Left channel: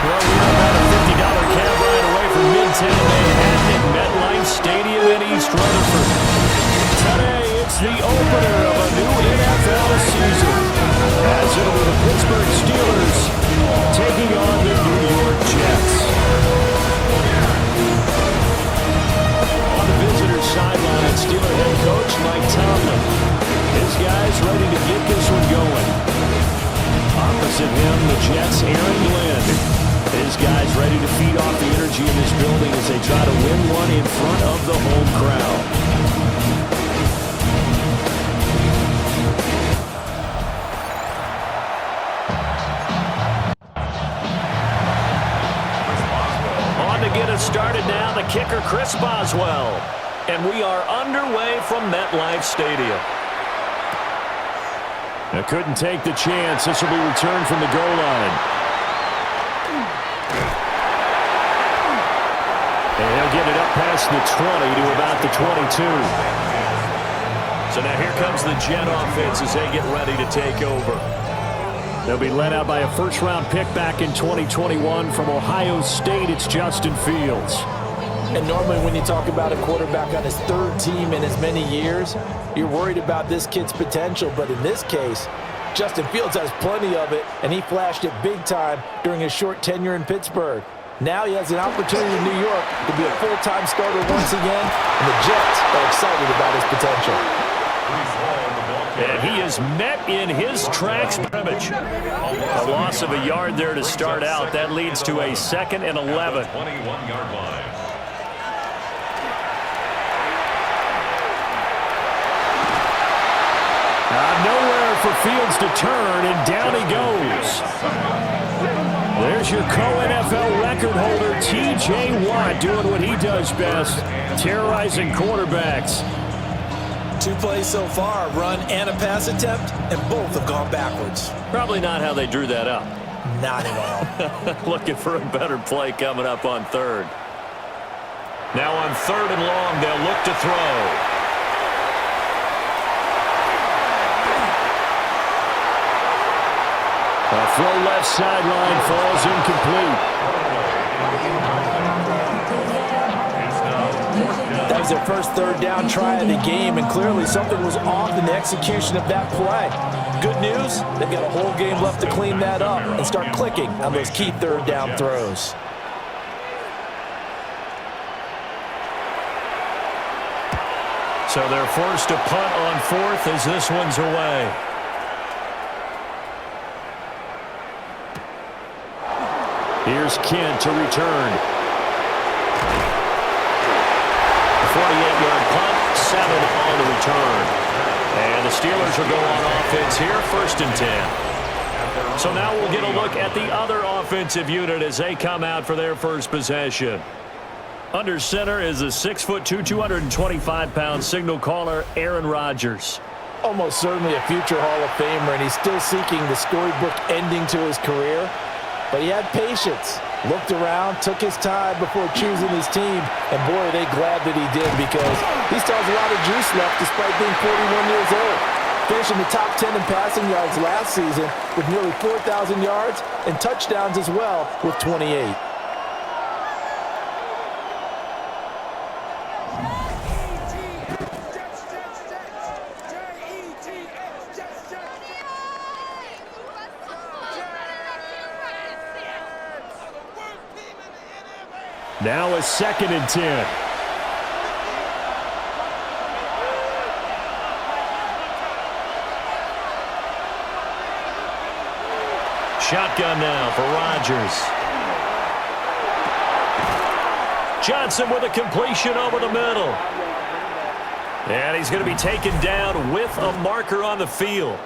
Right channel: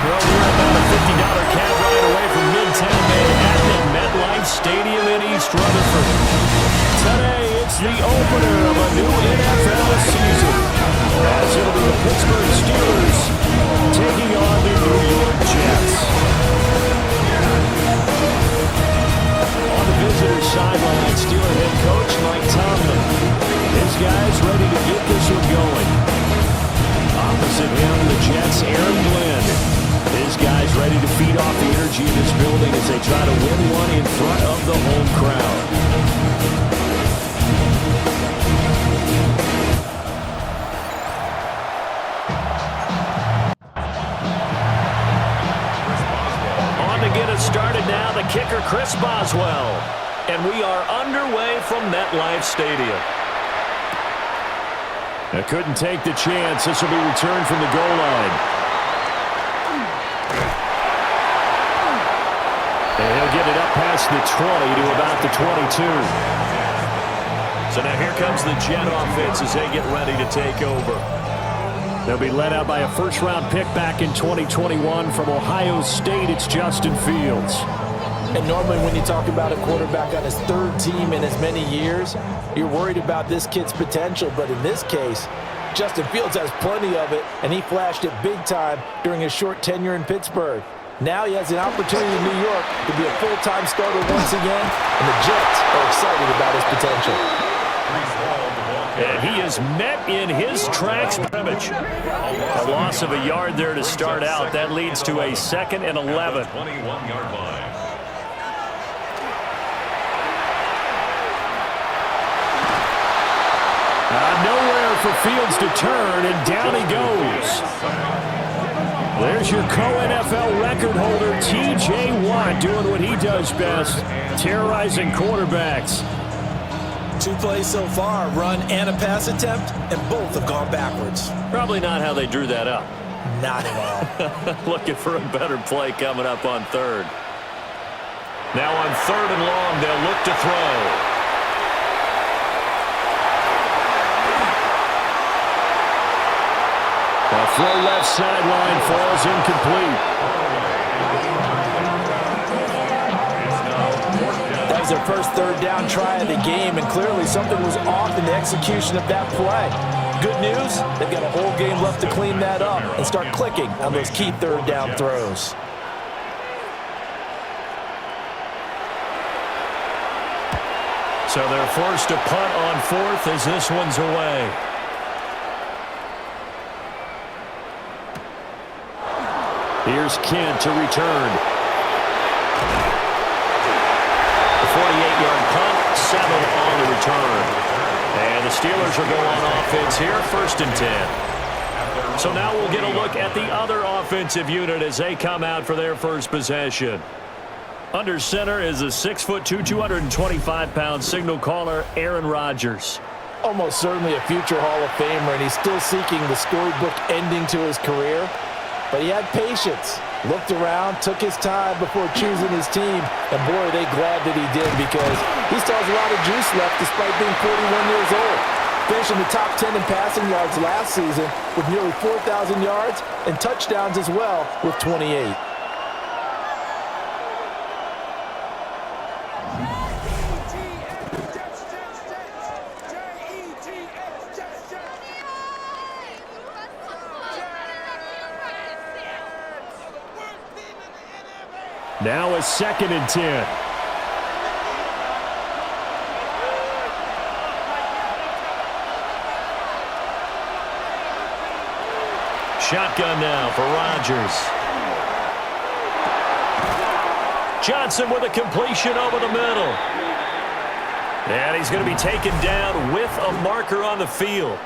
Well, we're about a $50 cab ride away from Midtown Manhattan at Metlife Stadium in East Rutherford. Today, it's the opener of a new NFL season, as it'll be the Pittsburgh Steelers taking on the New York Jets. On the visitor's sideline, Steeler head coach Mike Tomlin. His guys ready to get this one going. Opposite him, the Jets' Aaron Glenn. His guys ready to feed off the energy in this building as they try to win one in front of the home crowd. On to get us started now, the kicker, Chris Boswell. And we are underway from Metlife Stadium. They couldn't take the chance. This will be returned from the goal line. And he'll get it up past the 20 to about the 22. So now here comes the Jet offense as they get ready to take over. They'll be led out by a first-round pick back in 2021 from Ohio State. It's Justin Fields. And normally when you talk about a quarterback on his third team in as many years, you're worried about this kid's potential. But in this case, Justin Fields has plenty of it, and he flashed it big time during his short tenure in Pittsburgh. Now he has an opportunity in New York to be a full-time starter once again, and the Jets are excited about his potential. And he is met in his tracks scrimmage. A loss of a yard there to start out. That leads to a 2nd and 11. 21-yard line. Nowhere for Fields to turn, and down he goes. There's your co-NFL record holder, T.J. Watt, doing what he does best, terrorizing quarterbacks. 2 plays so far, run and a pass attempt, and both have gone backwards. Probably not how they drew that up. Not at all. Looking for a better play coming up on 3rd. Now on 3rd and long, they'll look to throw. A throw left sideline falls incomplete. That was their first 3rd down try of the game, and clearly something was off in the execution of that play. Good news, they've got a whole game left to clean that up and start clicking on those key 3rd down throws. So they're forced to punt on 4th as this one's away. Here's Kent to return. A 48-yard punt, 7 on the return. And the Steelers will go on offense here, 1st and 10. So now we'll get a look at the other offensive unit as they come out for their first possession. Under center is a 6'2", 225-pound signal caller, Aaron Rodgers. Almost certainly a future Hall of Famer, and he's still seeking the storybook ending to his career. But he had patience, looked around, took his time before choosing his team. And boy, are they glad that he did, because he still has a lot of juice left despite being 41 years old. Finishing the top 10 in passing yards last season with nearly 4,000 yards and touchdowns as well with 28. Now a 2nd and 10. Shotgun now for Rodgers. Johnson with a completion over the middle. And he's going to be taken down with a marker on the field.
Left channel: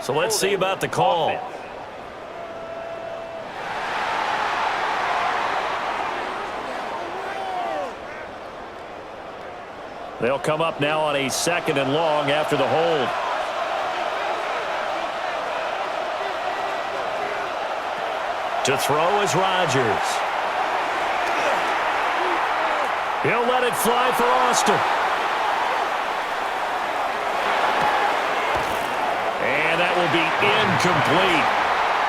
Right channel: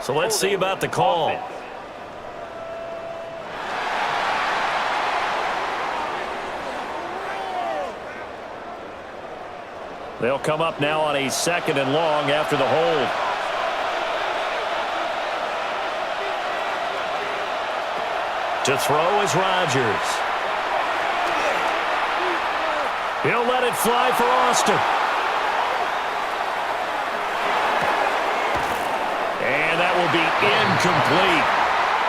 So let's see about the call. They'll come up now on a 2nd and long after the hold. To throw is Rodgers. He'll let it fly for Austin. And that will be incomplete.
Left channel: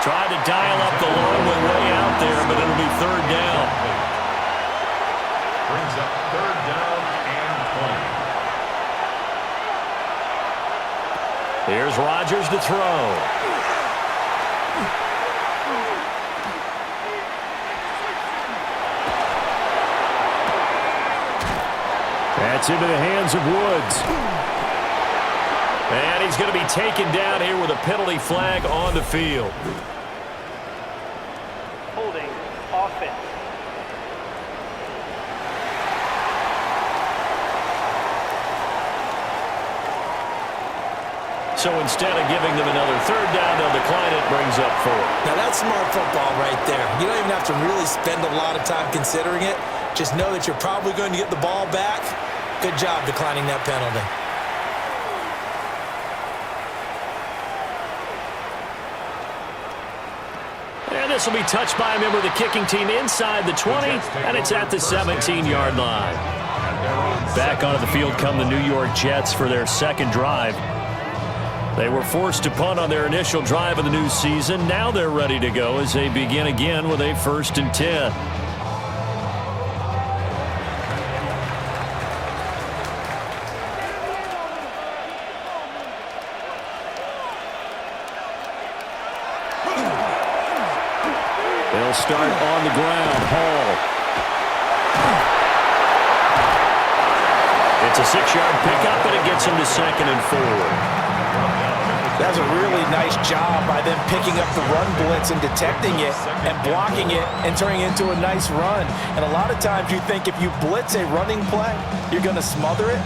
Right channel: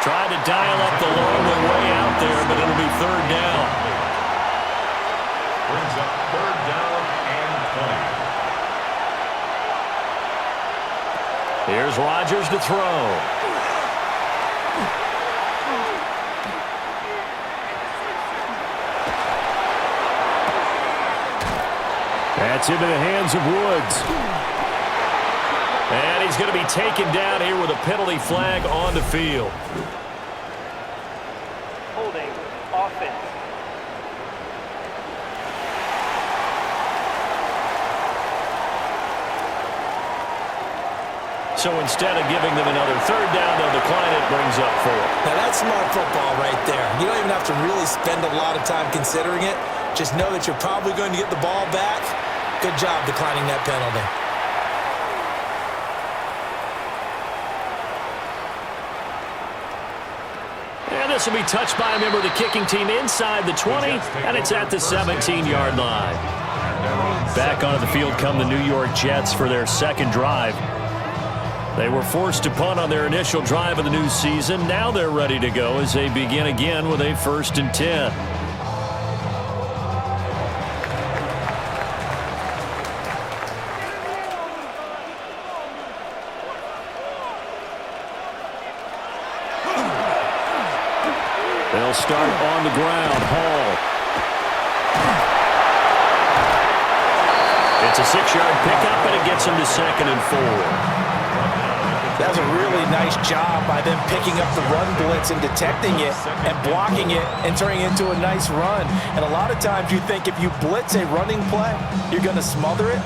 Tried to dial up the long one way out there, but it'll be third down. Brings up third down and 20. Here's Rodgers to throw. That's into the hands of Woods. And he's going to be taken down here with a penalty flag on the field. Holding offense. So instead of giving them another third down, they'll decline it, brings up 4. Now, that's smart football right there. You don't even have to really spend a lot of time considering it. Just know that you're probably going to get the ball back. Good job declining that penalty. And this will be touched by a member of the kicking team inside the 20, and it's at the 17-yard line. Back onto the field come the New York Jets for their second drive. They were forced to punt on their initial drive of the new season. Now they're ready to go as they begin again with a 1st and 10. They'll start on the ground. Hall. It's a 6-yard pickup, and it gets him to 2nd and 4. That was a really nice job by them picking up the run blitz and detecting it and blocking it and turning it into a nice run. And a lot of times you think if you blitz a running play, you're going to smother it.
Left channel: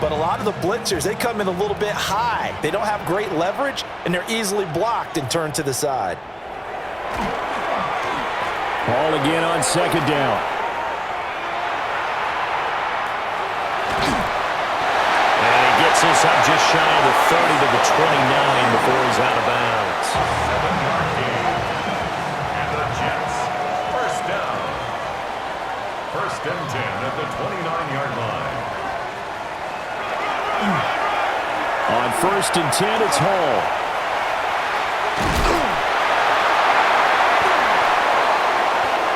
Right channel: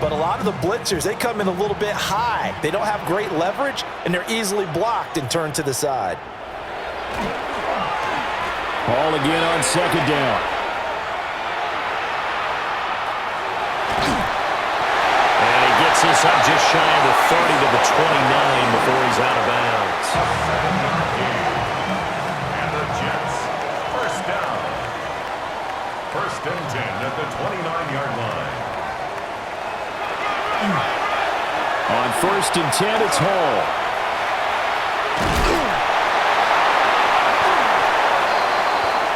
But a lot of the blitzers, they come in a little bit high. They don't have great leverage, and they're easily blocked and turned to the side. Ball again on 2nd down. And he gets this up just shy of the 30 to the 29 before he's out of bounds. 7-yard gain. And the Jets, first down. 1st and 10 at the 29-yard line. On 1st and 10, it's Hall.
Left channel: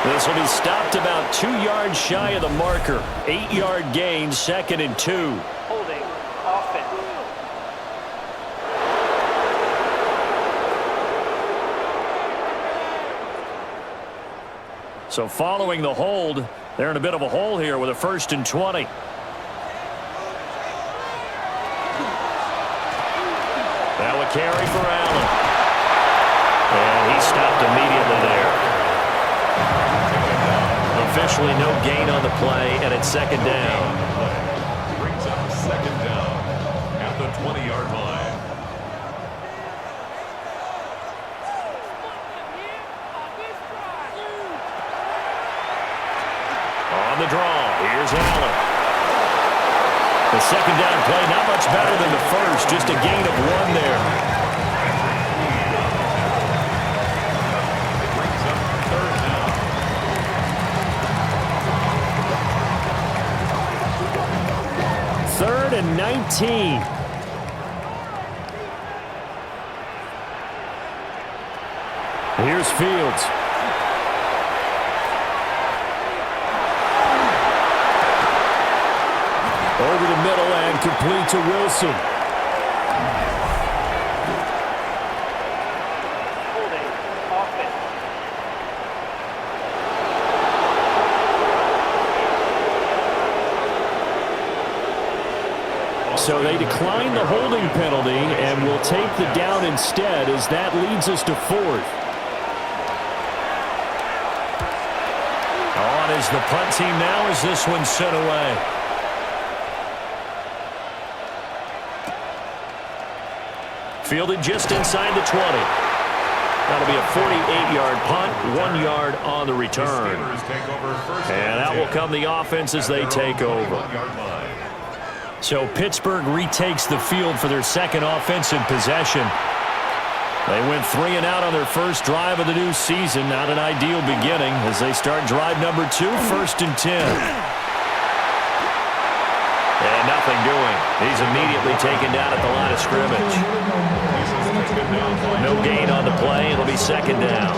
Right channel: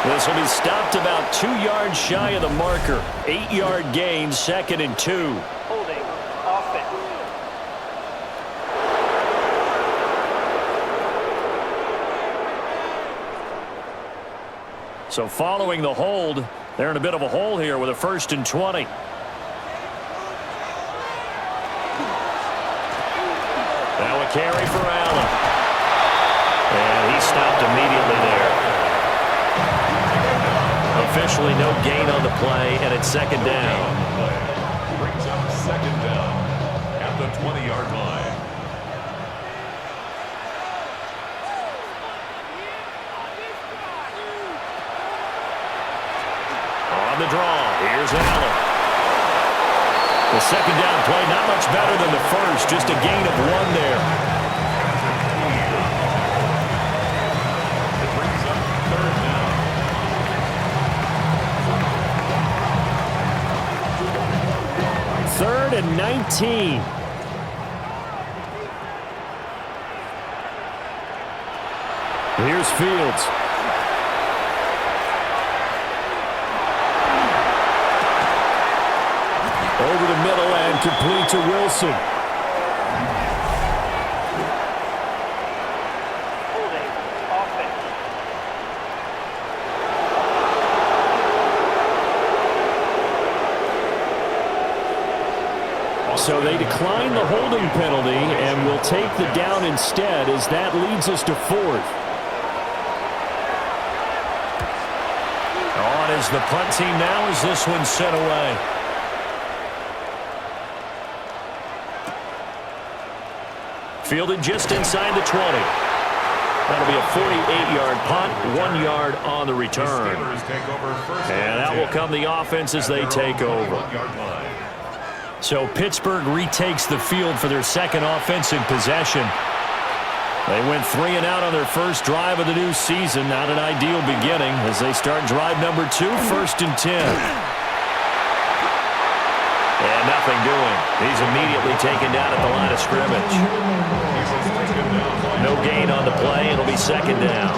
This will be stopped about 2 yards shy of the marker. 8-yard gain, 2nd and 2. Holding offense. So following the hold, they're in a bit of a hole here with a 1st and 20. Now a carry for Allen. And he stopped immediately there. Officially no gain on the play, and it's 2nd down. Brings up 2nd down at the 20-yard line. On the draw, here's Allen. The 2nd down play, not much better than the first, just a gain of 1 there. It brings up 3rd down. 3rd and 19. Here's Fields. Over the middle and complete to Wilson. Holding offense. So they decline the holding penalty and will take the down instead, as that leads us to 4th. On is the punt team now as this one's sent away. Fielded just inside the 20. That'll be a 48-yard punt, 1 yard on the return. And that will come the offense as they take over. So Pittsburgh retakes the field for their second offensive possession. They went 3 and out on their first drive of the new season. Not an ideal beginning as they start drive number 2, 1st and 10. And nothing doing. He's immediately taken down at the line of scrimmage. No gain on the play. It'll be 2nd down.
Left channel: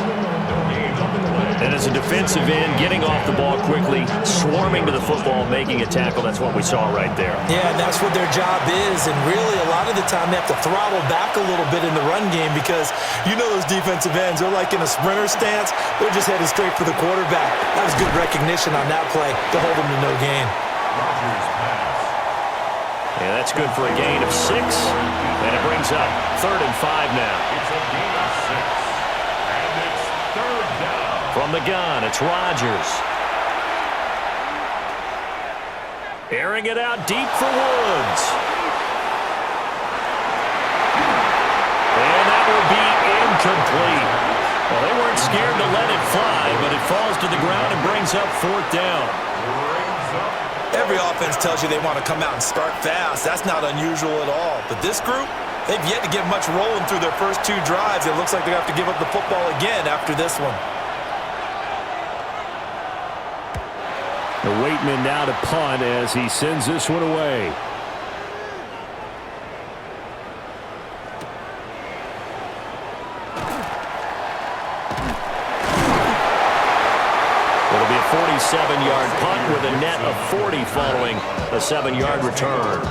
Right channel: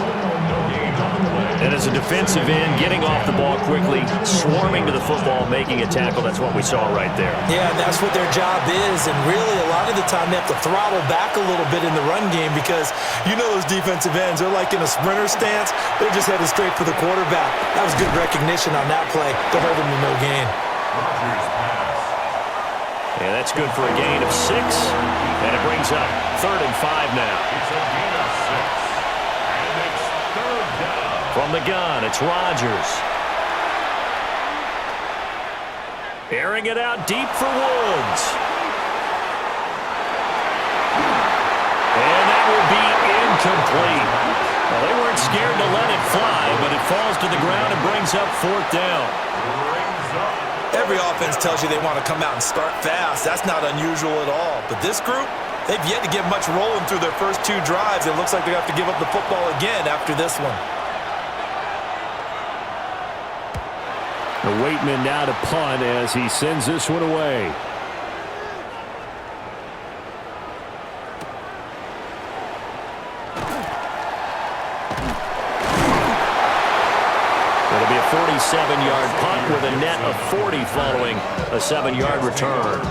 And as a defensive end, getting off the ball quickly, swarming to the football, making a tackle, that's what we saw right there. Yeah, that's what their job is, and really a lot of the time they have to throttle back a little bit in the run game because you know those defensive ends are like in a sprinter stance. They're just headed straight for the quarterback. That was good recognition on that play to hold them to no gain. Rodgers pass. Yeah, that's good for a gain of 6, and it brings up 3rd and 5 now. It's a gain of 6, and it's 3rd down. From the gun, it's Rodgers. Airing it out deep for Woods. And that will be incomplete. Well, they weren't scared to let it fly, but it falls to the ground and brings up 4th down. Every offense tells you they want to come out and start fast. That's not unusual at all. But this group, they've yet to get much rolling through their first 2 drives. It looks like they have to give up the football again after this one. The Waitman now to punt as he sends this one away. It'll be a 47-yard punt with a net of 40 following a 7-yard return.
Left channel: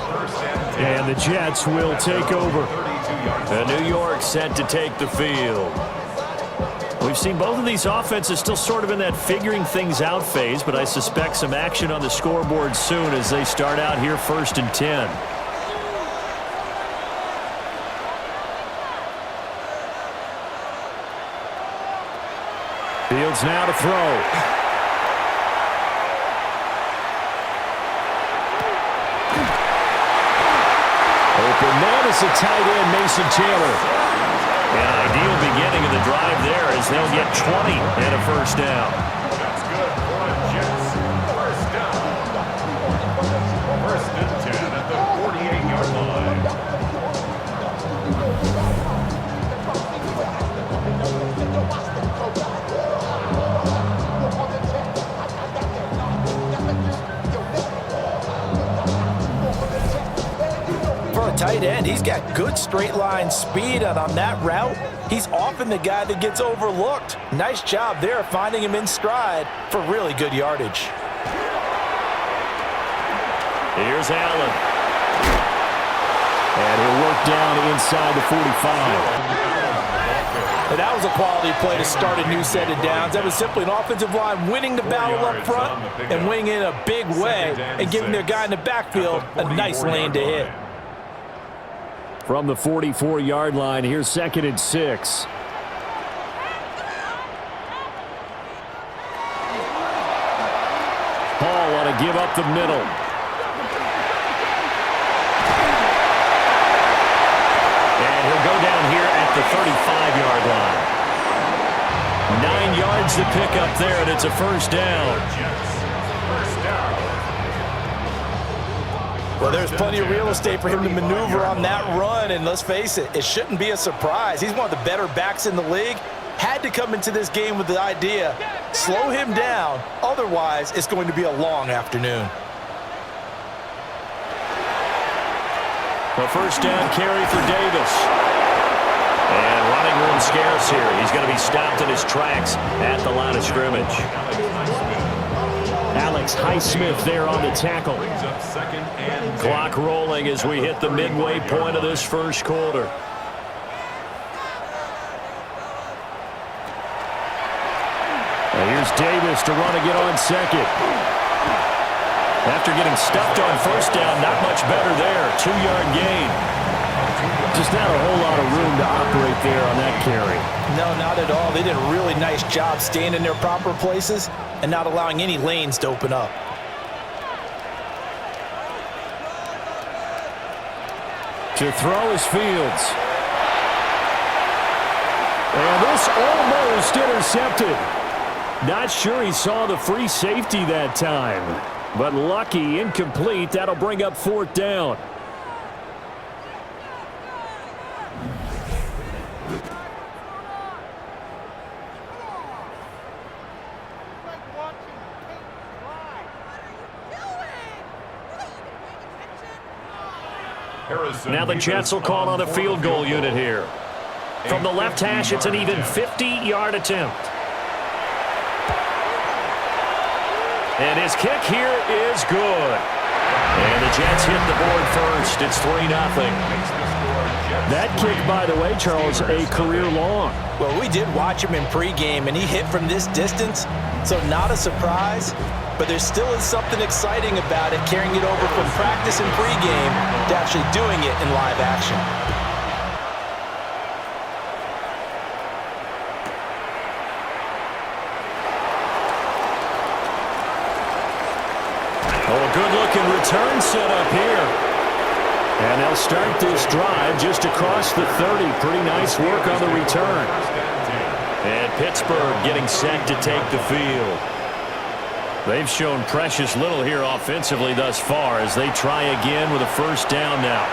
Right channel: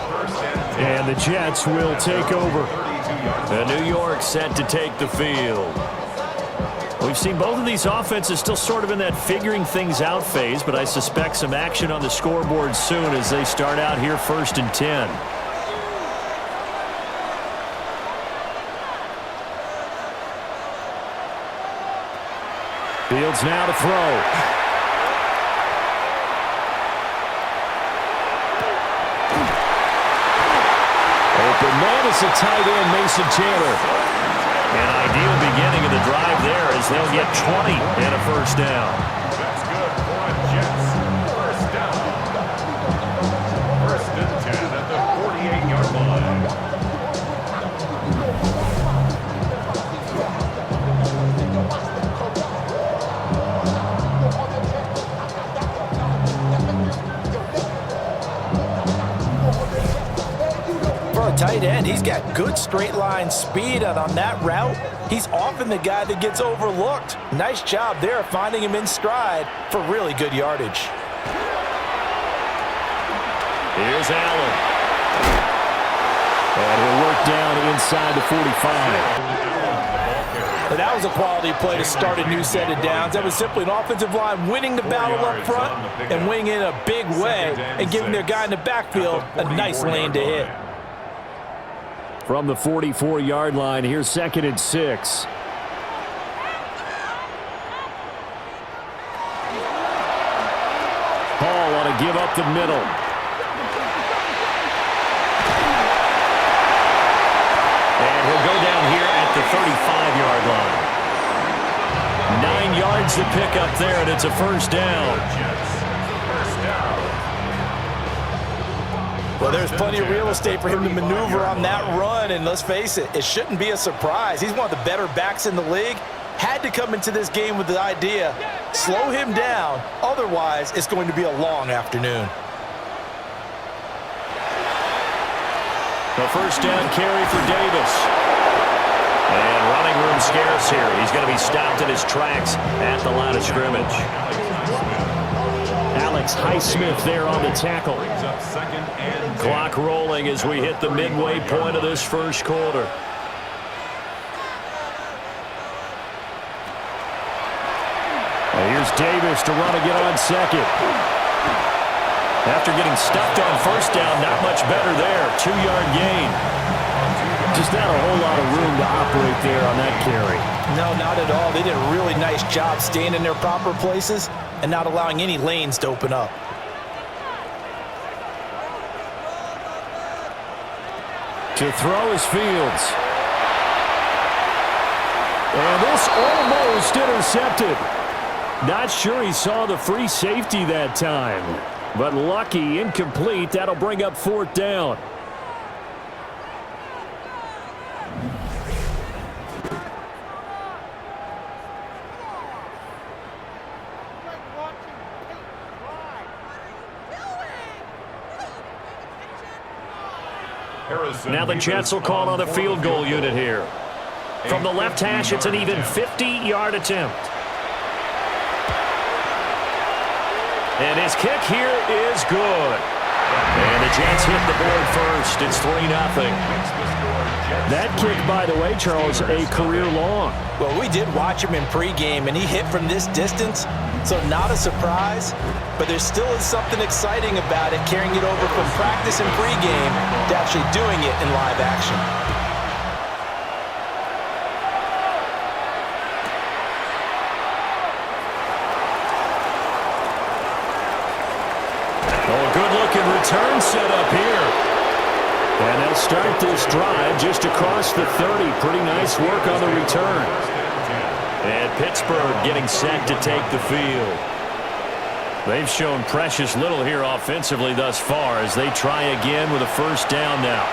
And the Jets will take over. And New York set to take the field. We've seen both of these offenses still sort of in that figuring things out phase, but I suspect some action on the scoreboard soon as they start out here 1st and 10. Fields now to throw. Open man is a tight end, Mason Taylor. An ideal beginning of the drive there as they'll get 20 and a 1st down. That's good for the Jets. 1st down. 1st and 10 at the 48-yard line. For a tight end, he's got good straight line speed, and on that route, he's often the guy that gets overlooked. Nice job there finding him in stride for really good yardage. Here's Allen. And he'll work down inside the 45. And that was a quality play to start a new set of downs. That was simply an offensive line winning the battle up front and winning in a big way and giving their guy in the backfield a nice lane to hit. From the 44-yard line, here's 2nd and 6. Hall ought to give up the middle. And he'll go down here at the 35-yard line. 9 yards to pick up there, and it's a 1st down. First down. Well, there's plenty of real estate for him to maneuver on that run, and let's face it, it shouldn't be a surprise. He's one of the better backs in the league. Had to come into this game with the idea, slow him down, otherwise it's going to be a long afternoon. A 1st down carry for Davis. And running room scarce here. He's going to be stopped in his tracks at the line of scrimmage. Alex Highsmith there on the tackle. Clock rolling as we hit the midway point of this 1st quarter. Here's Davis to run again on 2nd. After getting stuffed on 1st down, not much better there. 2-yard gain. Just not a whole lot of room to operate there on that carry. No, not at all. They did a really nice job staying in their proper places and not allowing any lanes to open up. To throw is Fields. And this almost intercepted. Not sure he saw the free safety that time. But lucky, incomplete. That'll bring up 4th down. Now the Jets will call on a field goal unit here. From the left hash, it's an even 50-yard attempt. And his kick here is good. And the Jets hit the board first. It's 3-0. That kick, by the way, Charles, a career long. Well, we did watch him in pregame, and he hit from this distance, so not a surprise. But there still is something exciting about it, carrying it over from practice and pregame to actually doing it in live action. Oh, a good-looking return set up here. And they'll start this drive just across the 30. Pretty nice work on the return. And Pittsburgh getting set to take the field. They've shown precious little here offensively thus far as they try again with a first down now.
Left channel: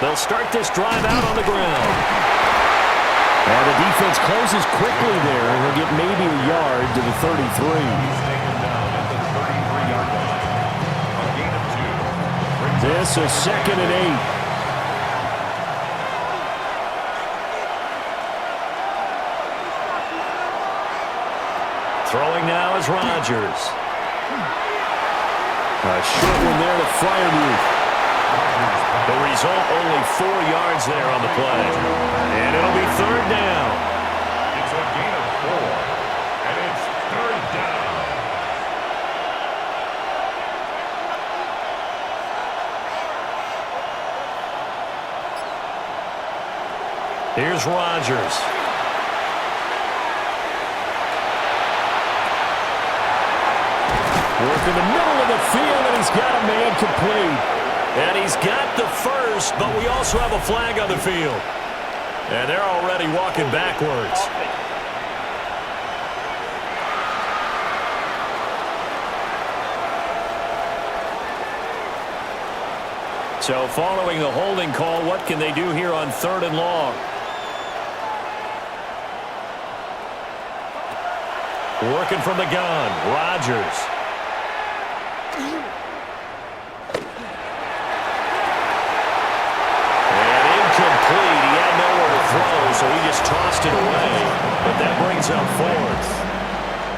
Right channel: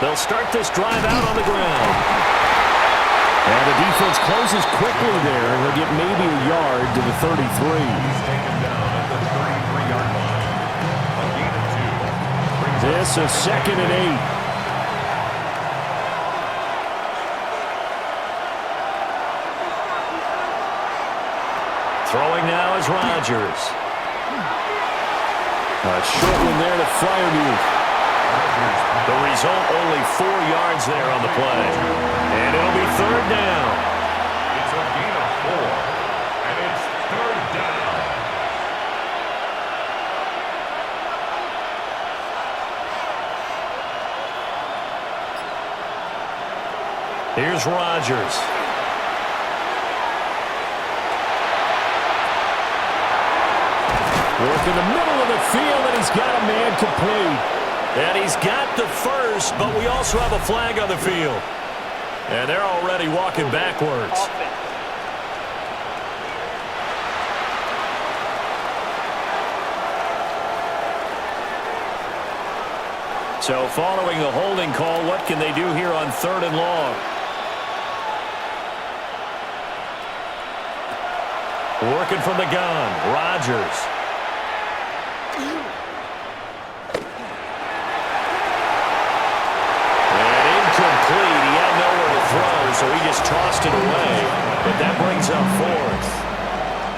They'll start this drive out on the ground. And the defense closes quickly there, and he'll get maybe a yard to the 33. He's taken down at the 33-yard line. A gain of 2. This is 2nd and 8. Throwing now is Rodgers. A short one there to Freiermuth. The result, only 4 yards there on the play. And it'll be 3rd down. It's a gain of 4. And it's 3rd down. Here's Rodgers. Work in the middle of the field, and he's got a man complete. And he's got the first, but we also have a flag on the field. And they're already walking backwards. Offense. So following the holding call, what can they do here on 3rd and long? Working from the gun, Rodgers. Complete. He had nowhere to throw, so he just tossed it away. But that brings up 4th.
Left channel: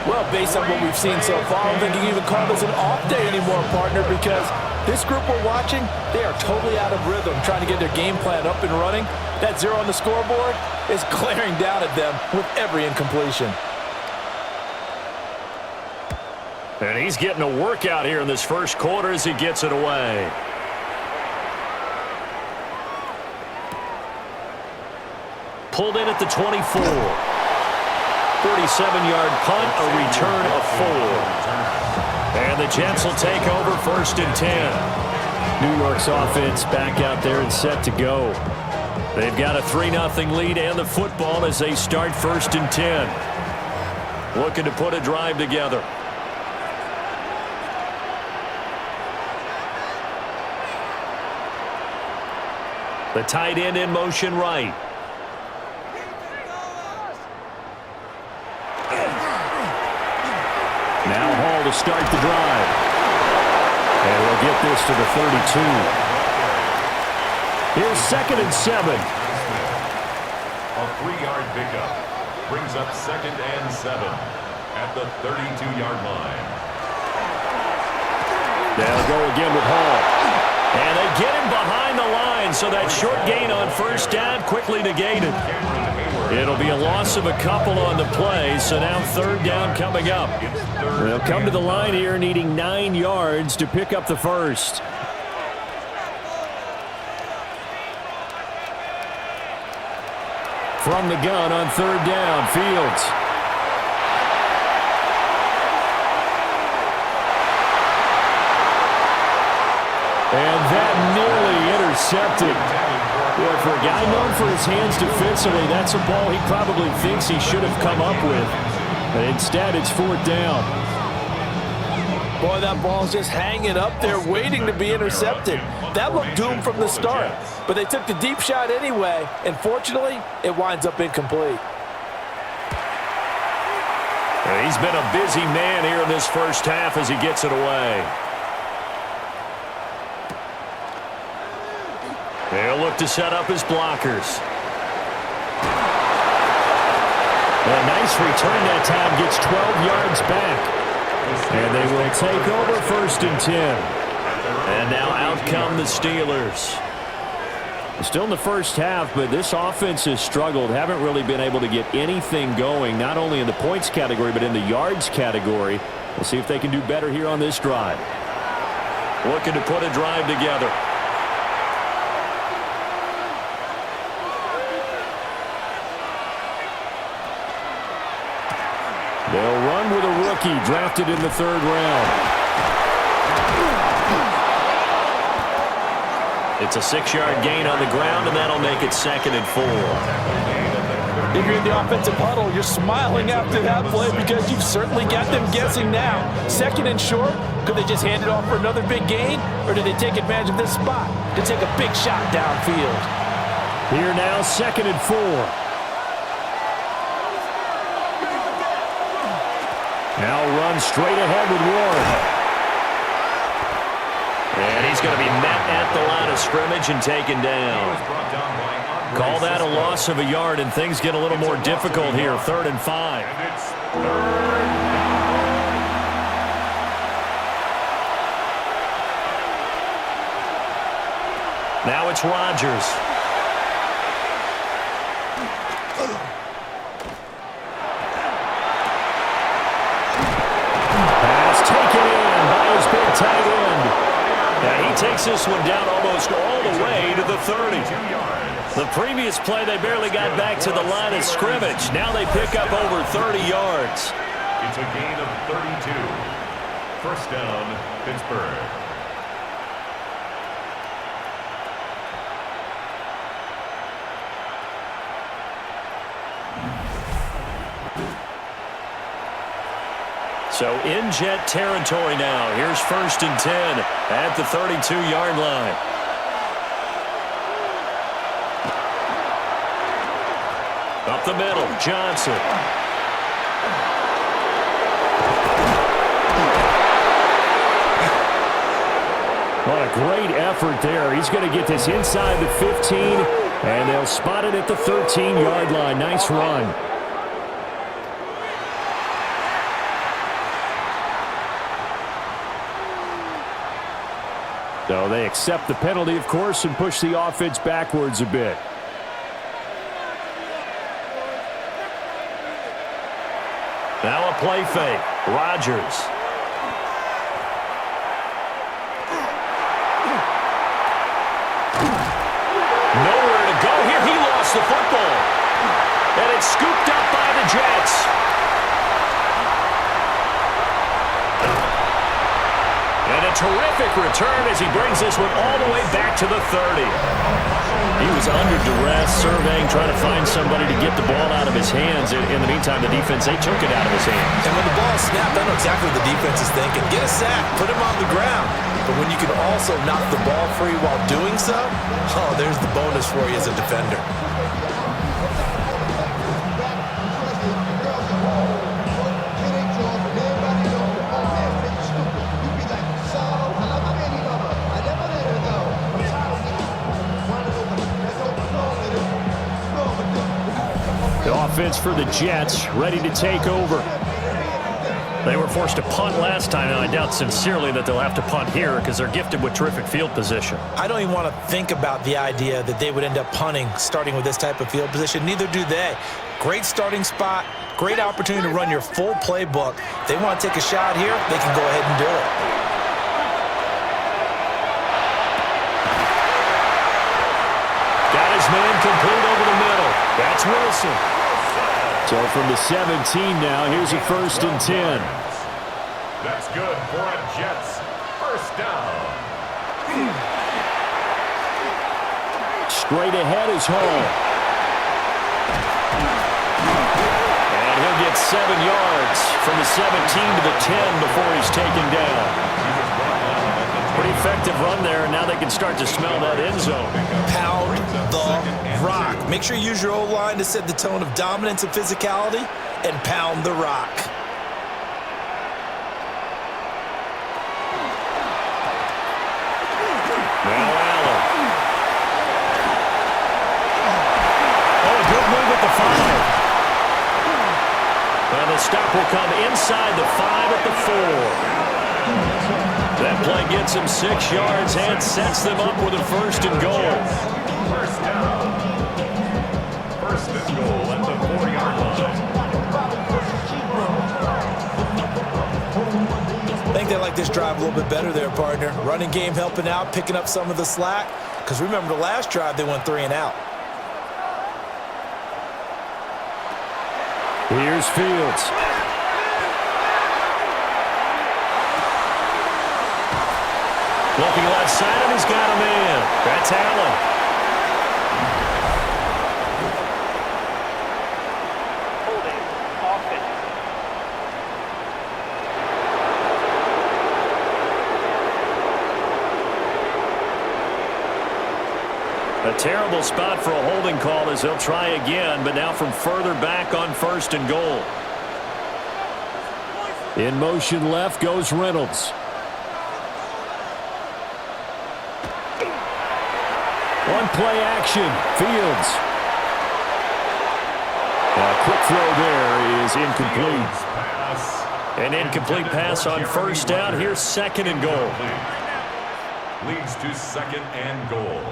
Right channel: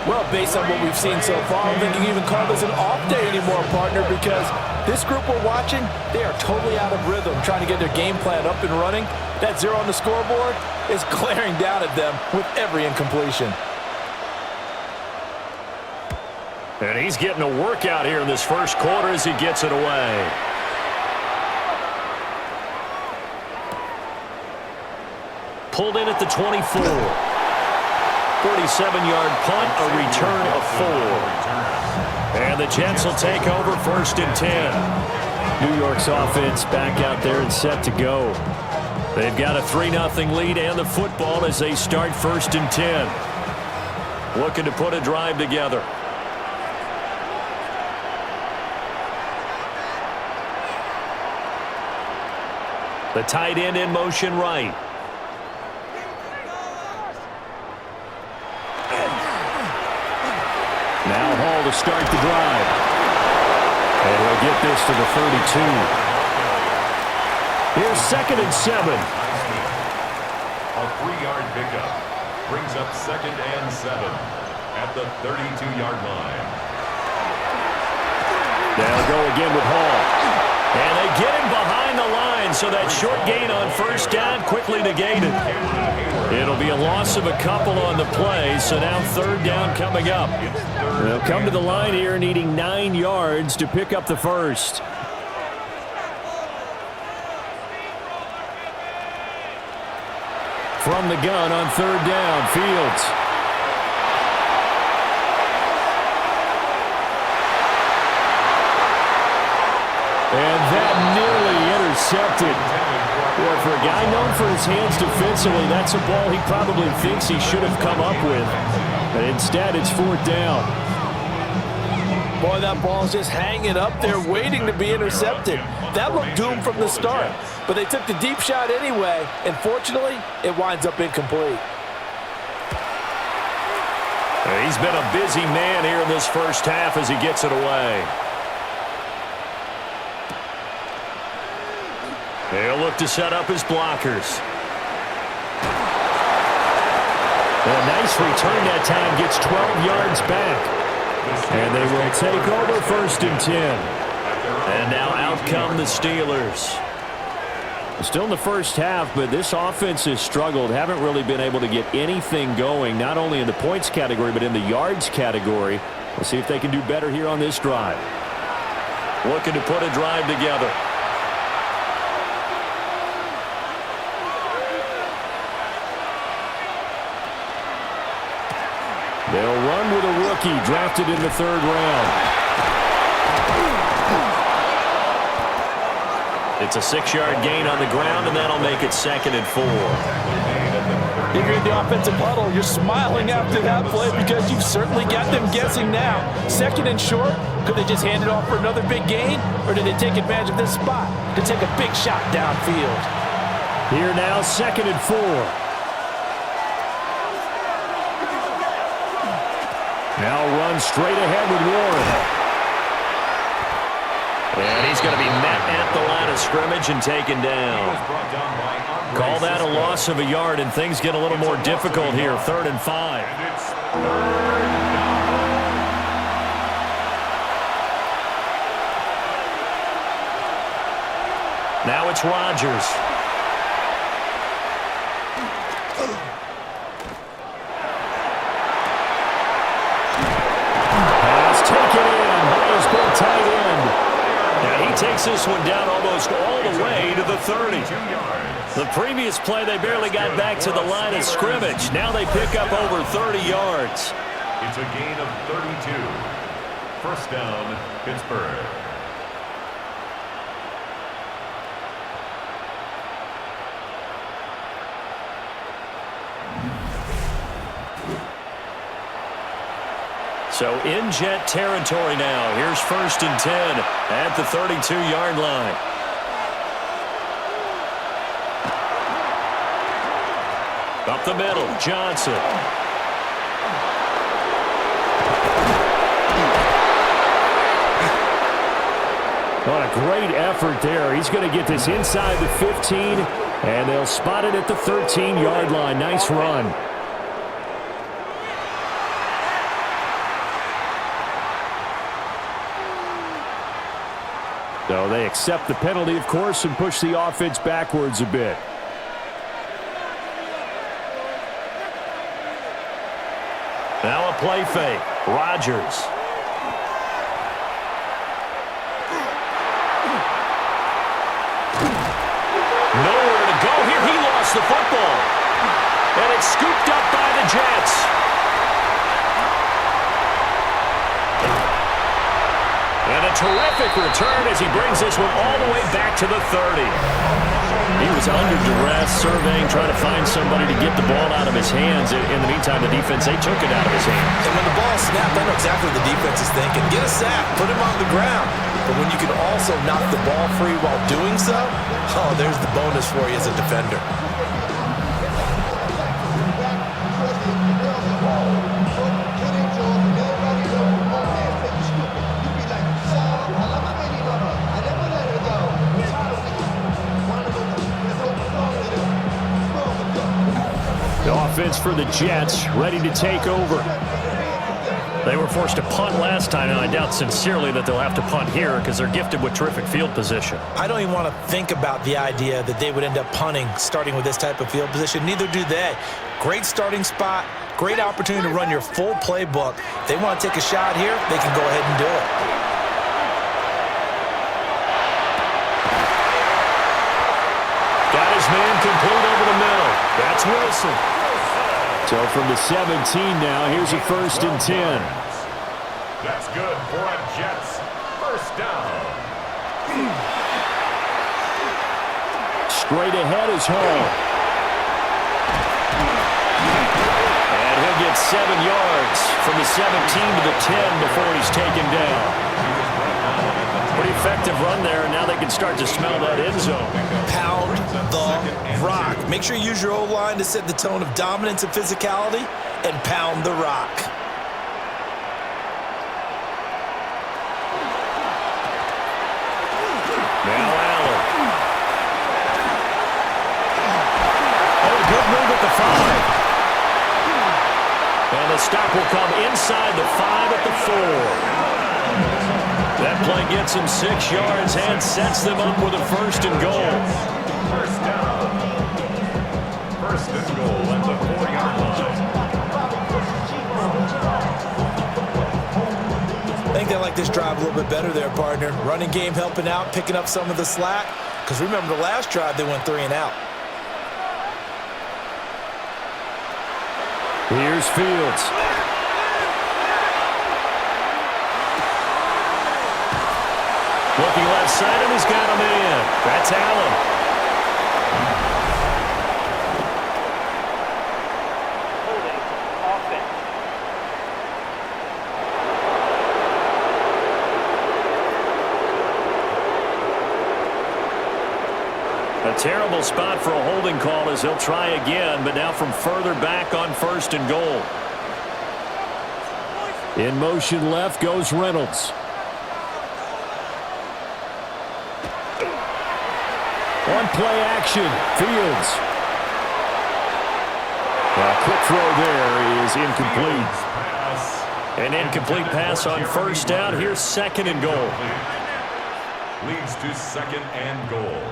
Well, based on what we've seen so far, I don't think you can even call this an off day anymore, partner, because this group we're watching, they are totally out of rhythm, trying to get their game plan up and running. That 0 on the scoreboard is glaring down at them with every incompletion. And he's getting a workout here in this first quarter as he gets it away. Pulled in at the 24. 47-yard punt, a return of 4. And the Jets will take over 1st and 10. New York's offense back out there and set to go. They've got a 3-0 lead and the football as they start 1st and 10. Looking to put a drive together. The tight end in motion right. Now Hall to start the drive. And he'll get this to the 32. Here's 2nd and 7. A 3-yard pickup brings up 2nd and 7 at the 32-yard line. They'll go again with Hall. And they get him behind the line, so that short gain on 1st down quickly negated. It'll be a loss of a couple on the play, so now 3rd down coming up. They'll come to the line here needing 9 yards to pick up the first. From the gun on 3rd down, Fields. And that nearly intercepted. Boy, for a guy known for his hands defensively, that's a ball he probably thinks he should have come up with. But instead, it's 4th down. Boy, that ball's just hanging up there waiting to be intercepted. That looked doomed from the start. But they took the deep shot anyway, and fortunately, it winds up incomplete. He's been a busy man here in this first half as he gets it away. They'll look to set up his blockers. A nice return that time, gets 12 yards back. And they will take over 1st and 10. And now out come the Steelers. Still in the first half, but this offense has struggled. Haven't really been able to get anything going, not only in the points category, but in the yards category. We'll see if they can do better here on this drive. Looking to put a drive together. They'll run with a rookie drafted in the 3rd round. It's a 6-yard gain on the ground, and that'll make it 2nd and 4. If you're in the offensive huddle, you're smiling after that play because you've certainly got them guessing now. 2nd and short, could they just hand it off for another big gain, or do they take advantage of this spot to take a big shot downfield? Here now, 2nd and 4. Now run straight ahead with Warren. And he's going to be met at the line of scrimmage and taken down. Call that a loss of a yard, and things get a little more difficult here. 3rd and 5. And it's 3rd down. Now it's Rodgers. Pass taken in by his big tight end. And he takes this one down almost all the way to the 30. The previous play, they barely got back to the line of scrimmage. Now they pick up over 30 yards. It's a gain of 32. 1st down, Pittsburgh. So in Jet territory now. Here's 1st and 10 at the 32-yard line. Up the middle, Johnson. What a great effort there. He's going to get this inside the 15, and they'll spot it at the 13-yard line. Nice run. So they accept the penalty, of course, and push the offense backwards a bit. Now a play fake. Rodgers. Nowhere to go here. He lost the football. And it's scooped up by the Jets. And a terrific return as he brings this one all the way back to the 30. He was under duress, surveying, trying to find somebody to get the ball out of his hands. In the meantime, the defense, they took it out of his hands. And when the ball snapped, I know exactly what the defense is thinking. Get a sack, put him on the ground. But when you can also knock the ball free while doing so, oh, there's the bonus for you as a defender. The offense for the Jets ready to take over. They were forced to punt last time, and I doubt sincerely that they'll have to punt here because they're gifted with terrific field position. I don't even want to think about the idea that they would end up punting starting with this type of field position. Neither do they. Great starting spot, great opportunity to run your full playbook. If they want to take a shot here, they can go ahead and do it. Got his man complete over the middle. That's Wilson. So from the 17 now, here's a 1st and 10. That's good for a Jets 1st down. Straight ahead is Hall. And he'll get 7 yards from the 17 to the 10 before he's taken down. Pretty effective run there, and now they can start to smell that end zone. Pound the rock. Make sure you use your O-line to set the tone of dominance and physicality, and pound the rock. Now Allen. the 5. And the stop will come inside the 5 at the 4. That play gets him 6 yards and sets them up with a 1st and goal. First down. 1st and goal at the 4-yard line. I think they like this drive a little bit better there, partner. Running game helping out, picking up some of the slack. Because remember the last drive, they went 3 and out. Here's Fields. Looking left side, and he's got him in. That's Allen. Holding. Offense. A terrible spot for a holding call as he'll try again, but now from further back on 1st and goal. In motion left goes Reynolds. One play action. Fields. Now, quick throw there is incomplete. An incomplete pass on 1st down. Here's 2nd and goal. Leads to 2nd and goal.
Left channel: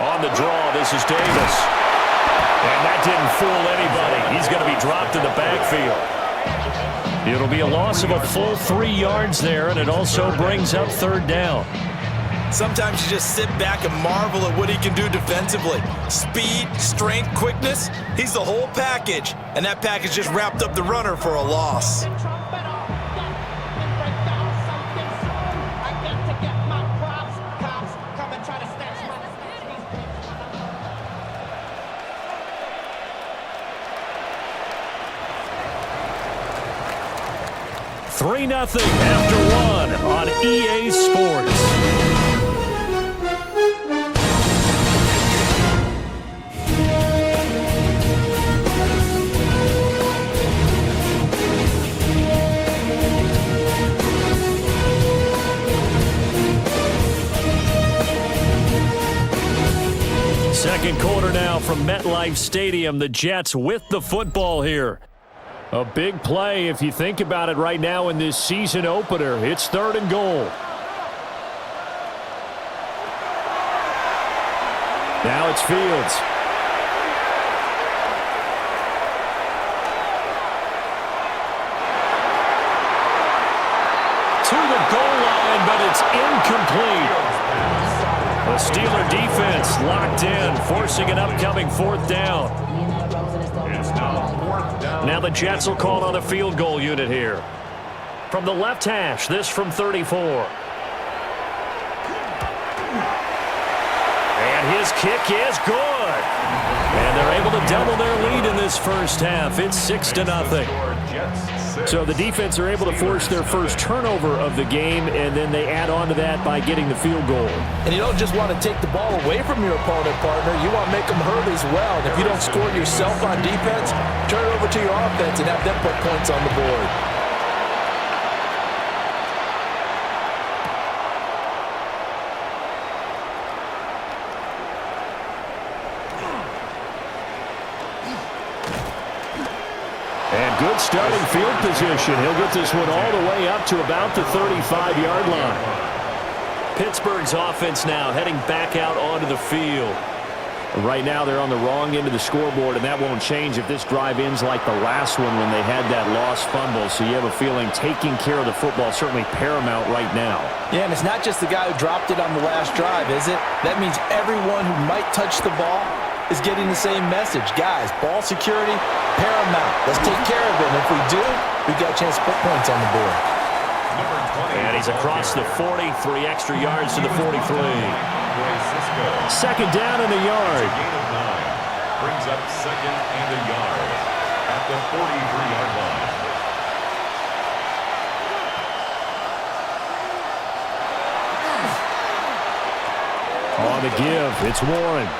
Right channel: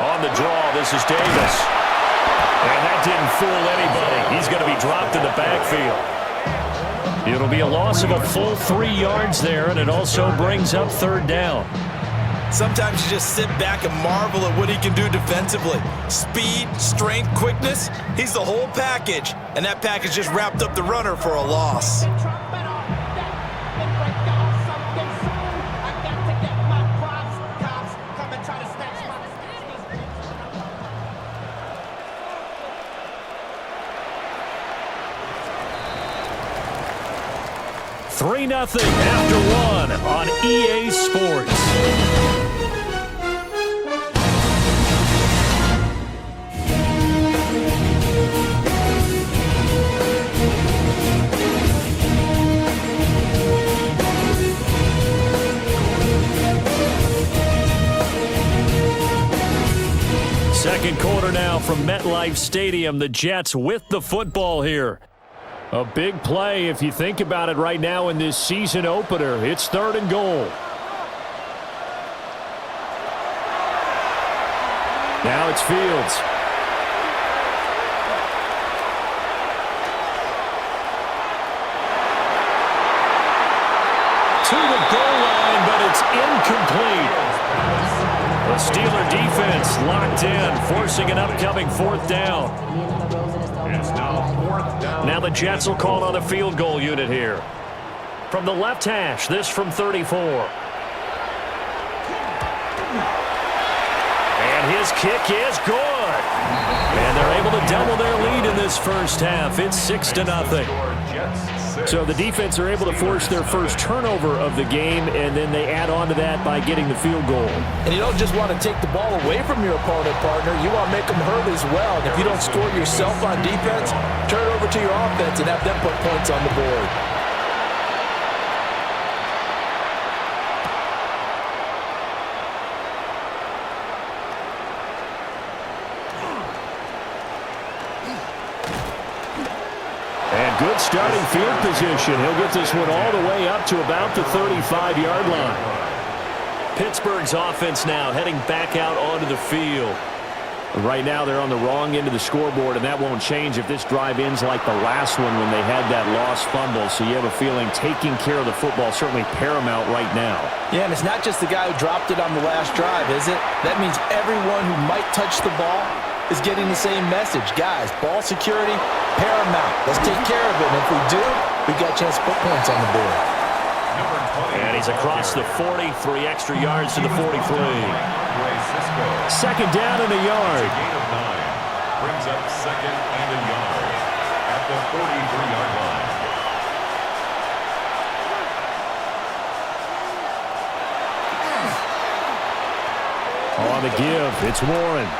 On the draw, this is Davis. And that didn't fool anybody. He's going to be dropped in the backfield. It'll be a loss of a full 3 yards there, and it also brings up 3rd down. Sometimes you just sit back and marvel at what he can do defensively. Speed, strength, quickness, he's the whole package. And that package just wrapped up the runner for a loss. Three 0 after 1 on EA Sports. Second quarter now from Metlife Stadium. The Jets with the football here. A big play if you think about it right now in this season opener. It's 3rd and goal. Now it's Fields. To the goal line, but it's incomplete. The Steeler defense locked in, forcing an upcoming 4th down. It's now 4th down. Now the Jets will call on a field goal unit here. From the left hash, this from 34. And his kick is good. And they're able to double their lead in this first half. It's 6 to 0. So the defense are able to force their first turnover of the game, and then they add on to that by getting the field goal. And you don't just want to take the ball away from your opponent, partner. You want to make them hurt as well. And if you don't score yourself on defense, turn it over to your offense and have them put points on the board. And good starting field position. He'll get this one all the way up to about the 35-yard line. Pittsburgh's offense now heading back out onto the field. Right now they're on the wrong end of the scoreboard, and that won't change if this drive ends like the last one when they had that lost fumble. So you have a feeling taking care of the football certainly paramount right now. Yeah, and it's not just the guy who dropped it on the last drive, is it? That means everyone who might touch the ball is getting the same message. Guys, ball security, paramount. Let's take care of it. And if we do, we've got a chance to put points on the board. And he's across the 40, 3 extra yards to the 43. Second down and a yard. A gain of 9. Brings up 2nd and a yard at the 43-yard line. On the give, it's Warren.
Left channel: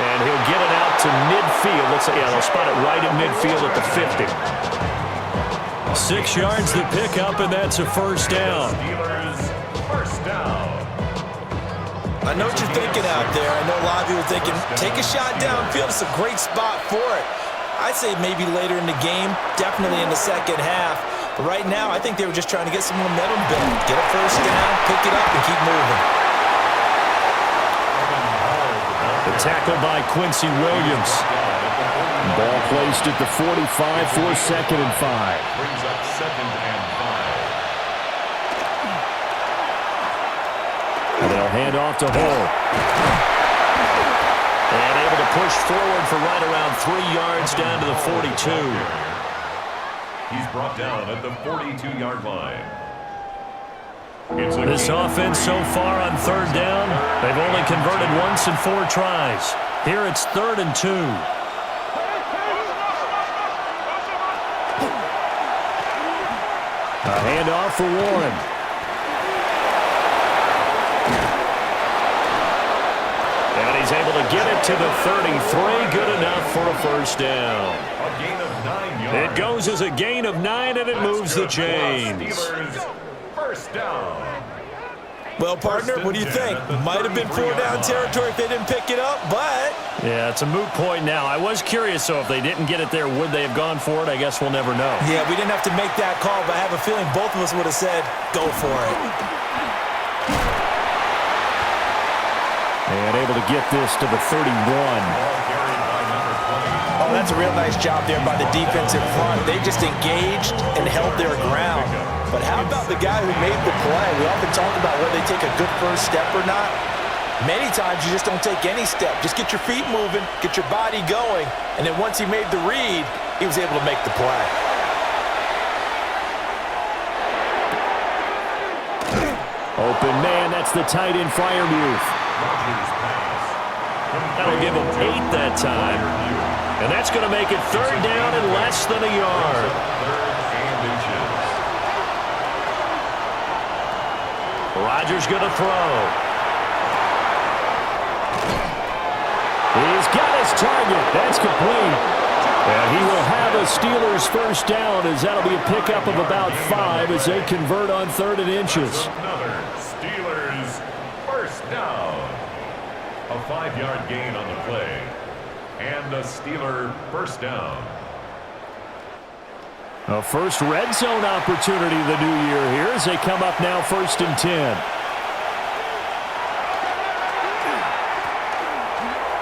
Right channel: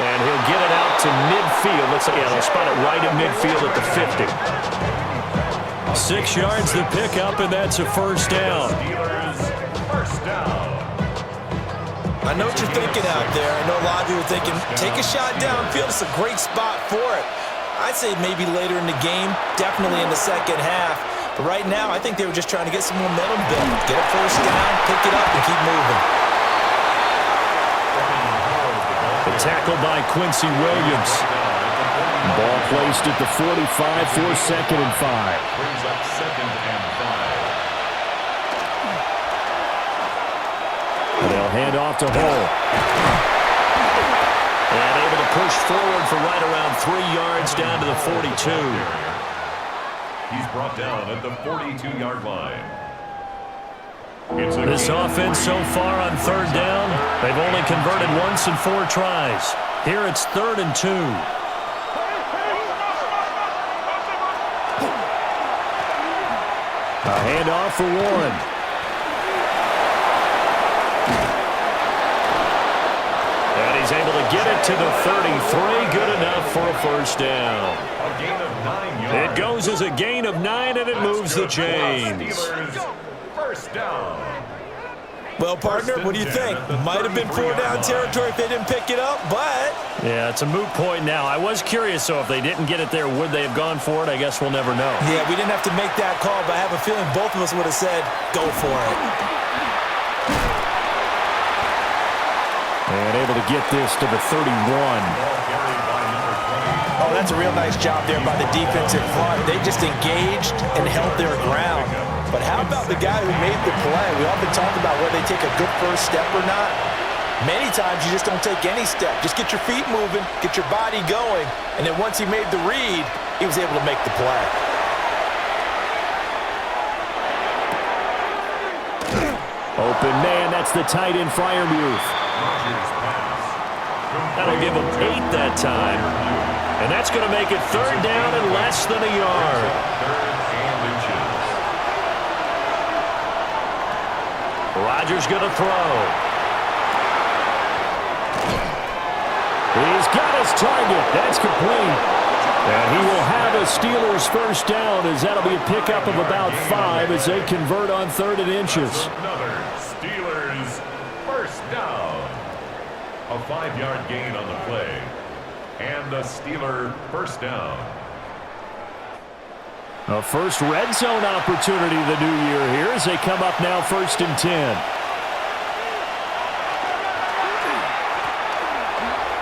And he'll get it out to midfield. Looks like, yeah, they'll spot it right in midfield at the 50. 6 yards to pick up, and that's a first down. Steelers, first down. I know what you're thinking out there. I know a lot of you are thinking, take a shot downfield. It's a great spot for it. I'd say maybe later in the game, definitely in the second half. But right now, I think they were just trying to get some momentum built. Get a first down, pick it up, and keep moving. The tackle by Quincy Williams. Ball placed at the 45 for 2nd and 5. Brings up 2nd and 5. And they'll hand off to Hull. And able to push forward for right around 3 yards down to the 42. He's brought down at the 42-yard line. This offense so far on 3rd down, they've only converted once in 4 tries. Here it's 3rd and 2. A handoff for Warren. And he's able to get it to the 33. Good enough for a first down. A gain of 9 yards. It goes as a gain of 9, and it moves the chains. Steelers, first down. Well, partner, what do you think? Might have been 4-down territory if they didn't pick it up, but... Yeah, it's a moot point now. I was curious, so if they didn't get it there, would they have gone for it? I guess we'll never know. Yeah, we didn't have to make that call, but I have a feeling both of us would have said, go for it. And able to get this to the 31. Ball carried by number 20. Oh, that's a real nice job there by the defensive front. They just engaged and held their ground. But how about the guy who made the play? We often talk about whether they take a good first step or not. Many times you just don't take any step. Just get your feet moving, get your body going, and then once he made the read, he was able to make the play. Open man, that's the tight end Freiermuth. Rodgers pass. That'll give him 8 that time. And that's going to make it 3rd down and less than a yard. 3rd and inches. Rodgers going to throw. He's got his target. That's complete. And he will have a Steelers first down, as that'll be a pickup of about 5 as they convert on 3rd and inches. Another Steelers first down. A 5-yard gain on the play. And a Steeler first down. A first red zone opportunity the new year here as they come up now 1st and 10.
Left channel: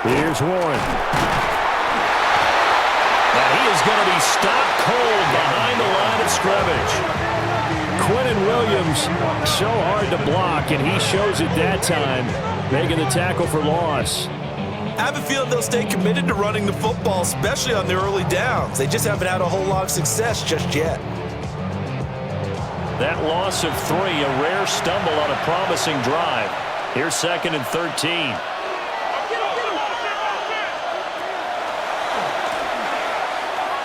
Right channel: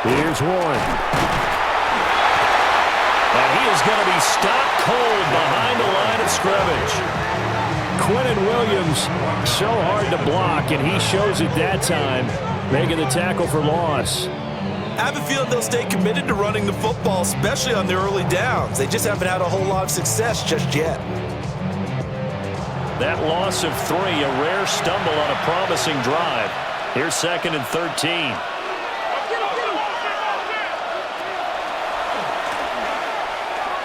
Here's Warren. And he is going to be stopped cold behind the line of scrimmage. Quinnen Williams, so hard to block, and he shows it that time, making the tackle for loss. I have a feeling they'll stay committed to running the football, especially on their early downs. They just haven't had a whole lot of success just yet. That loss of 3, a rare stumble on a promising drive. Here's 2nd and 13.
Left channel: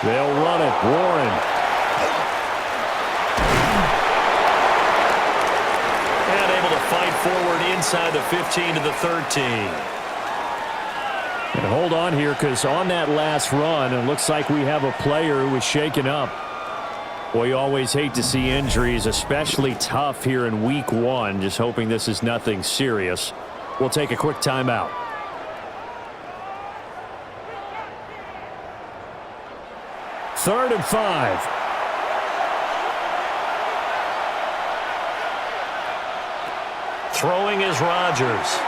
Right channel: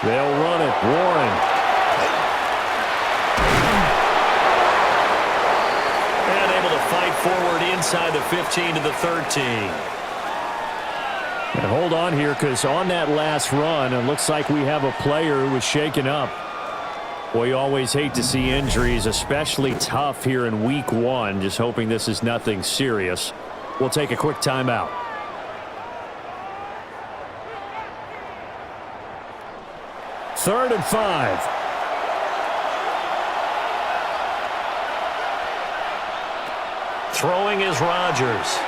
They'll run it. Warren. And able to fight forward inside the 15 to the 13. And hold on here, because on that last run, it looks like we have a player who was shaken up. Well, you always hate to see injuries, especially tough here in week 1. Just hoping this is nothing serious. We'll take a quick timeout. Third and 5. Throwing is Rodgers.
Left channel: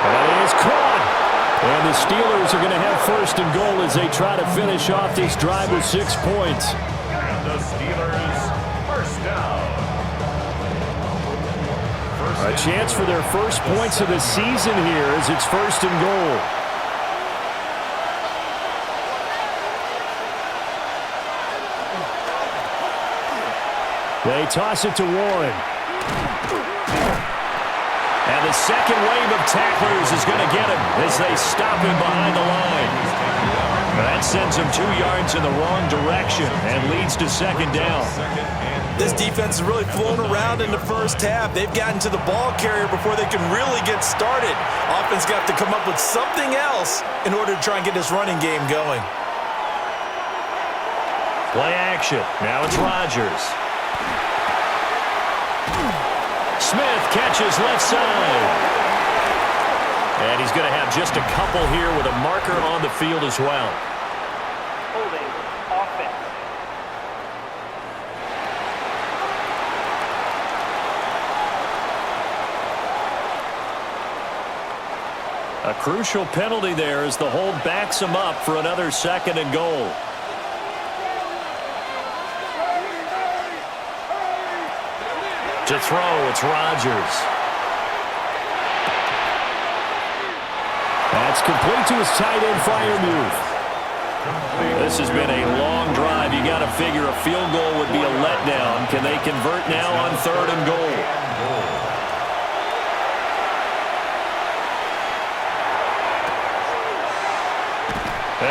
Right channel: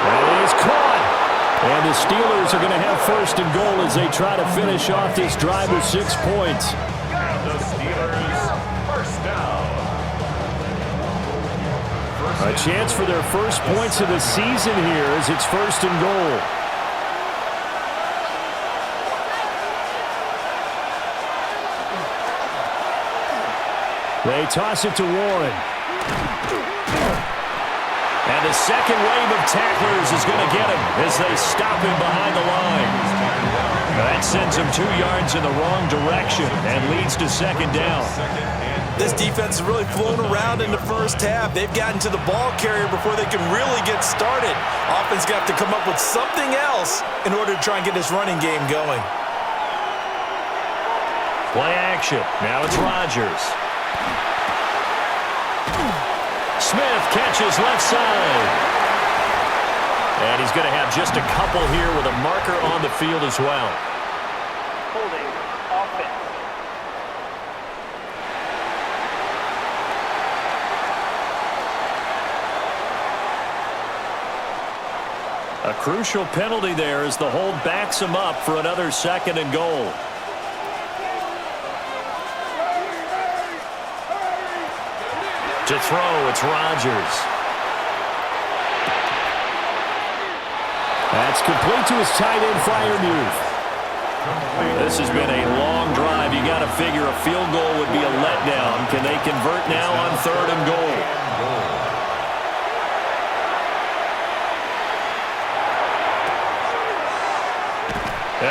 That is caught. And the Steelers are going to have 1st and goal as they try to finish off this drive with 6 points. And the Steelers first down. A chance for their first points of the season here as it's 1st and goal. They toss it to Warren. And the second wave of tacklers is going to get him as they stop him behind the line. That sends him 2 yards in the wrong direction and leads to 2nd down. This defense has really flown around in the first half. They've gotten to the ball carrier before they can really get started. Offense got to come up with something else in order to try and get this running game going. Play action. Now it's Rodgers. Smith catches left side. And he's going to have just a couple here with a marker on the field as well. Holding offense. A crucial penalty there as the hold backs him up for another 2nd and goal. To throw, it's Rodgers. That's complete to his tight end Freiermuth. This has been a long drive. You got to figure a field goal would be a letdown. Can they convert now on 3rd and goal?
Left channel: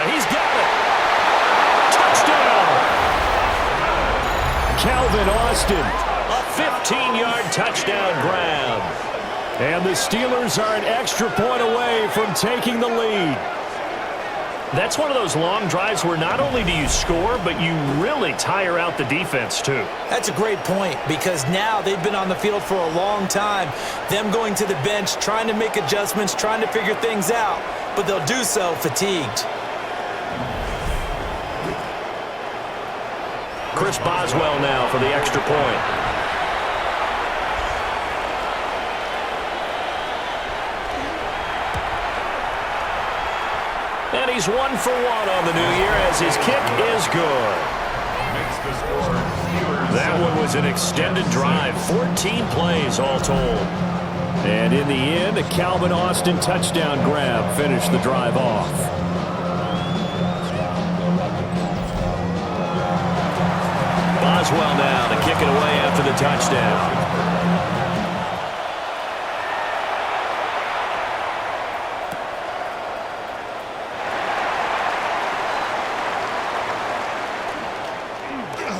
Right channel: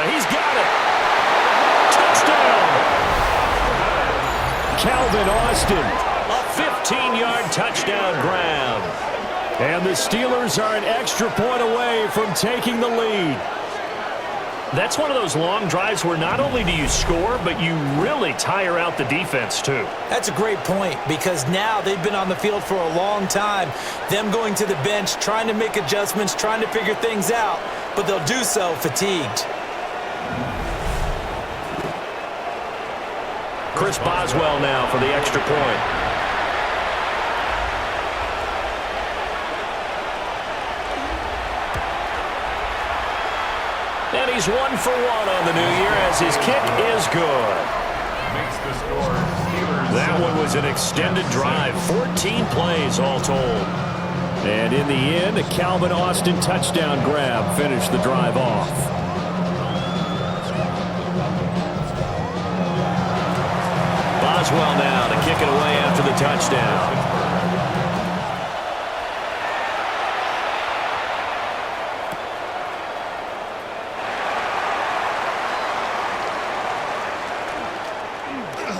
He's got it. Touchdown. Calvin Austin. A 15-yard touchdown grab. And the Steelers are an extra point away from taking the lead. That's one of those long drives where not only do you score, but you really tire out the defense too. That's a great point because now they've been on the field for a long time. Them going to the bench, trying to make adjustments, trying to figure things out, but they'll do so fatigued. Chris Boswell now for the extra point. And he's 1 for 1 on the new year as his kick is good. Makes the score Steelers. That one was an extended drive, 14 plays all told. And in the end, a Calvin Austin touchdown grab finished the drive off. Boswell now to kick it away after the touchdown.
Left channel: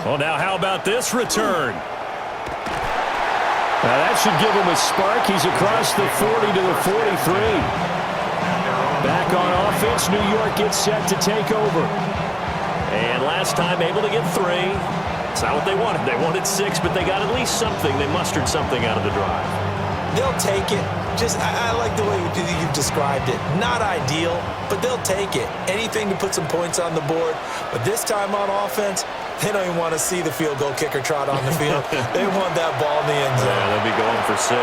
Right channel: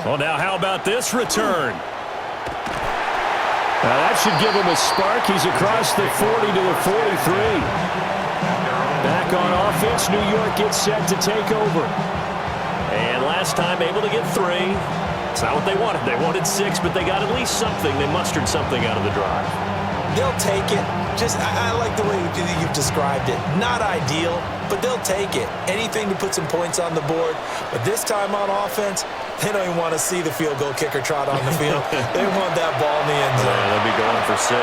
Well, now how about this return? Now that should give him a spark. He's across the 40 to the 43. Back on offense, New York gets set to take over. And last time able to get 3. It's not what they wanted. They wanted 6, but they got at least something. They mustered something out of the drive. They'll take it. I like the way you've described it. Not ideal, but they'll take it. Anything to put some points on the board. But this time on offense, they don't even want to see the field goal kicker trot on the field. They want that ball in the end zone. Yeah, they'll be going for 6.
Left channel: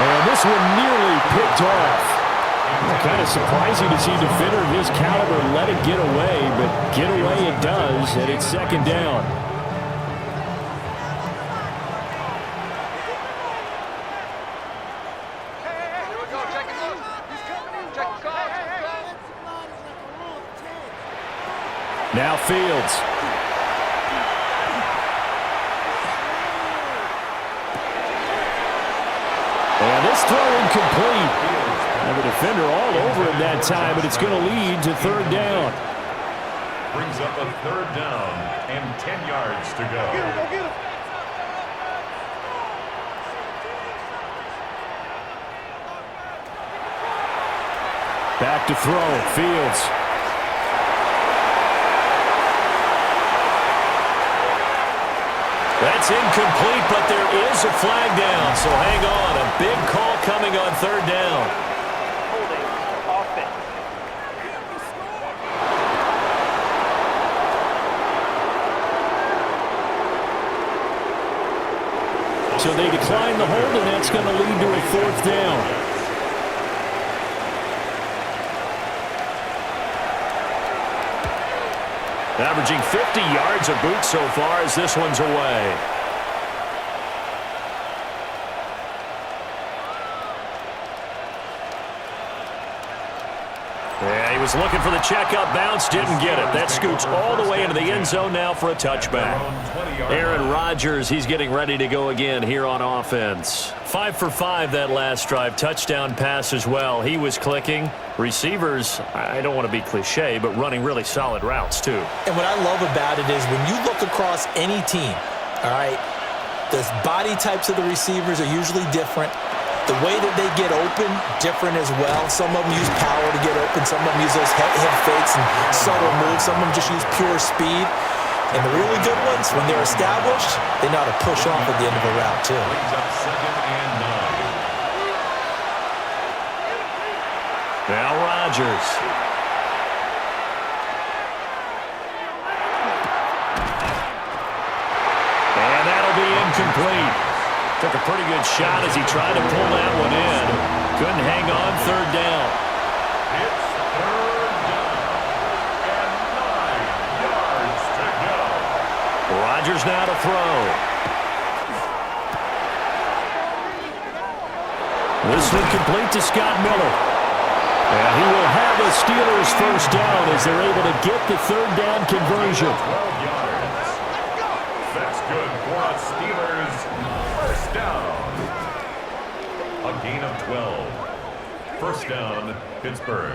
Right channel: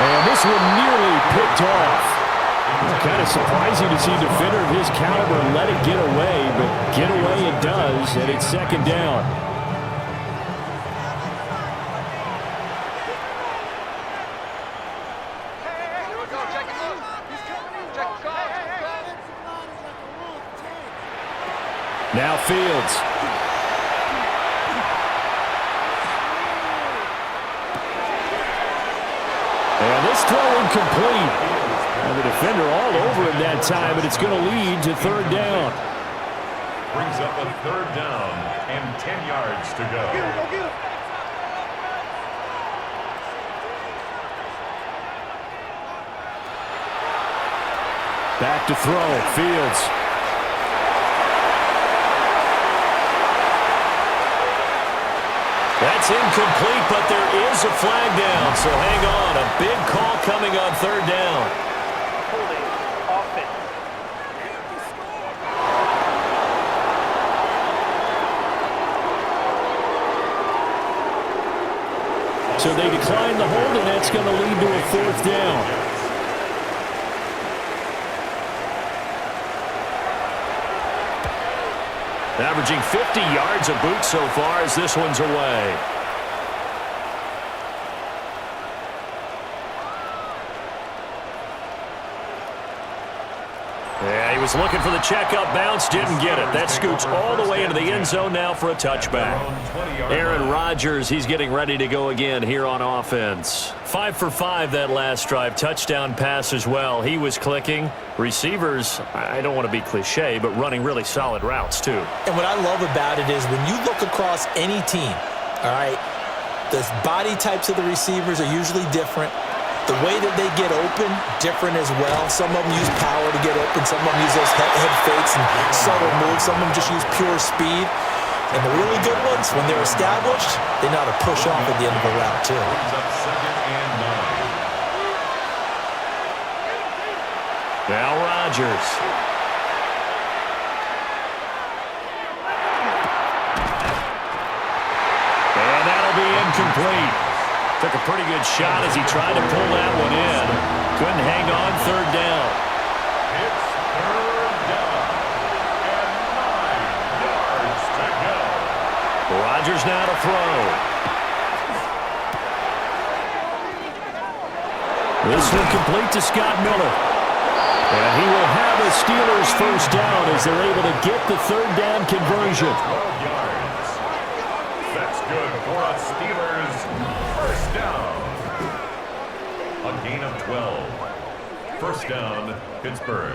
And this one nearly picked off. Kind of surprising to see a defender of his caliber let it get away, but get away it does, and it's 2nd down. Now Fields. And this throw incomplete. And the defender all over him that time, but it's going to lead to 3rd down. Brings up a 3rd down and 10 yards to go. Get him. Back to throw, Fields. That's incomplete, but there is a flag down, so hang on. A big call coming on 3rd down. Holding offense. So they decline the hold, and that's going to lead to a 4th down. Averaging 50 yards a boot so far as this one's away. Yeah, he was looking for the checkup bounce, didn't get it. That scoots all the way into the end zone now for a touchback. Aaron Rodgers, he's getting ready to go again here on offense. 5 for 5 that last drive. Touchdown pass as well. He was clicking. Receivers, I don't want to be cliche, but running really solid routes too. And what I love about it is when you look across any team, all right, the body types of the receivers are usually different. The way that they get open, different as well. Some of them use power to get open. Some of them use those head fakes and subtle moves. Some of them just use pure speed. And the really good ones, when they're established, they know how to push off at the end of a route, too. Brings up 2nd and 9. Now Rodgers. And that'll be incomplete. Took a pretty good shot as he tried to pull that one in. Couldn't hang on, 3rd down. It's 3rd down and 9 yards to go. Rodgers now to throw. This one complete to Scott Miller. And he will have a Steelers 1st down as they're able to get the 3rd down conversion. 12 yards. That's good for a Steelers 1st down. A gain of 12. 1st down, Pittsburgh.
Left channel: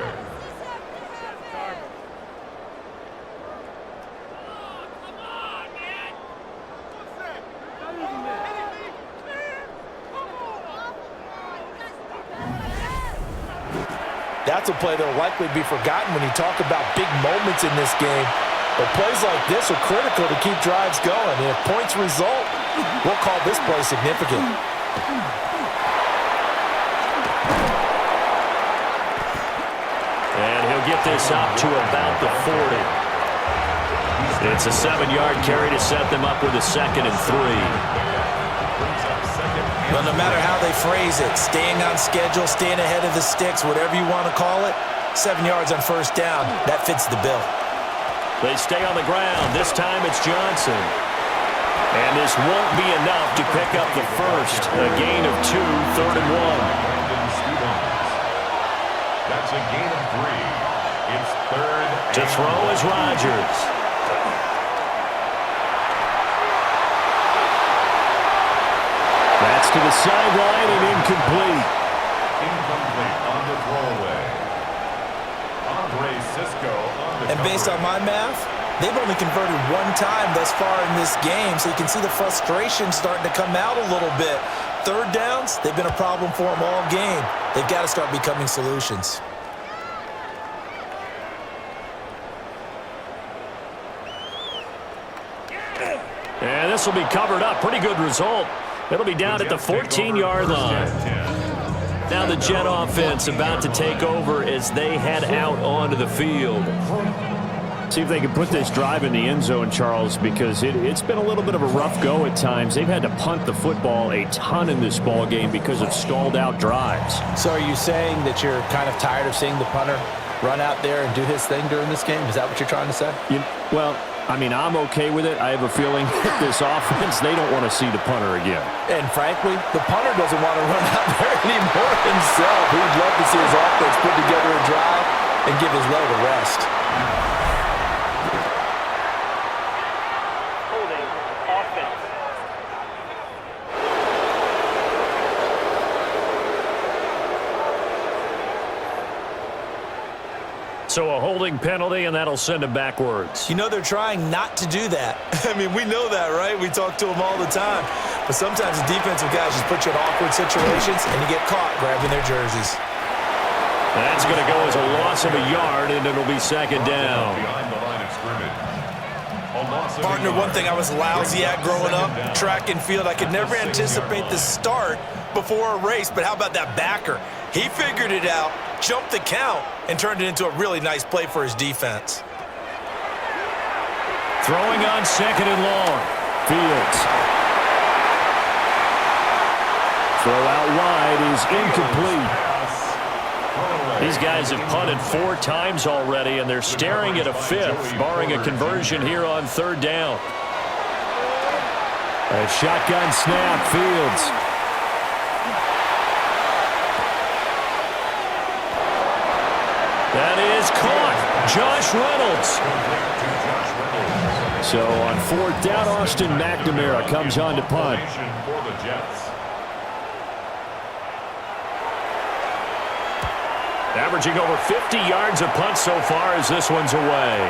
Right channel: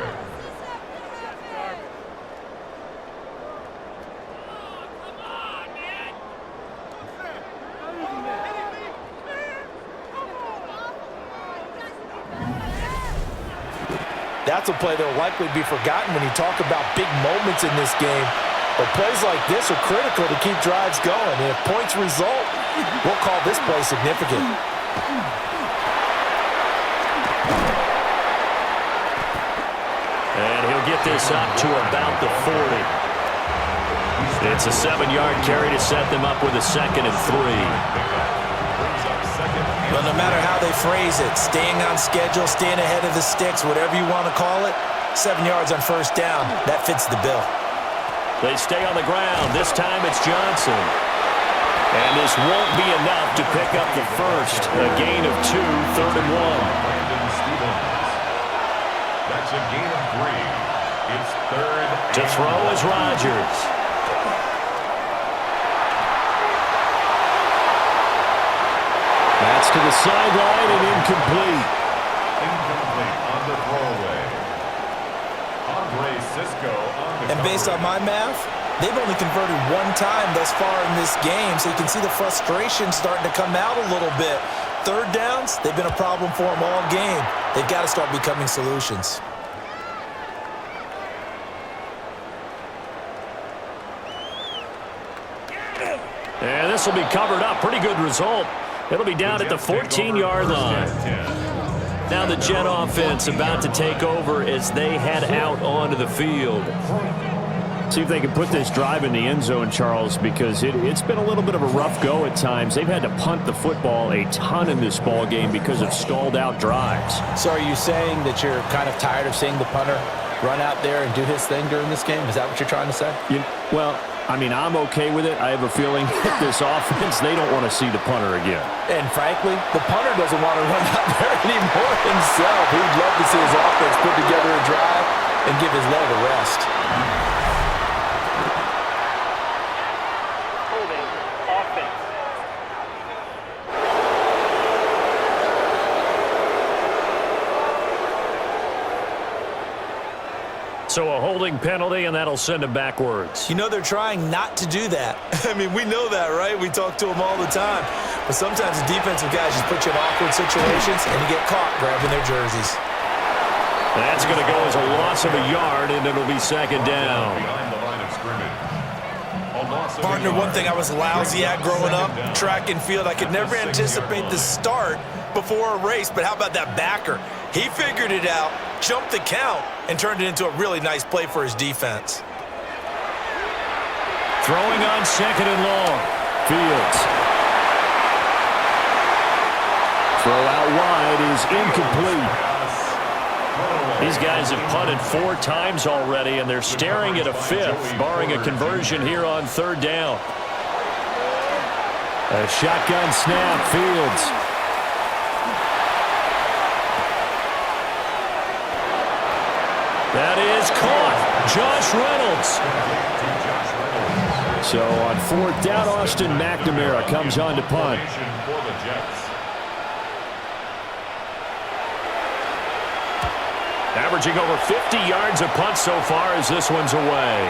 That's a play that will likely be forgotten when you talk about big moments in this game. But plays like this are critical to keep drives going. And if points result, we'll call this play significant. And he'll get this up to about the 40. It's a 7-yard carry to set them up with a 2nd and 3. But no matter how they phrase it, staying on schedule, staying ahead of the sticks, whatever you want to call it, 7 yards on 1st down, that fits the bill. They stay on the ground. This time it's Johnson. And this won't be enough to pick up the 1st. A gain of 2, 3rd and 1. That's a gain of 3. It's 3rd To throw is Rodgers. That's to the sideline and incomplete. Incomplete on the throwaway. Andre Cisco on the And based on my math, they've only converted 1 time thus far in this game, so you can see the frustration starting to come out a little bit. 3rd downs, they've been a problem for them all game. They've got to start becoming solutions. And this will be covered up. Pretty good result. It'll be down at the 14-yard line. Now the Jet offense about to take over as they head out onto the field. See if they can put this drive in the end zone, Charles, because it's been a little bit of a rough go at times. They've had to punt the football a ton in this ball game because of stalled-out drives. So are you saying that you're kind of tired of seeing the punter run out there and do his thing during this game? Is that what you're trying to say? Well, I mean, I'm okay with it. I have a feeling that this offense, they don't want to see the punter again. And frankly, the punter doesn't want to run out there anymore himself. He would love to see his offense put together a drive and give his leg a rest. Holding offense. So a holding penalty, and that'll send him backwards. You know they're trying not to do that. I mean, we know that, right? We talk to them all the time. But sometimes the defensive guys just put you in awkward situations, and you get caught grabbing their jerseys. That's going to go as a loss of a yard, and it'll be 2nd down. Behind the line of scrimmage. Partner, one thing I was lousy at growing up, track and field, I could never anticipate the start before a race, but how about that backer? He figured it out, jumped the count, and turned it into a really nice play for his defense. Throwing on 2nd and long. Fields. Throw out wide is incomplete. These guys have punted 4 times already, and they're staring at a 5th, barring a conversion here on 3rd down. A shotgun snap, Fields. That is caught. Josh Reynolds. So on 4th down, Austin McNamara comes on to punt. Averaging over 50 yards a punt so far as this one's away.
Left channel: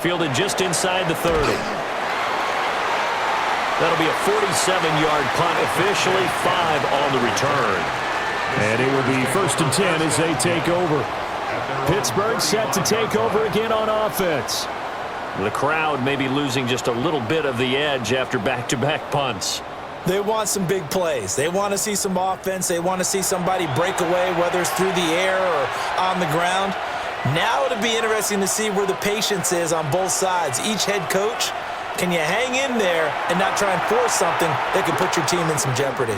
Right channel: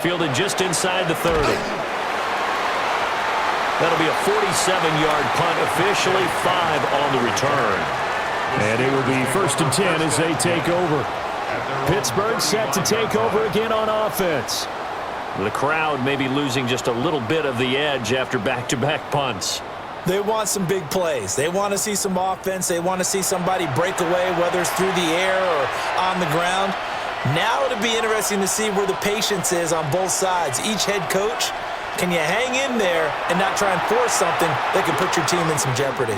Fielded just inside the 30. That'll be a 47-yard punt, officially 5 on the return. And it will be 1st and 10 as they take over. Pittsburgh set to take over again on offense. The crowd may be losing just a little bit of the edge after back-to-back punts. They want some big plays. They want to see some offense. They want to see somebody break away, whether it's through the air or on the ground. Now it'll be interesting to see where the patience is on both sides. Each head coach, can you hang in there and not try and force something that can put your team in some jeopardy?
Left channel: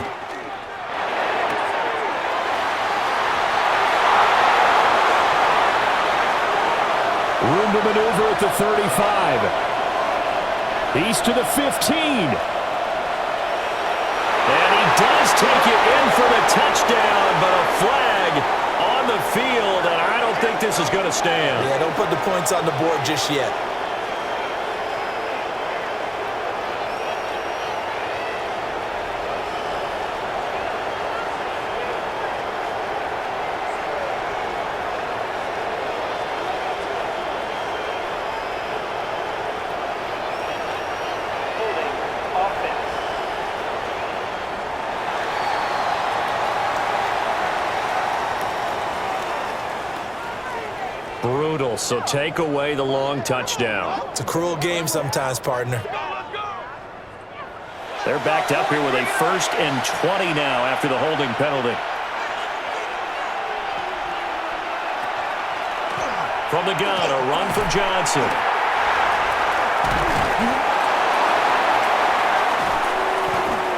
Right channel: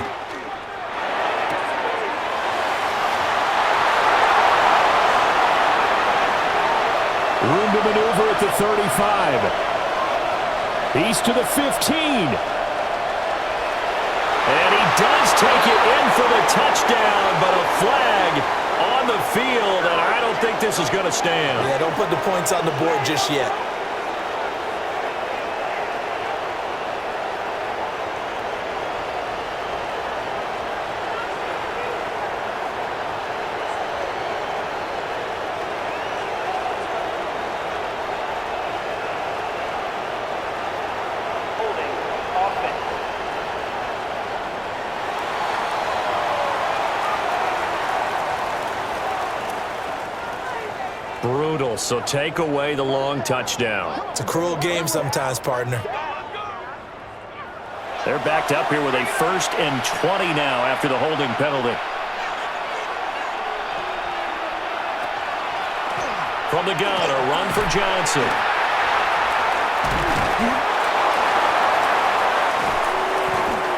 Room to maneuver at the 35. He's to the 15. And he does take it in for the touchdown, but a flag on the field, and I don't think this is going to stand. Yeah, don't put the points on the board just yet. Holding offense. Brutal, so take away the long touchdown. It's a cruel game sometimes, partner. They're backed up here with a 1st and 20 now after the holding penalty. From the gun, a run for Johnson.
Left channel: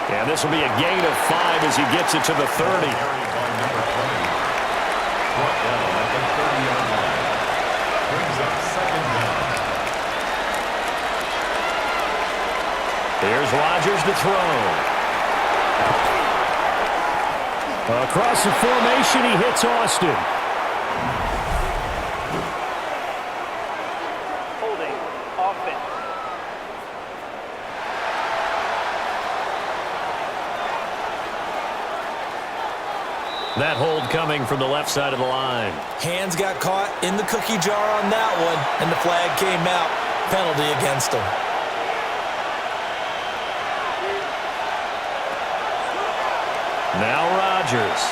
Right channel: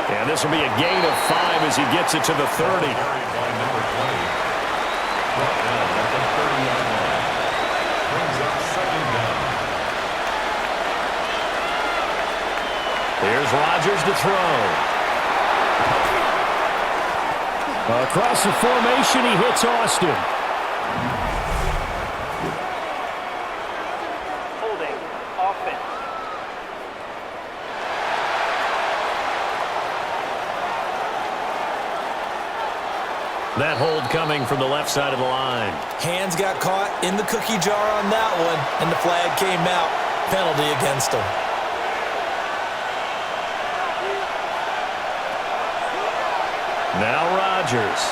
And this will be a gain of 5 as he gets it to the 30. Carried by number 20. Brought down at the 30-yard line. Brings up 2nd down. Here's Rodgers to throw. Across the formation, he hits Austin. Holding offense. That hold coming from the left side of the line. Hands got caught in the cookie jar on that one, and the flag came out. Penalty against him. Now Rodgers.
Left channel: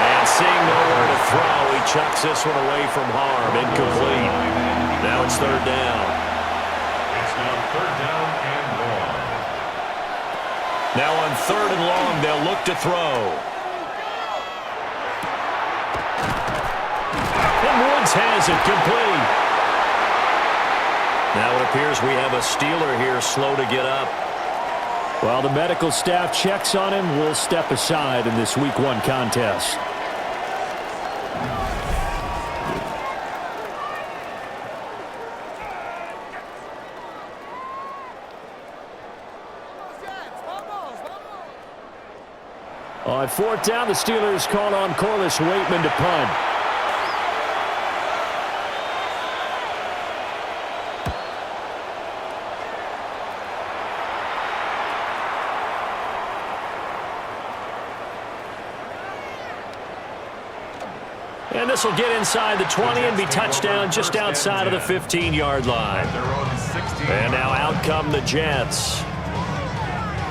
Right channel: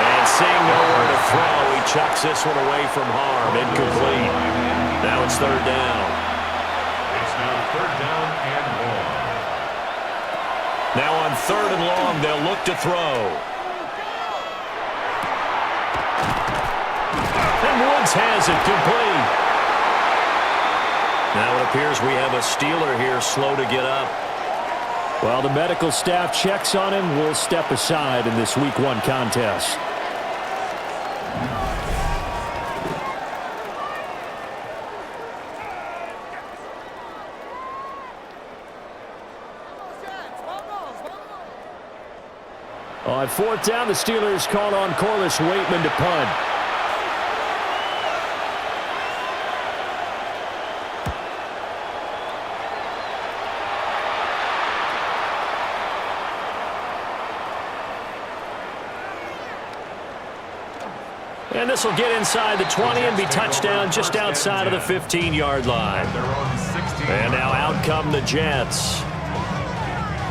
And seeing nowhere to throw, he chucks this one away from harm. Incomplete. Now it's 3rd down. It's now 3rd down and long. Now on 3rd and long, they'll look to throw. And Woods has it complete. Now it appears we have a Steeler here slow to get up. While the medical staff checks on him, we'll step aside in this Week 1 contest. On 4th down, the Steelers call on Corliss Waitman to punt. And this will get inside the 20 and be touched down just outside of the 15-yard line. And now out come the Jets.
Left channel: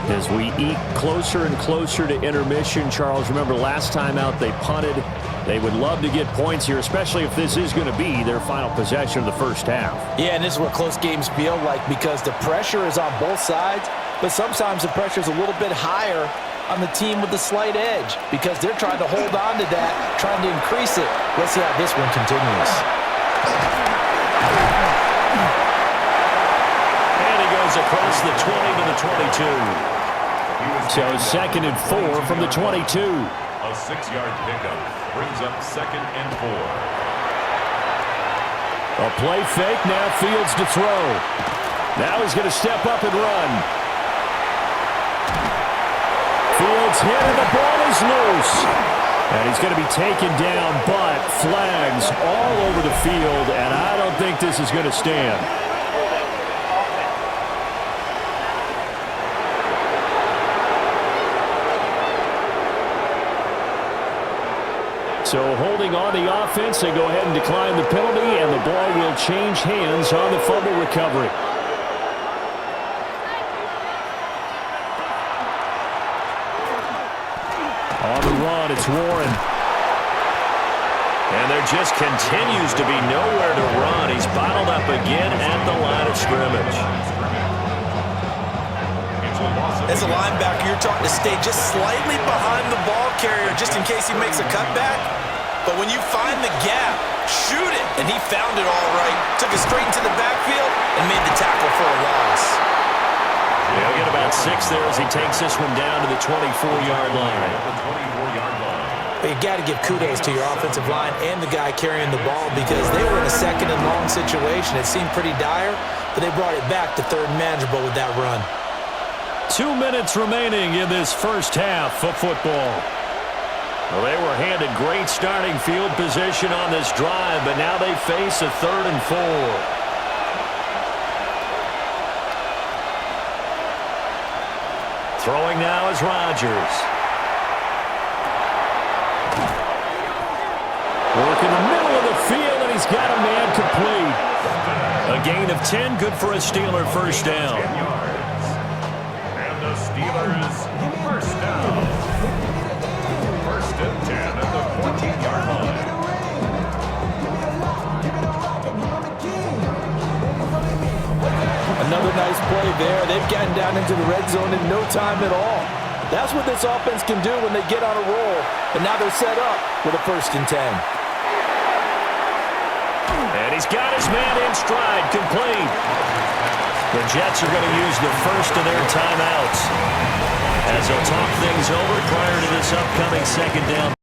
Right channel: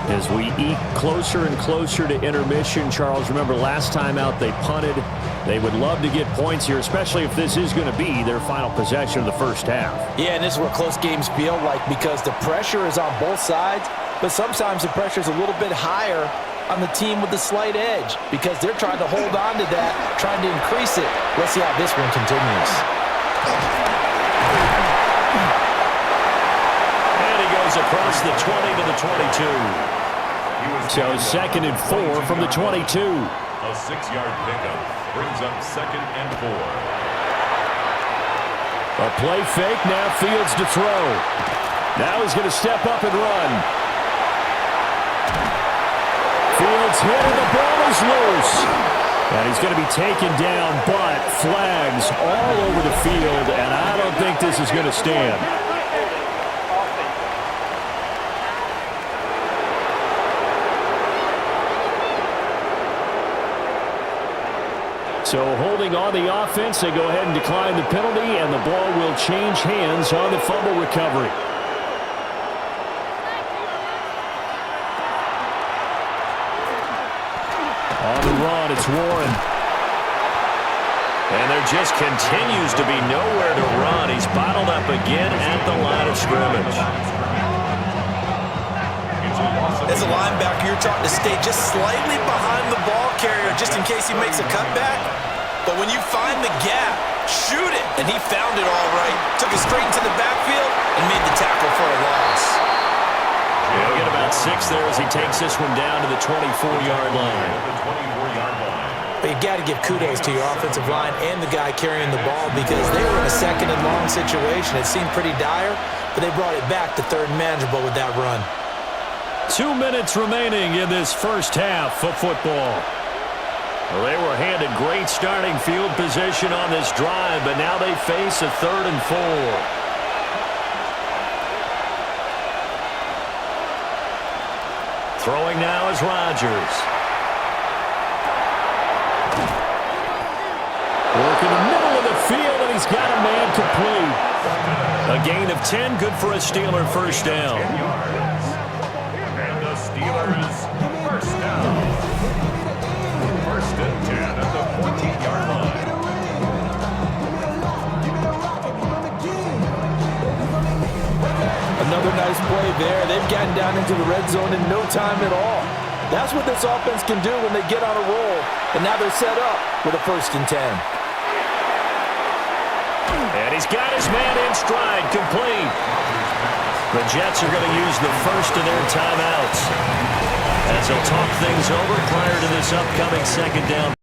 As we eke closer and closer to intermission, Charles, remember last time out they punted. They would love to get points here, especially if this is going to be their final possession of the first half. Yeah, and this is what close games feel like because the pressure is on both sides, but sometimes the pressure is a little bit higher on the team with the slight edge because they're trying to hold on to that, trying to increase it. Let's see how this one continues. And he goes across the 20 to the 22. So 2nd and 4 from the 22. A 6-yard pickup brings up 2nd and 4. A play fake, now Fields to throw. Now he's going to step up and run. Fields hit and the ball is loose. And he's going to be taken down, but flags all over the field, and I don't think this is going to stand. So holding on the offense, they go ahead and decline the penalty, and the ball will change hands on the fumble recovery. On the run, it's Warren. And there just continues to be nowhere to run. He's bottled up again at the line of scrimmage. As a linebacker, you're taught to stay just slightly behind the ball carrier just in case he makes a cutback. But when you find the gap, shoot it. And he found it all right. Took it straight into the backfield and made the tackle for a loss. He'll get about 6 there as he takes this one down to the 24-yard line. But you got to give kudos to your offensive line and the guy carrying the ball because they were in a second and long situation. It seemed pretty dire, but they brought it back to third and manageable with that run. 2 minutes remaining in this first half of football. Well, they were handed great starting field position on this drive, but now they face a 3rd and 4. Throwing now is Rodgers. Work in the middle of the field, and he's got a man complete. A gain of 10, good for a Steeler first down. And the Steelers first down. 1st and 10 at the 14-yard line. Another nice play there. They've gotten down into the red zone in no time at all. That's what this offense can do when they get on a roll. And now they're set up with a 1st and 10. And he's got his man in stride, complete. The Jets are going to use the first of their timeouts as they'll talk things over prior to this upcoming 2nd down.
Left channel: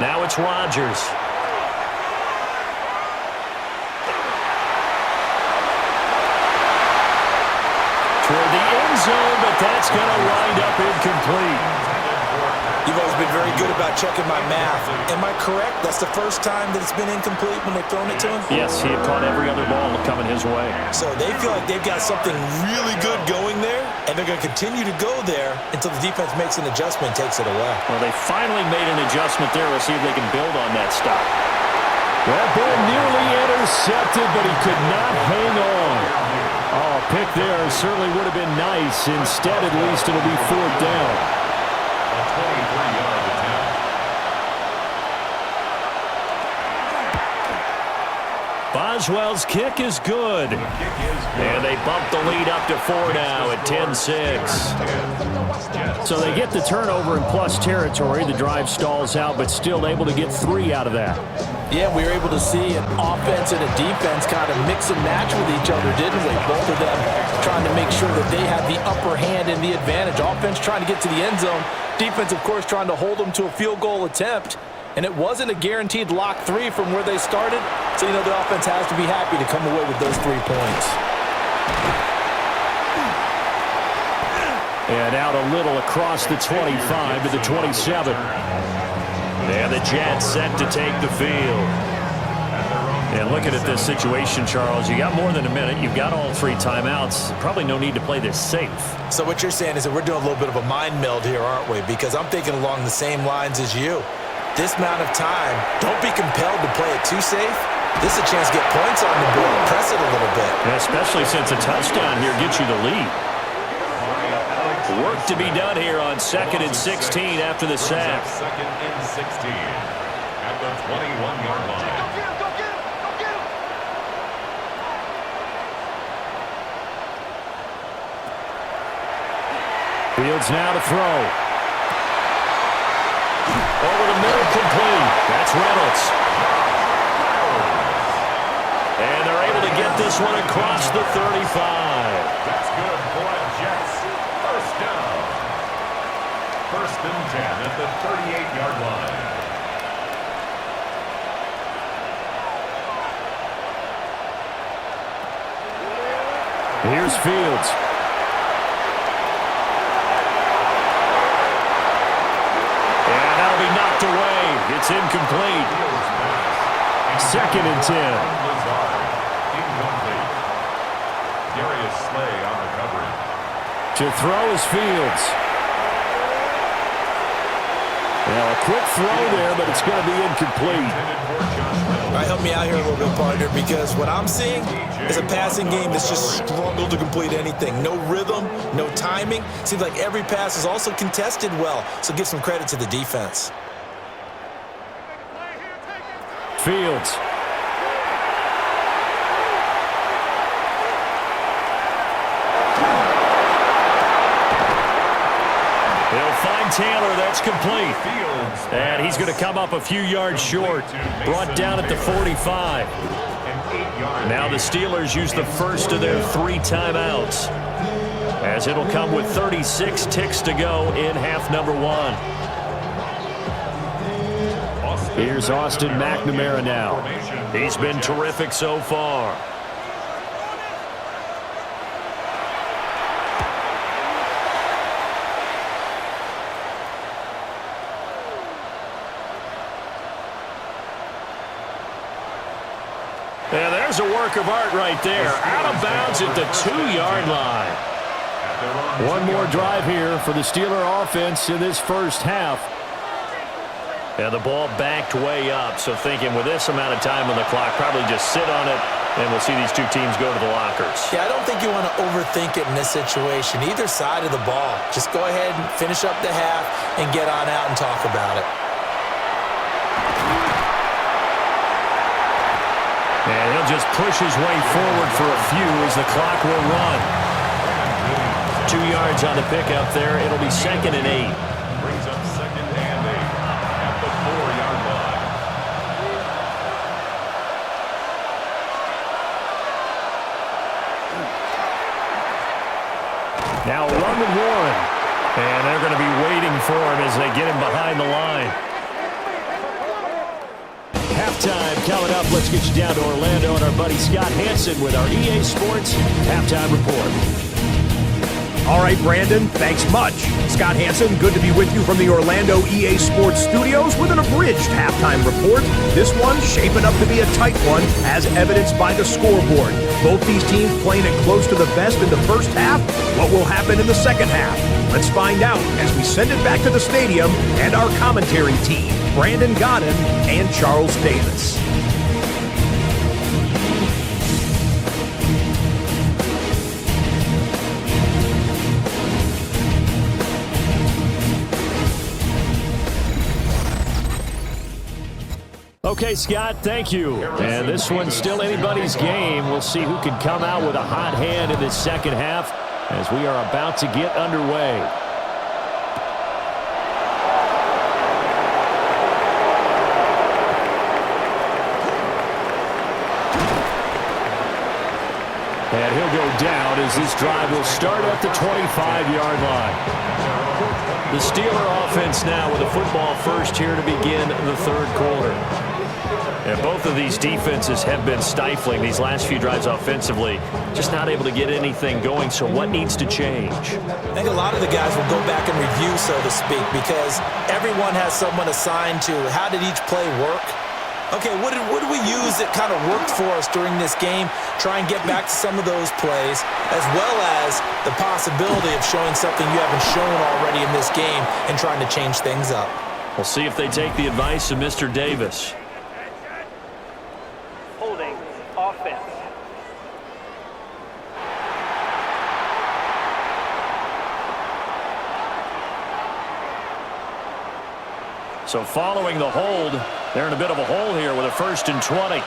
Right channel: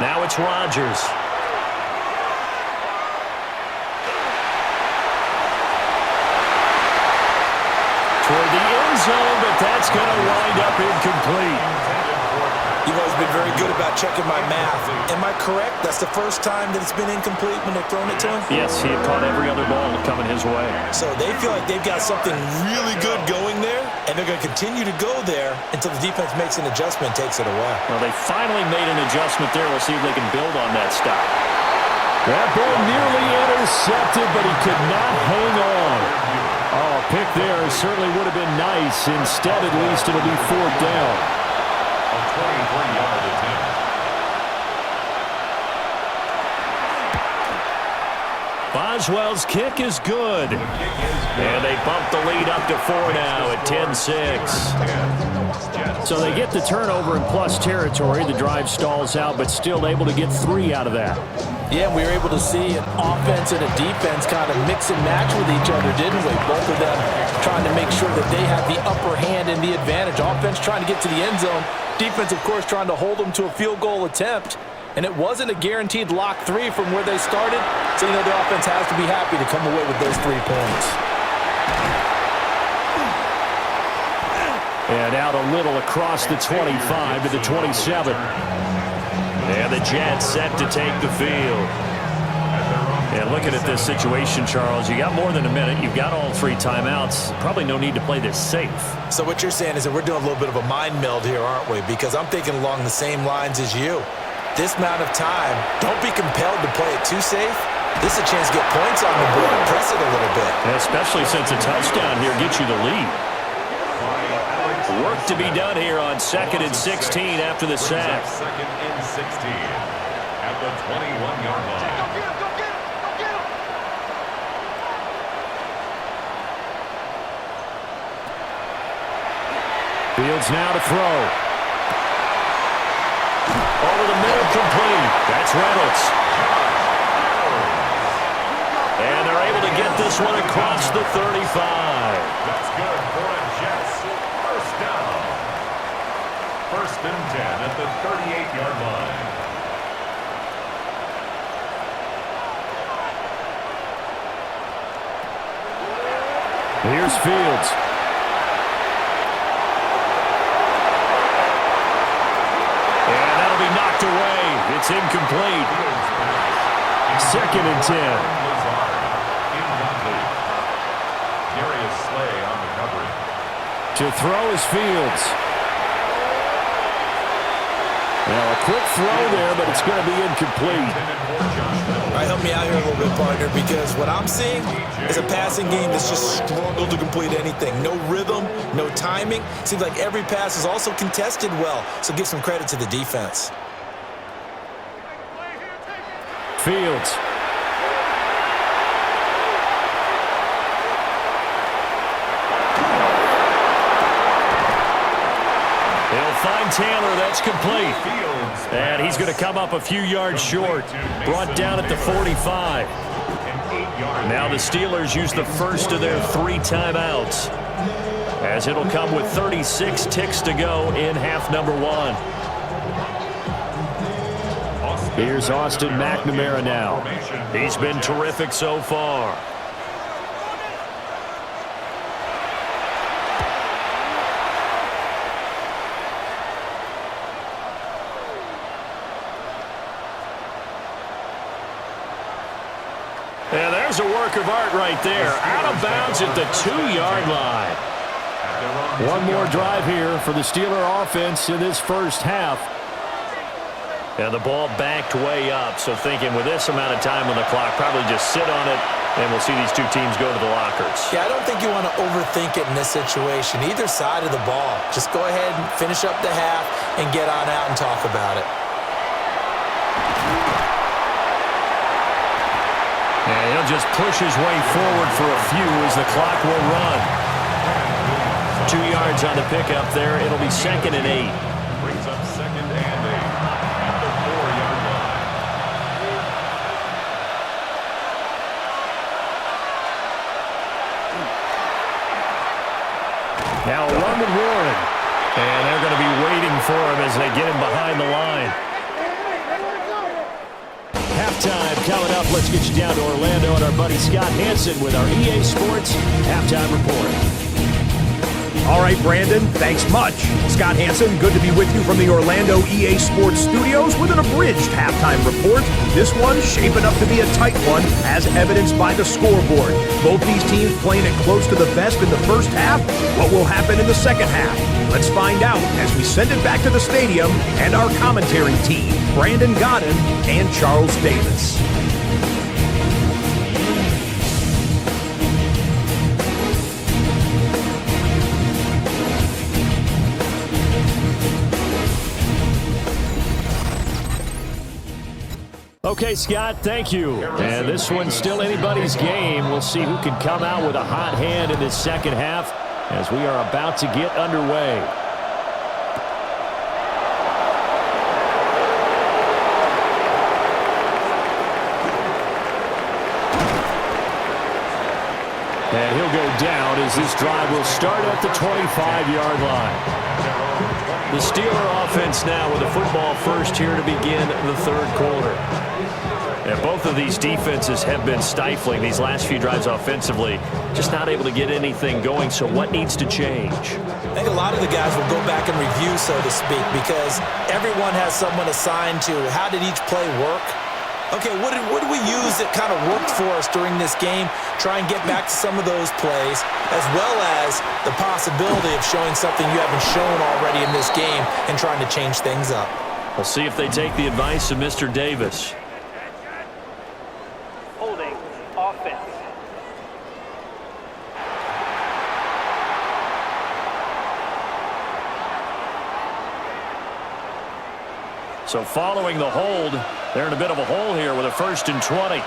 Now it's Rodgers. Toward the end zone, but that's going to wind up incomplete. You've always been very good about checking my math. Am I correct? That's the first time that it's been incomplete when they've thrown it to him? Yes, he had caught every other ball coming his way. So they feel like they've got something really good going there, and they're going to continue to go there until the defense makes an adjustment and takes it away. Well, they finally made an adjustment there. We'll see if they can build on that stop. That ball nearly intercepted, but he could not hang on. Oh, a pick there certainly would have been nice. Instead, at least, it'll be 4th down. A 23-yard attempt. Boswell's kick is good. And they bump the lead up to 4 now at 10-6. So they get the turnover in plus territory. The drive stalls out, but still able to get 3 out of that. Yeah, we were able to see an offense and a defense kind of mix and match with each other, didn't we? Both of them trying to make sure that they had the upper hand and the advantage. Offense trying to get to the end zone. Defense, of course, trying to hold them to a field goal attempt. And it wasn't a guaranteed lock 3 from where they started. So, you know, the offense has to be happy to come away with those 3 points. And out a little across the 25 to the 27. And the Jets set to take the field. And looking at this situation, Charles, you got more than a minute. You've got all 3 timeouts. Probably no need to play this safe. So what you're saying is that we're doing a little bit of a mind meld here, aren't we? Because I'm thinking along the same lines as you. This amount of time, don't be compelled to play it too safe. This is a chance to get points on the board. Press it a little bit. And especially since a touchdown here gets you the lead. Work to be done here on 2nd and 16 after the sack. 2nd and 16 at the 21-yard line. Go get him, go get him, go get him. Fields now to throw. Over the middle, complete. That's Reynolds. And they're able to get this one across the 35. That's good for a Jets first down. 1st and 10 at the 38-yard line. Here's Fields. be knocked away. It's incomplete. Second and 10. Incomplete. Darius Slay on the coverage. To throw is Fields. Now a quick throw there, but it's going to be incomplete. All right, help me out here a little bit, partner, because what I'm seeing is a passing game that's just struggled to complete anything. No rhythm, no timing. Seems like every pass is also contested well, so give some credit to the defense. Fields. He'll find Taylor. That's complete. And he's going to come up a few yards short. Brought down at the 45. Now the Steelers use the first of their 3 timeouts, as it'll come with 36 ticks to go in half number 1. Here's Austin McNamara now. He's been terrific so far. Yeah, there's a work of art right there. Out of bounds at the 2-yard line. One more drive here for the Steeler offense in this first half. And the ball backed way up, so thinking with this amount of time on the clock, probably just sit on it, and we'll see these two teams go to the lockers. Yeah, I don't think you want to overthink it in this situation. Either side of the ball. Just go ahead and finish up the half and get on out and talk about it. And he'll just push his way forward for a few as the clock will run. 2 yards on the pickup there. It'll be second and 8. Brings up second and 8 at the 4-yard line. Now a run with Warren. And they're going to be waiting for him as they get him behind the line. Halftime coming up. Let's get you down to Orlando and our buddy Scott Hansen with our EA Sports Halftime Report. All right, Brandon, thanks much. Scott Hansen, good to be with you from the Orlando EA Sports Studios with an abridged halftime report. This one shaping up to be a tight one, as evidenced by the scoreboard. Both these teams playing it close to the vest in the first half. What will happen in the second half? Let's find out as we send it back to the stadium and our commentary team, Brandon Godden and Charles Davis. Okay, Scott, thank you. And this one's still anybody's game. We'll see who can come out with a hot hand in this second half as we are about to get underway. And he'll go down as this drive will start at the 25-yard line. The Steeler offense now with a football first here to begin the third quarter. And both of these defenses have been stifling these last few drives offensively. Just not able to get anything going, so what needs to change? I think a lot of the guys will go back and review, so to speak, because everyone has someone assigned to how did each play work. Okay, what did we use that kind of worked for us during this game? Try and get back to some of those plays, as well as the possibility of showing something you haven't shown already in this game and trying to change things up. We'll see if they take the advice of Mr. Davis. Holding offense. So following the hold, they're in a bit of a hole here with a 1st and 20.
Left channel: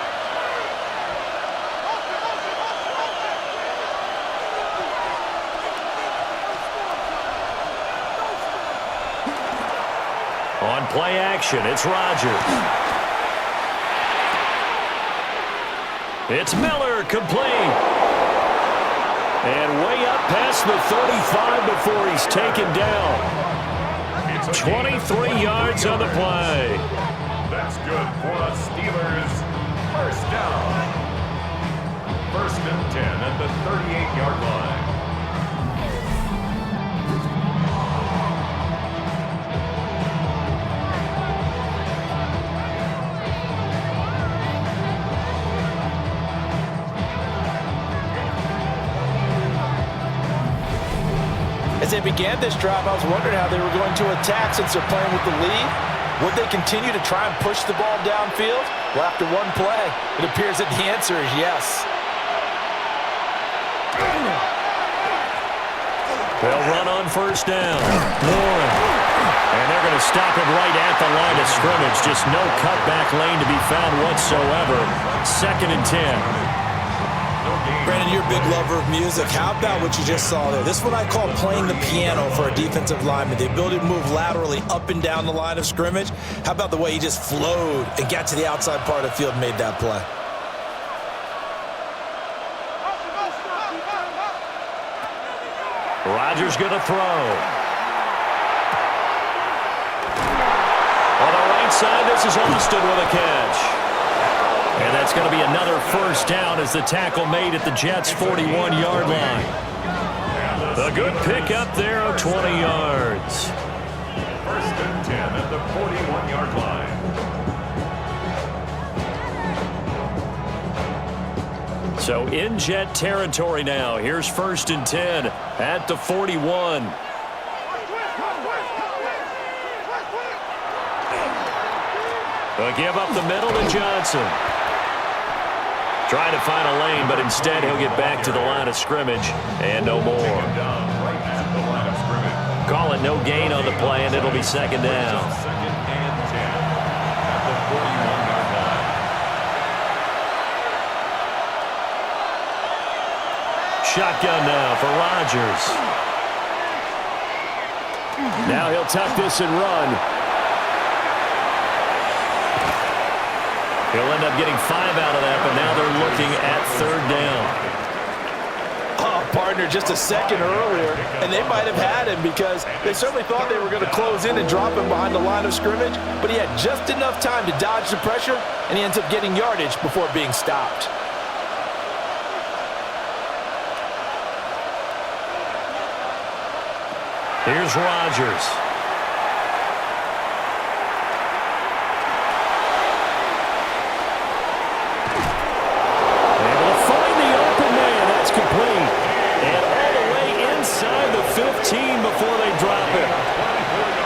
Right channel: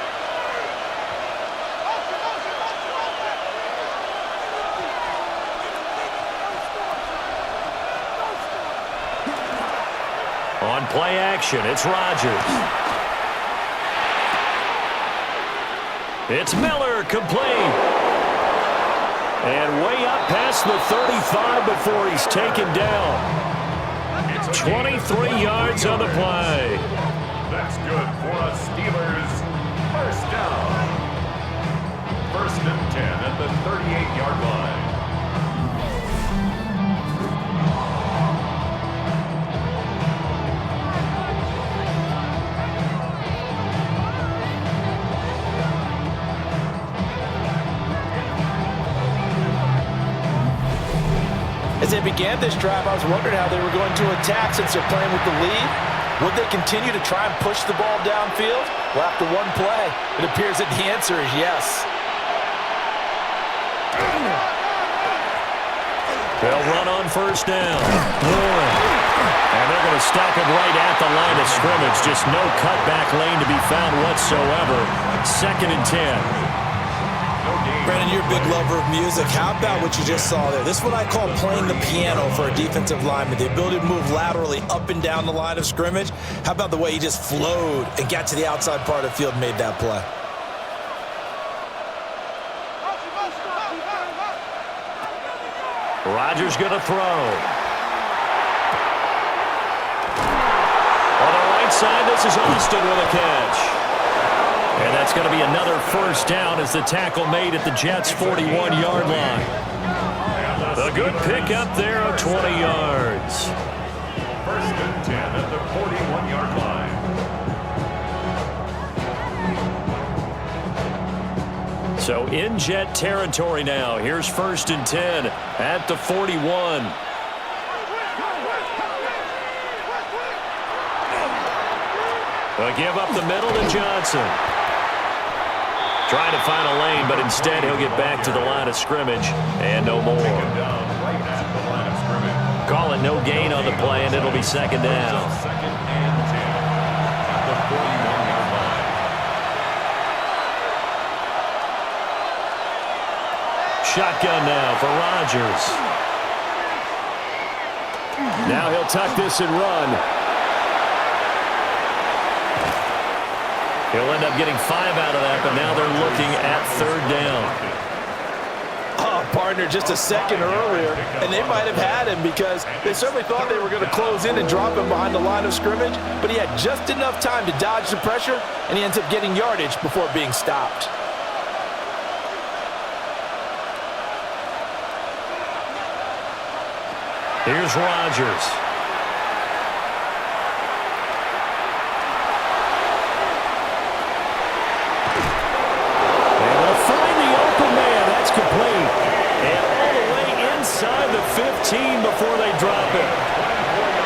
On play action, it's Rodgers. It's Miller, complete. And way up past the 35 before he's taken down. 23 yards on the play. That's good for the Steelers. First down. 1st and 10 at the 38-yard line. As they began this drive, I was wondering how they were going to attack since they're playing with the lead. Would they continue to try and push the ball downfield? Well, after one play, it appears that the answer is yes. They'll run on first down. Warren. And they're going to stop him right at the line of scrimmage. Just no cutback lane to be found whatsoever. 2nd and 10. Brandon, you're a big lover of music. How about what you just saw there? This is what I call playing the piano for a defensive lineman. The ability to move laterally up and down the line of scrimmage. How about the way he just flowed and got to the outside part of the field and made that play? Rodgers going to throw. On the right side, this is Austin with a catch. And that's going to be another first down as the tackle made at the Jets' 41-yard line. A good pickup there of 20 yards. 1st and 10 at the 41-yard line. So in Jet territory now. Here's 1st and 10 at the 41. They'll give up the middle to Johnson. Trying to find a lane, but instead he'll get back to the line of scrimmage and no more. Call it no gain on the play, and it'll be 2nd down. 2nd and 10 at the 41-yard line. Shotgun now for Rodgers. Now he'll tuck this and run. He'll end up getting 5 out of that, but now they're looking at 3rd down. Oh, partner, just a second earlier, and they might have had him because they certainly thought they were going to close in and drop him behind the line of scrimmage, but he had just enough time to dodge the pressure, and he ends up getting yardage before being stopped. Here's Rodgers. Complete. And all the way inside the 15 before they drop it.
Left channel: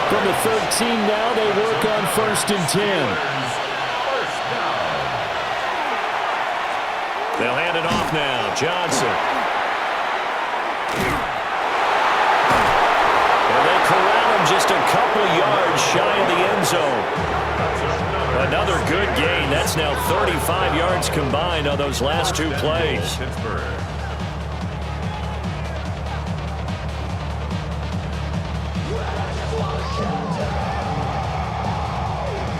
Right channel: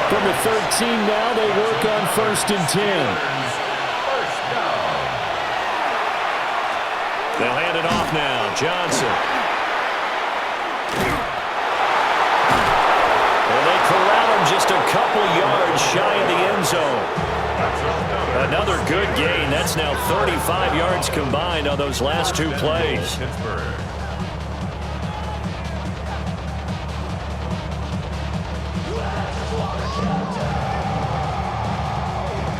From the 13 now, they work on 1st and 10. They'll hand it off now. Johnson. And they corral him just a couple yards shy of the end zone. Another good gain. That's now 35 yards combined on those last 2 plays. Pittsburgh.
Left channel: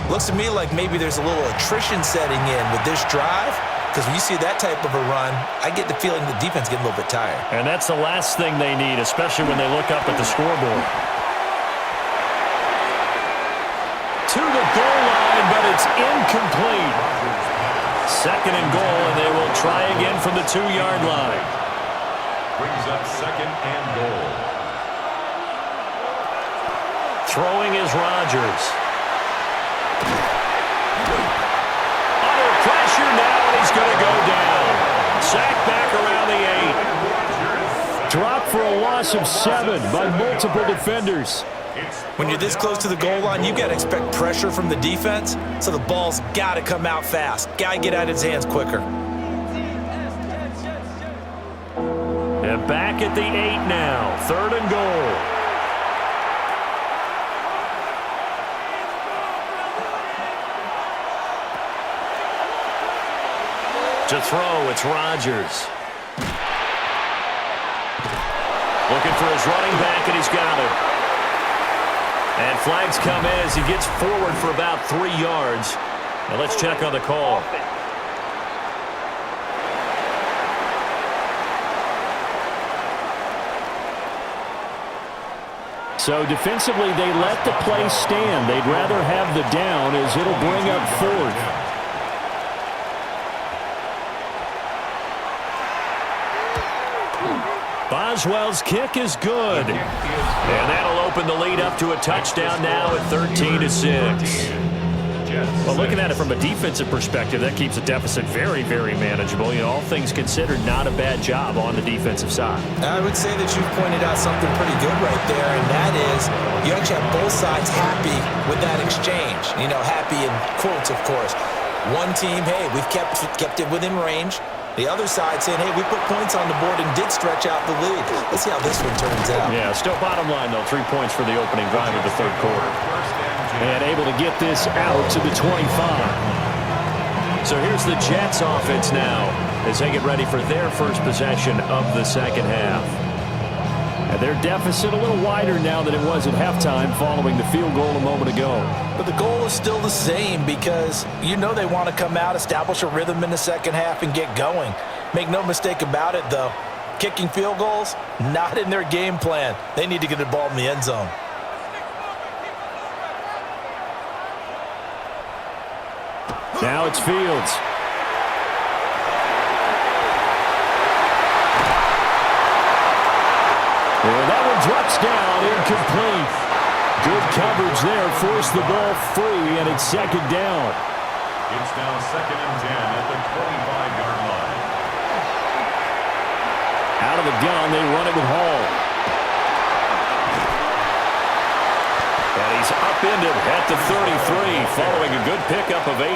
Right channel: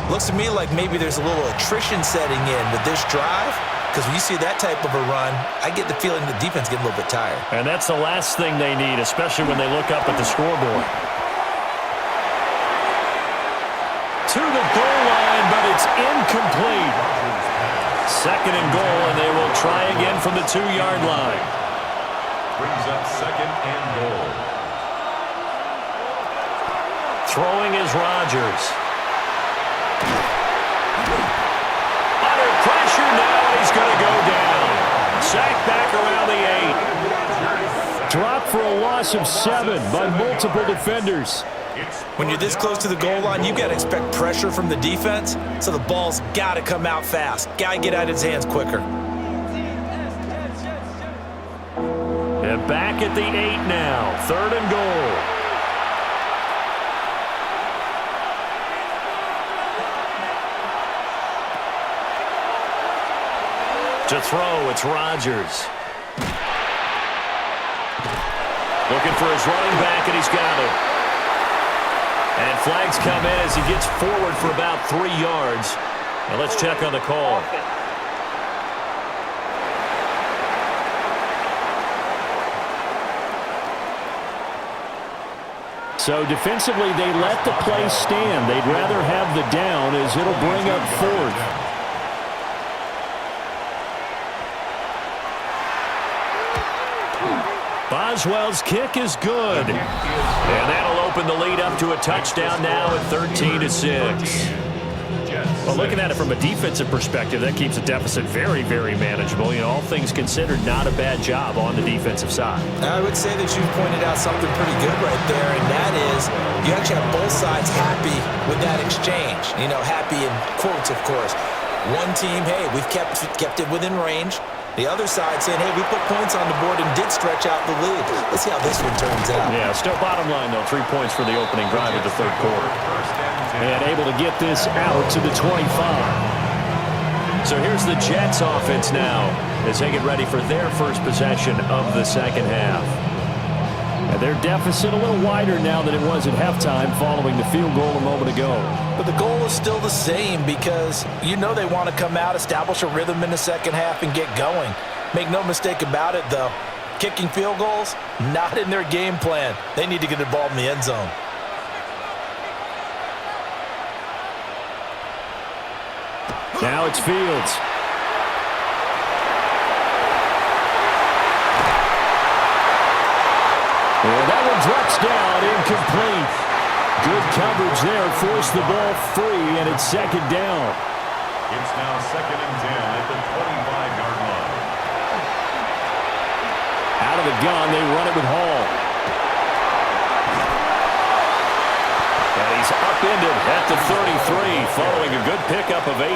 Looks to me like maybe there's a little attrition setting in with this drive, because when you see that type of a run, I get the feeling the defense getting a little bit tired. And that's the last thing they need, especially when they look up at the scoreboard. To the goal line, but it's incomplete. 2nd and goal, and they will try again from the 2-yard line. Brings up 2nd and goal. Throwing is Rodgers. Under pressure now, and he's going to go down. Sacked back around the 8. Dropped for a loss of 7 by multiple defenders. When you're this close to the goal line, you've got to expect pressure from the defense, so the ball's got to come out fast. Got to get out of his hands quicker. And back at the 8 now. 3rd and goal. To throw, it's Rodgers. Looking for his running back, and he's got him. And flags come in as he gets forward for about 3 yards. Now let's check on the call. So defensively, they let the play stand. They'd rather have the down as it'll bring up 4th. Boswell's kick is good. And that'll open the lead up to a touchdown now at 13-6. Jets Well, 6. looking at it from a defensive perspective, that keeps the deficit very, very manageable. You know, all things considered, not a bad job on the defensive side. I would say that you've pointed out something pretty good right there, and that is you actually have both sides happy with that exchange. You know, happy in quotes, of course. One team, hey, we've kept it within range. The other side saying, hey, we put points on the board and did stretch out the lead. Let's see how this one turns out. Yeah, still bottom line, though, 3 points for the opening drive of the third quarter. And able to get this out to the 25. So here's the Jets offense now as they get ready for their first possession of the second half. And their deficit a little wider now than it was at halftime following the field goal a moment ago. But the goal is still the same because you know they want to come out, establish a rhythm in the second half, and get going. Make no mistake about it, though. Kicking field goals, not in their game plan. They need to get the ball in the end zone. Now it's Fields. And that one drops down, incomplete. Good coverage there, forced the ball free, and it's second down. It's now 2nd and 10 at the 25-yard line. Out of the gun, they run it with Hall. And he's upended at the 33 following a good pickup of 8.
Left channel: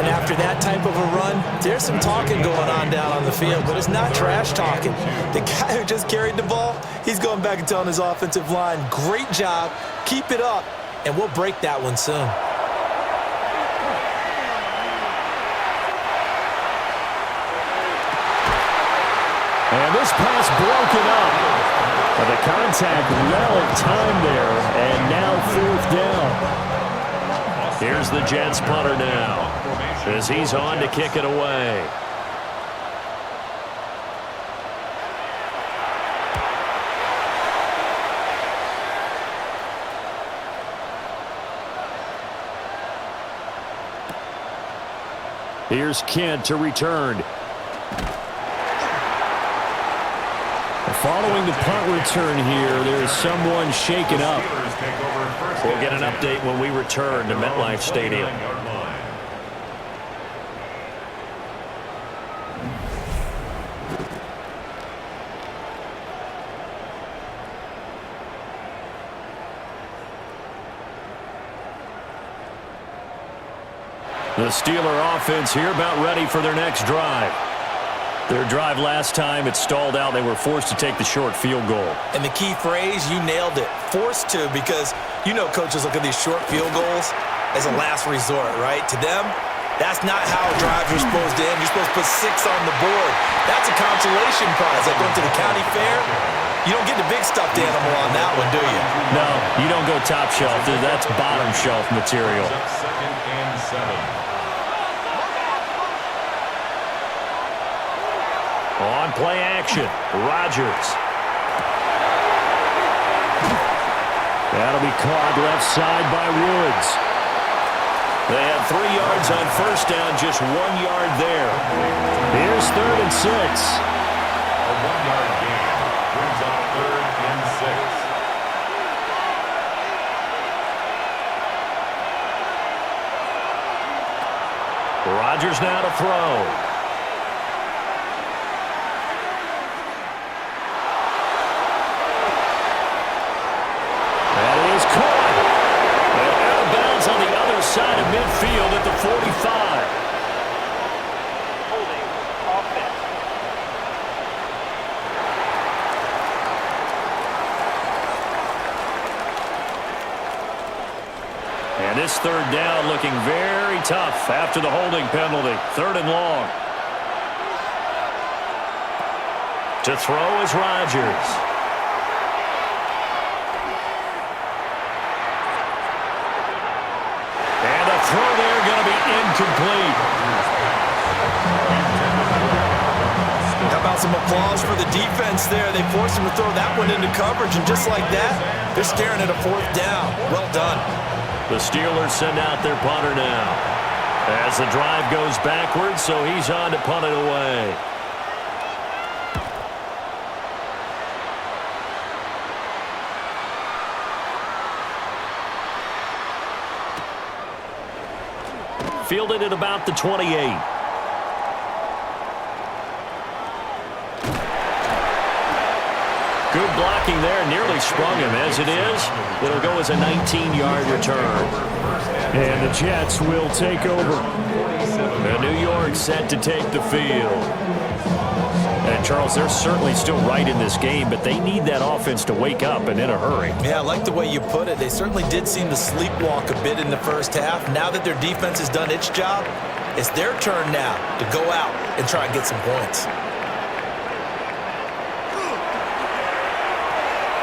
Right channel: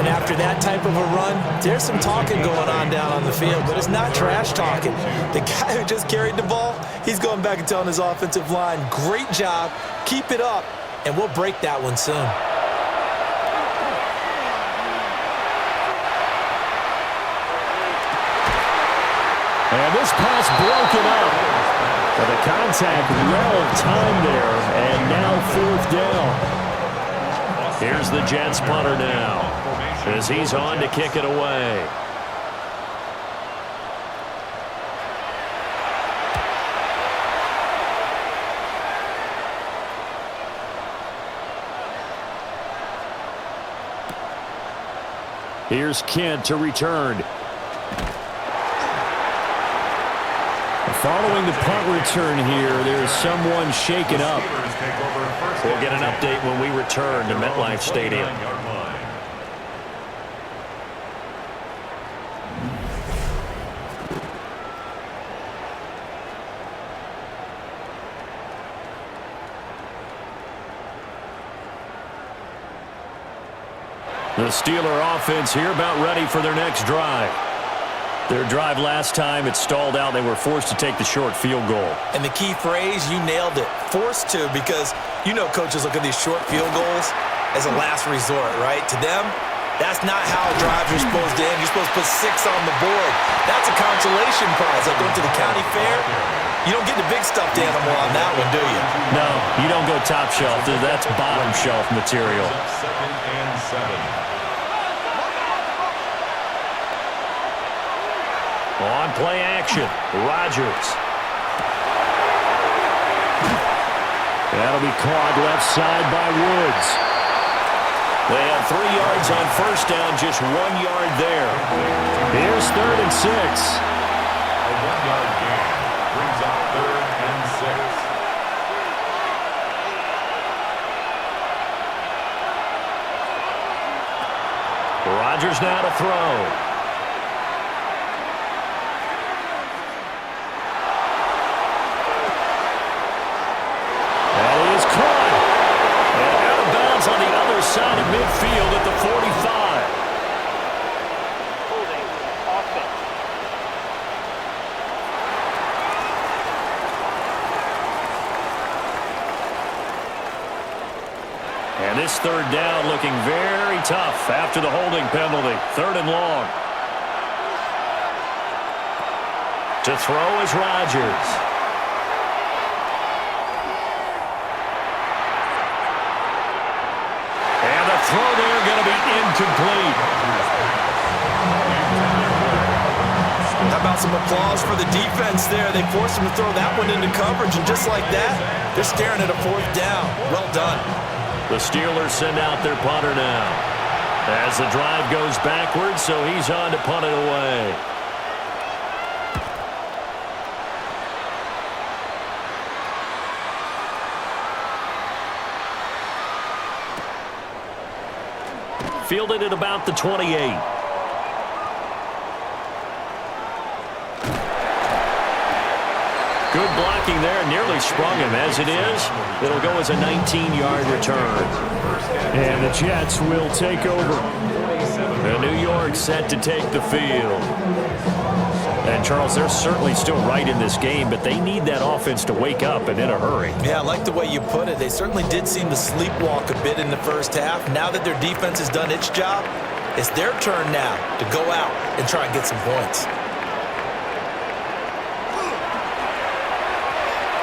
And after that type of a run, there's some talking going on down on the field, but it's not trash talking. The guy who just carried the ball, he's going back and telling his offensive line, great job, keep it up, and we'll break that one soon. And this pass broken up. But the contact well of time there, and now fourth down. Here's the Jets punter now as he's on to kick it away. Here's Kent to return. Following the punt return here, there's someone shaken up. We'll get an update when we return to Metlife Stadium. The Steeler offense here about ready for their next drive. Their drive last time, it stalled out. They were forced to take the short field goal. And the key phrase, you nailed it, forced to, because you know coaches look at these short field goals as a last resort, right? To them, that's not how drives are supposed to end. You're supposed to put 6 on the board. That's a consolation prize. Like going to the county fair, you don't get the big stuffed animal on that one, do you? No, you don't go top shelf. That's bottom shelf material. 2nd and 7. On play action, Rodgers. That'll be caught left side by Woods. They had 3 yards on first down, just 1 yard there. Here's 3rd and 6. A 1-yard gain brings up 3rd and 6. Rodgers now to throw. That is caught. And out of bounds on the other side of midfield at the 45. Holding offense. And this 3rd down looking very tough after the holding penalty. 3rd and long. To throw is Rodgers. And the throw there going to be incomplete. How about some applause for the defense there? They forced him to throw that one into coverage, and just like that, they're staring at a 4th down. Well done. The Steelers send out their punter now as the drive goes backwards, so he's on to punt it away. fielded at about the 28. Good blocking there, nearly sprung him. As it is, it'll go as a 19-yard return. And the Jets will take over. And New York set to take the field. And, Charles, they're certainly still right in this game, but they need that offense to wake up and in a hurry. Yeah, I like the way you put it. They certainly did seem to sleepwalk a bit in the first half. Now that their defense has done its job, it's their turn now to go out and try and get some points.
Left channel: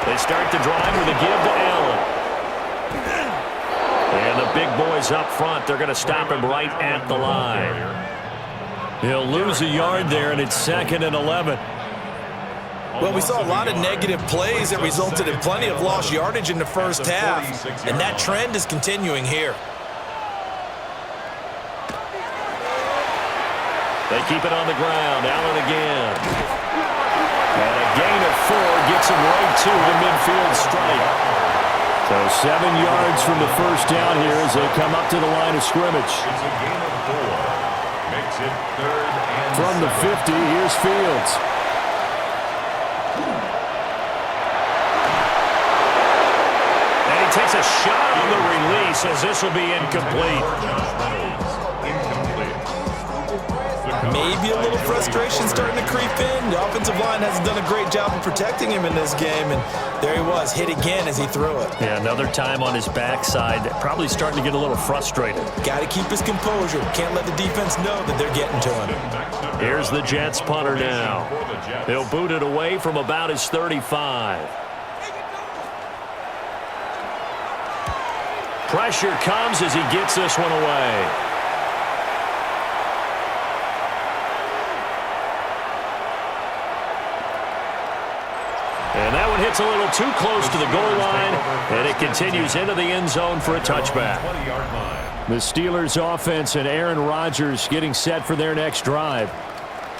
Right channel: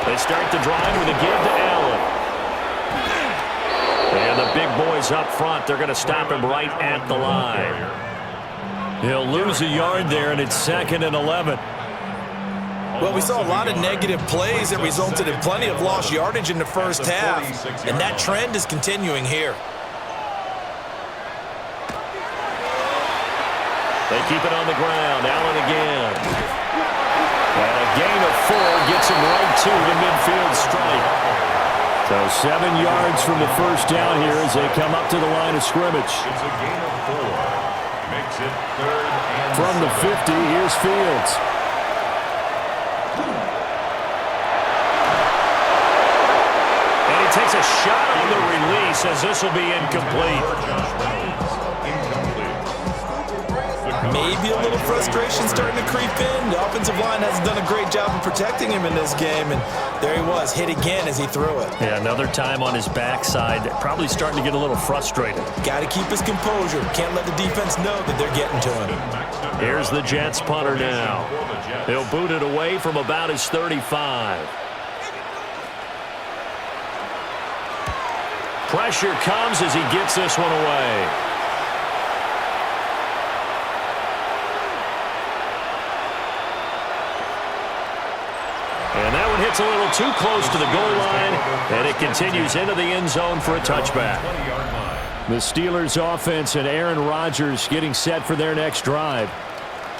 They start the drive with a give to Allen. And the big boys up front, they're going to stop him right at the line. He'll lose a yard there, and it's 2nd and 11. Well, we saw a lot of negative plays that resulted in plenty of lost yardage in the first half, and that trend is continuing here. They keep it on the ground. Allen again. And a gain of 4 gets him right to the midfield stripe. So 7 yards from the first down here as they come up to the line of scrimmage. It's a gain of 4. Makes it 3rd and From the 50, here's Fields. And he takes a shot on the release as this will be incomplete. Maybe a little frustration starting to creep in. The offensive line hasn't done a great job of protecting him in this game, and there he was, hit again as he threw it. Yeah, another time on his backside, probably starting to get a little frustrated. Got to keep his composure. Can't let the defense know that they're getting to him. Here's the Jets punter now. He'll boot it away from about his 35. Pressure comes as he gets this one away. And that one hits a little too close to the goal line, and it continues into the end zone for a touchback. The Steelers offense and Aaron Rodgers getting set for their next drive.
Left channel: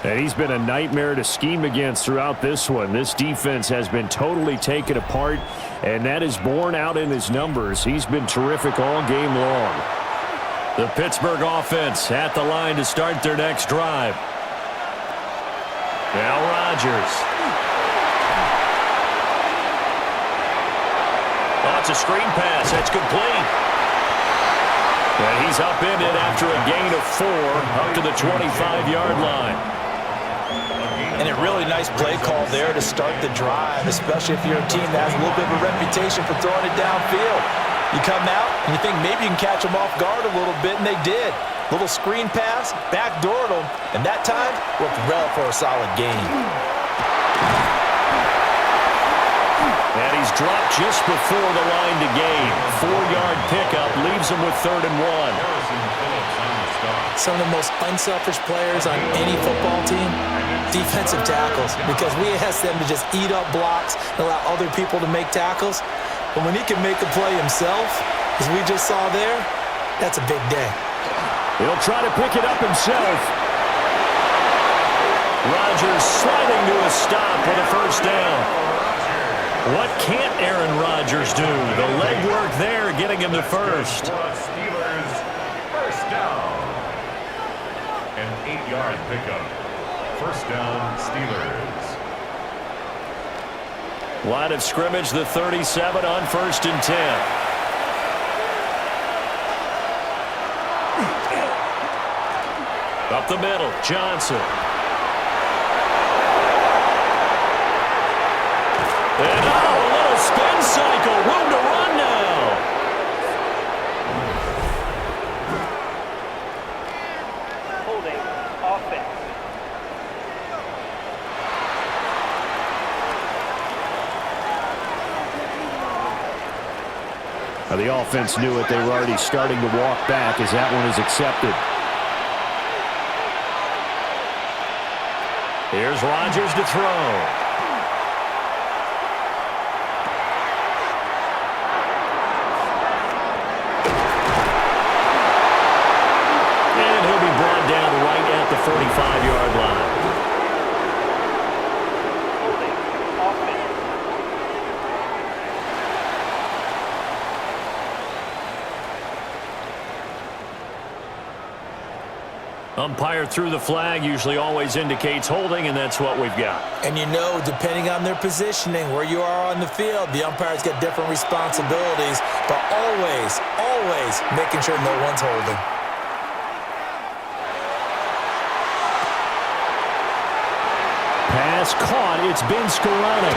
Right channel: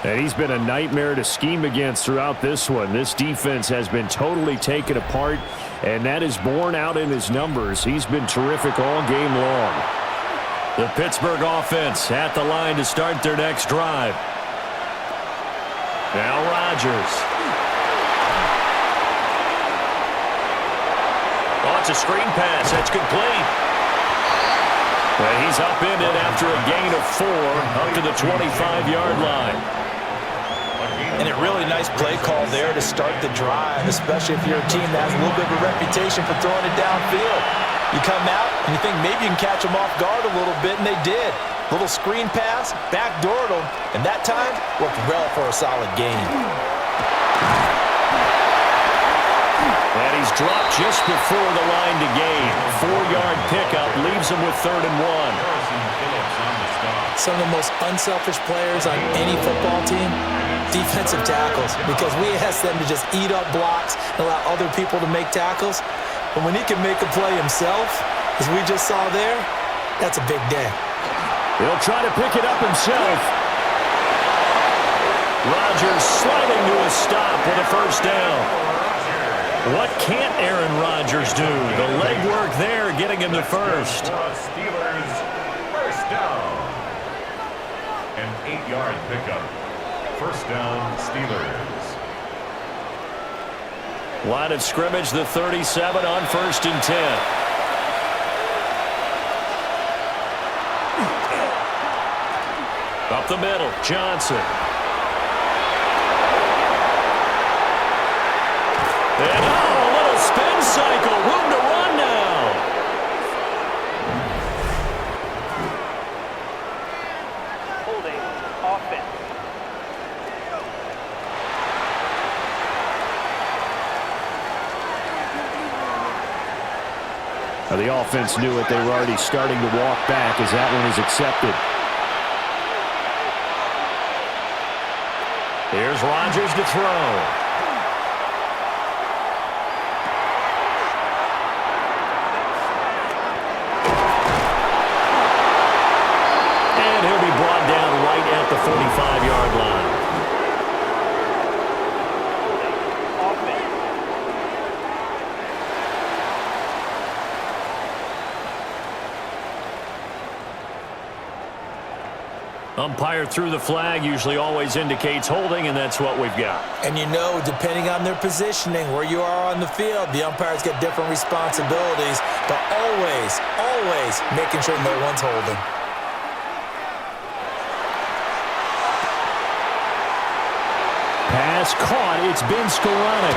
And he's been a nightmare to scheme against throughout this one. This defense has been totally taken apart, and that is borne out in his numbers. He's been terrific all game long. The Pittsburgh offense at the line to start their next drive. Now Rodgers. Oh, it's a screen pass. That's complete. And he's upended after a gain of 4 up to the 25-yard line. And a really nice play call there to start the drive, especially if you're a team that has a little bit of a reputation for throwing it downfield. You come out and you think maybe you can catch them off guard a little bit, and they did. Little screen pass, backdoored them, and that time worked well for a solid gain. And he's dropped just before the line to gain. 4-yard pickup leaves him with 3rd and 1. Some of the most unselfish players on any football team, defensive tackles, because we ask them to just eat up blocks and allow other people to make tackles. But when he can make a play himself, as we just saw there, that's a big day. He'll try to pick it up himself. Rodgers sliding to a stop with a first down. What can't Aaron Rodgers do? The legwork there getting him to first. Steelers first down. An 8-yard pickup. First down, Steelers. Line of scrimmage, the 37 on 1st and 10. Up the middle, Johnson. And a little spin cycle. Room to run now. Holding offense. The offense knew it. They were already starting to walk back as that one is accepted. Here's Rodgers to throw. And he'll be brought down right at the 45-yard line. Holding offense. Umpire threw the flag, usually always indicates holding, and that's what we've got. And you know, depending on their positioning, where you are on the field, the umpires get different responsibilities, but always, always making sure no one's holding. Pass caught. It's been Skoranek.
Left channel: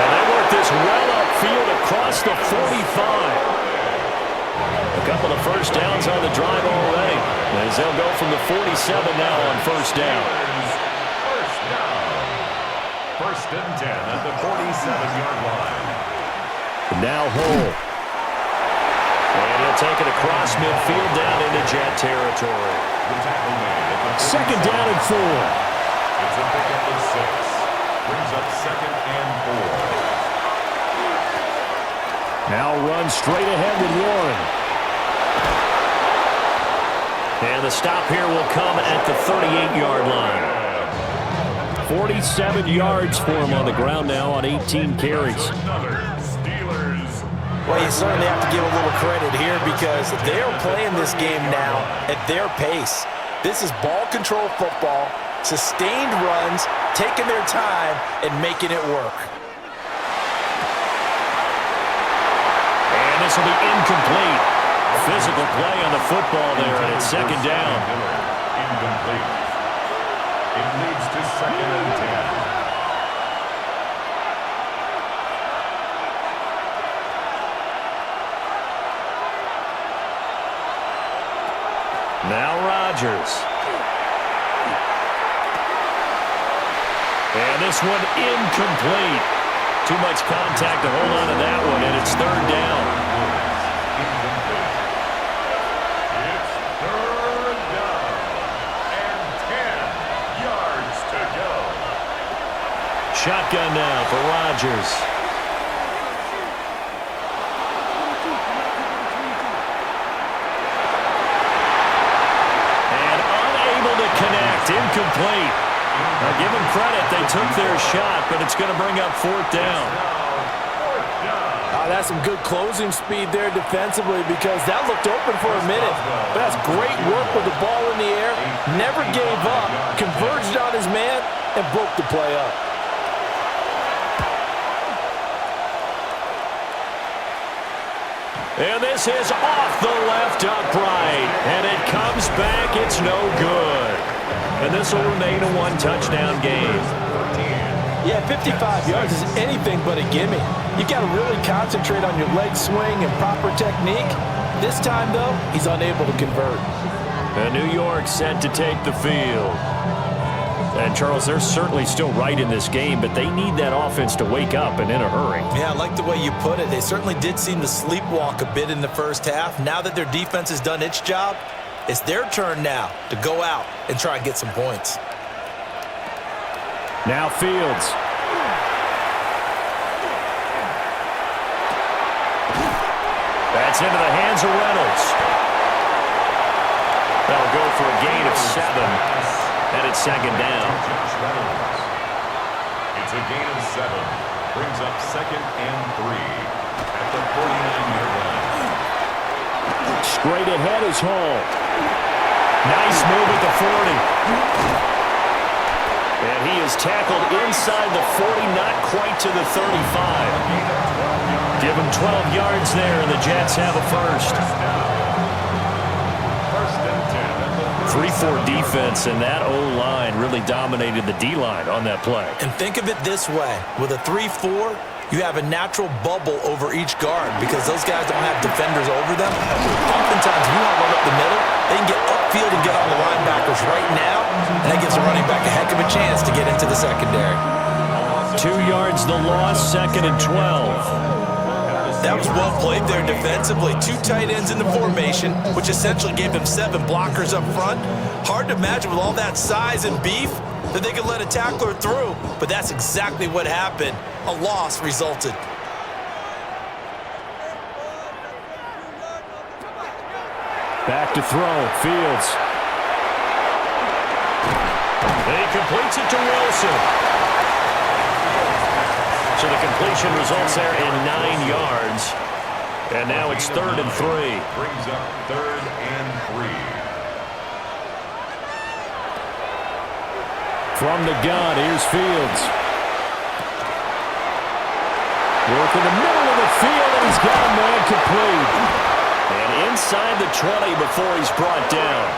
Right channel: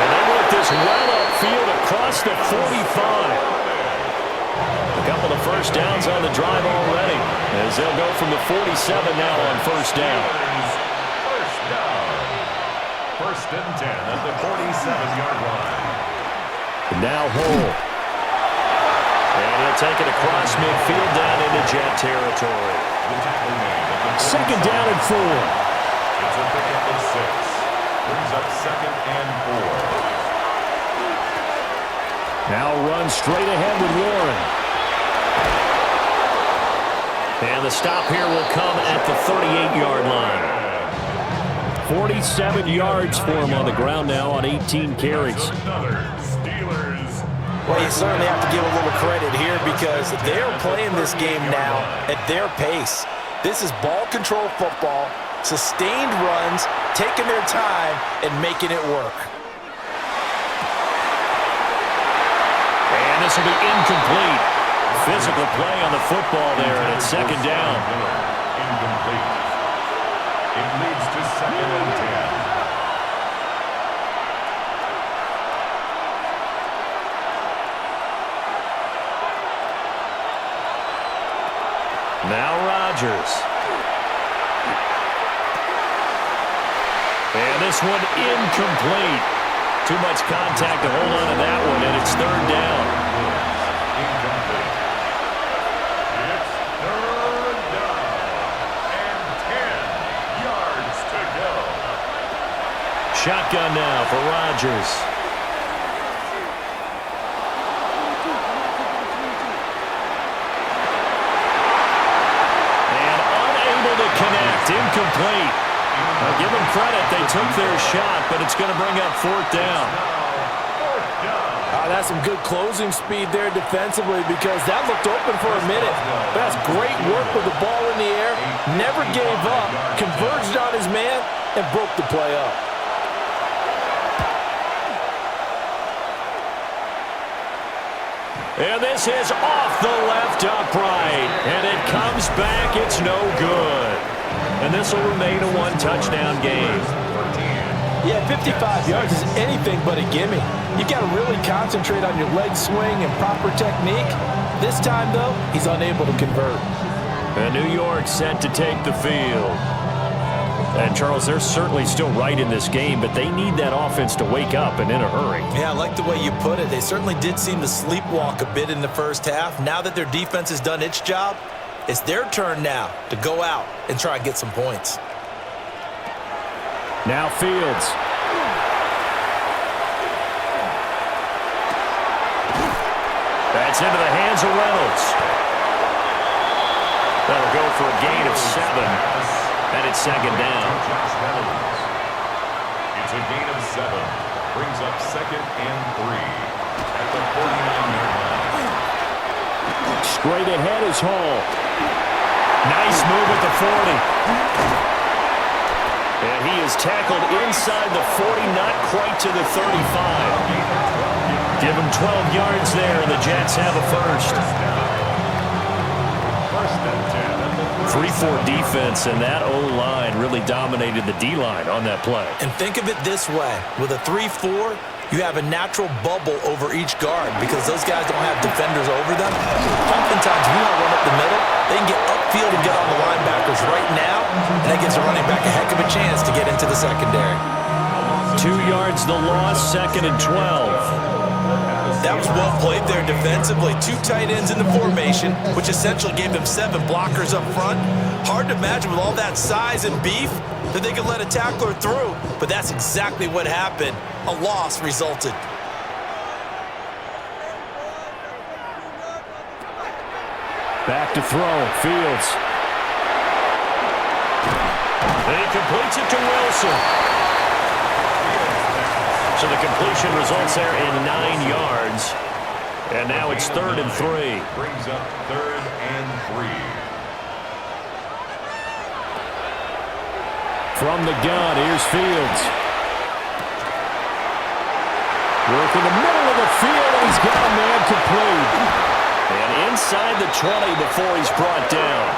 And they work this well upfield across the 45. A couple of first downs on the drive already, as they'll go from the 47 now on first down. First down. First and 10 at the 47-yard line. Now Hole. And he'll take it across midfield down into Jet territory. The tackle made at the 47. Second down and 4. It's a pickup of 6. Brings up second and 4. Now run straight ahead with Warren. And the stop here will come at the 38-yard line. 47 yards for him on the ground now on 18 carries. Well, you certainly have to give a little credit here because they're playing this game now at their pace. This is ball control football, sustained runs, taking their time, and making it work. And this will be incomplete. Physical play on the football there, and it's second down. Incomplete. It leads to second and 10. Now Rodgers. And this one incomplete. Too much contact to hold on to that one, and it's third down. Incomplete. It's third down and 10 yards to go. Shotgun now for Rodgers. And unable to connect. Incomplete. Now give them credit. They took their shot, but it's going to bring up fourth down. That's some good closing speed there defensively because that looked open for a minute. But that's great work with the ball in the air. Never gave up, converged on his man, and broke the play up. And this is off the left upright. And it comes back. It's no good. And this will remain a one-touchdown game. Yeah, 55 yards is anything but a gimme. You got to really concentrate on your leg swing and proper technique. This time, though, he's unable to convert. And New York set to take the field. And, Charles, they're certainly still right in this game, but they need that offense to wake up and in a hurry. Yeah, I like the way you put it. They certainly did seem to sleepwalk a bit in the first half. Now that their defense has done its job, it's their turn now to go out and try and get some points. Now Fields. That's into the hands of Reynolds. That'll go for a gain of 7, and it's second down. It's a gain of 7. Brings up second and 3 at the 49-yard line. Straight ahead is Hall. Nice move at the 40. And he is tackled inside the 40, not quite to the 35. Give him 12 yards there, and the Jets have a first. First and 10 at the 3-4 defense, and that O-line really dominated the D-line on that play. And think of it this way. With a 3-4, you have a natural bubble over each guard because those guys don't have defenders over them. Oftentimes, if you want to run up the middle, they can get upfield and get on the linebackers right now, and that gives the running back a heck of a chance to get into the secondary. 2 yards the loss, second and 12. That was well played there defensively. 2 tight ends in the formation, which essentially gave them 7 blockers up front. Hard to imagine with all that size and beef that they could let a tackler through, but that's exactly what happened. A loss resulted. Back to throw. Fields. And he completes it to Wilson. So the completion results there in 9 yards. And now it's third and 3. Brings up third and 3. From the gun, here's Fields. Work in the middle of the field, and he's got a man complete. And inside the 20 before he's brought down.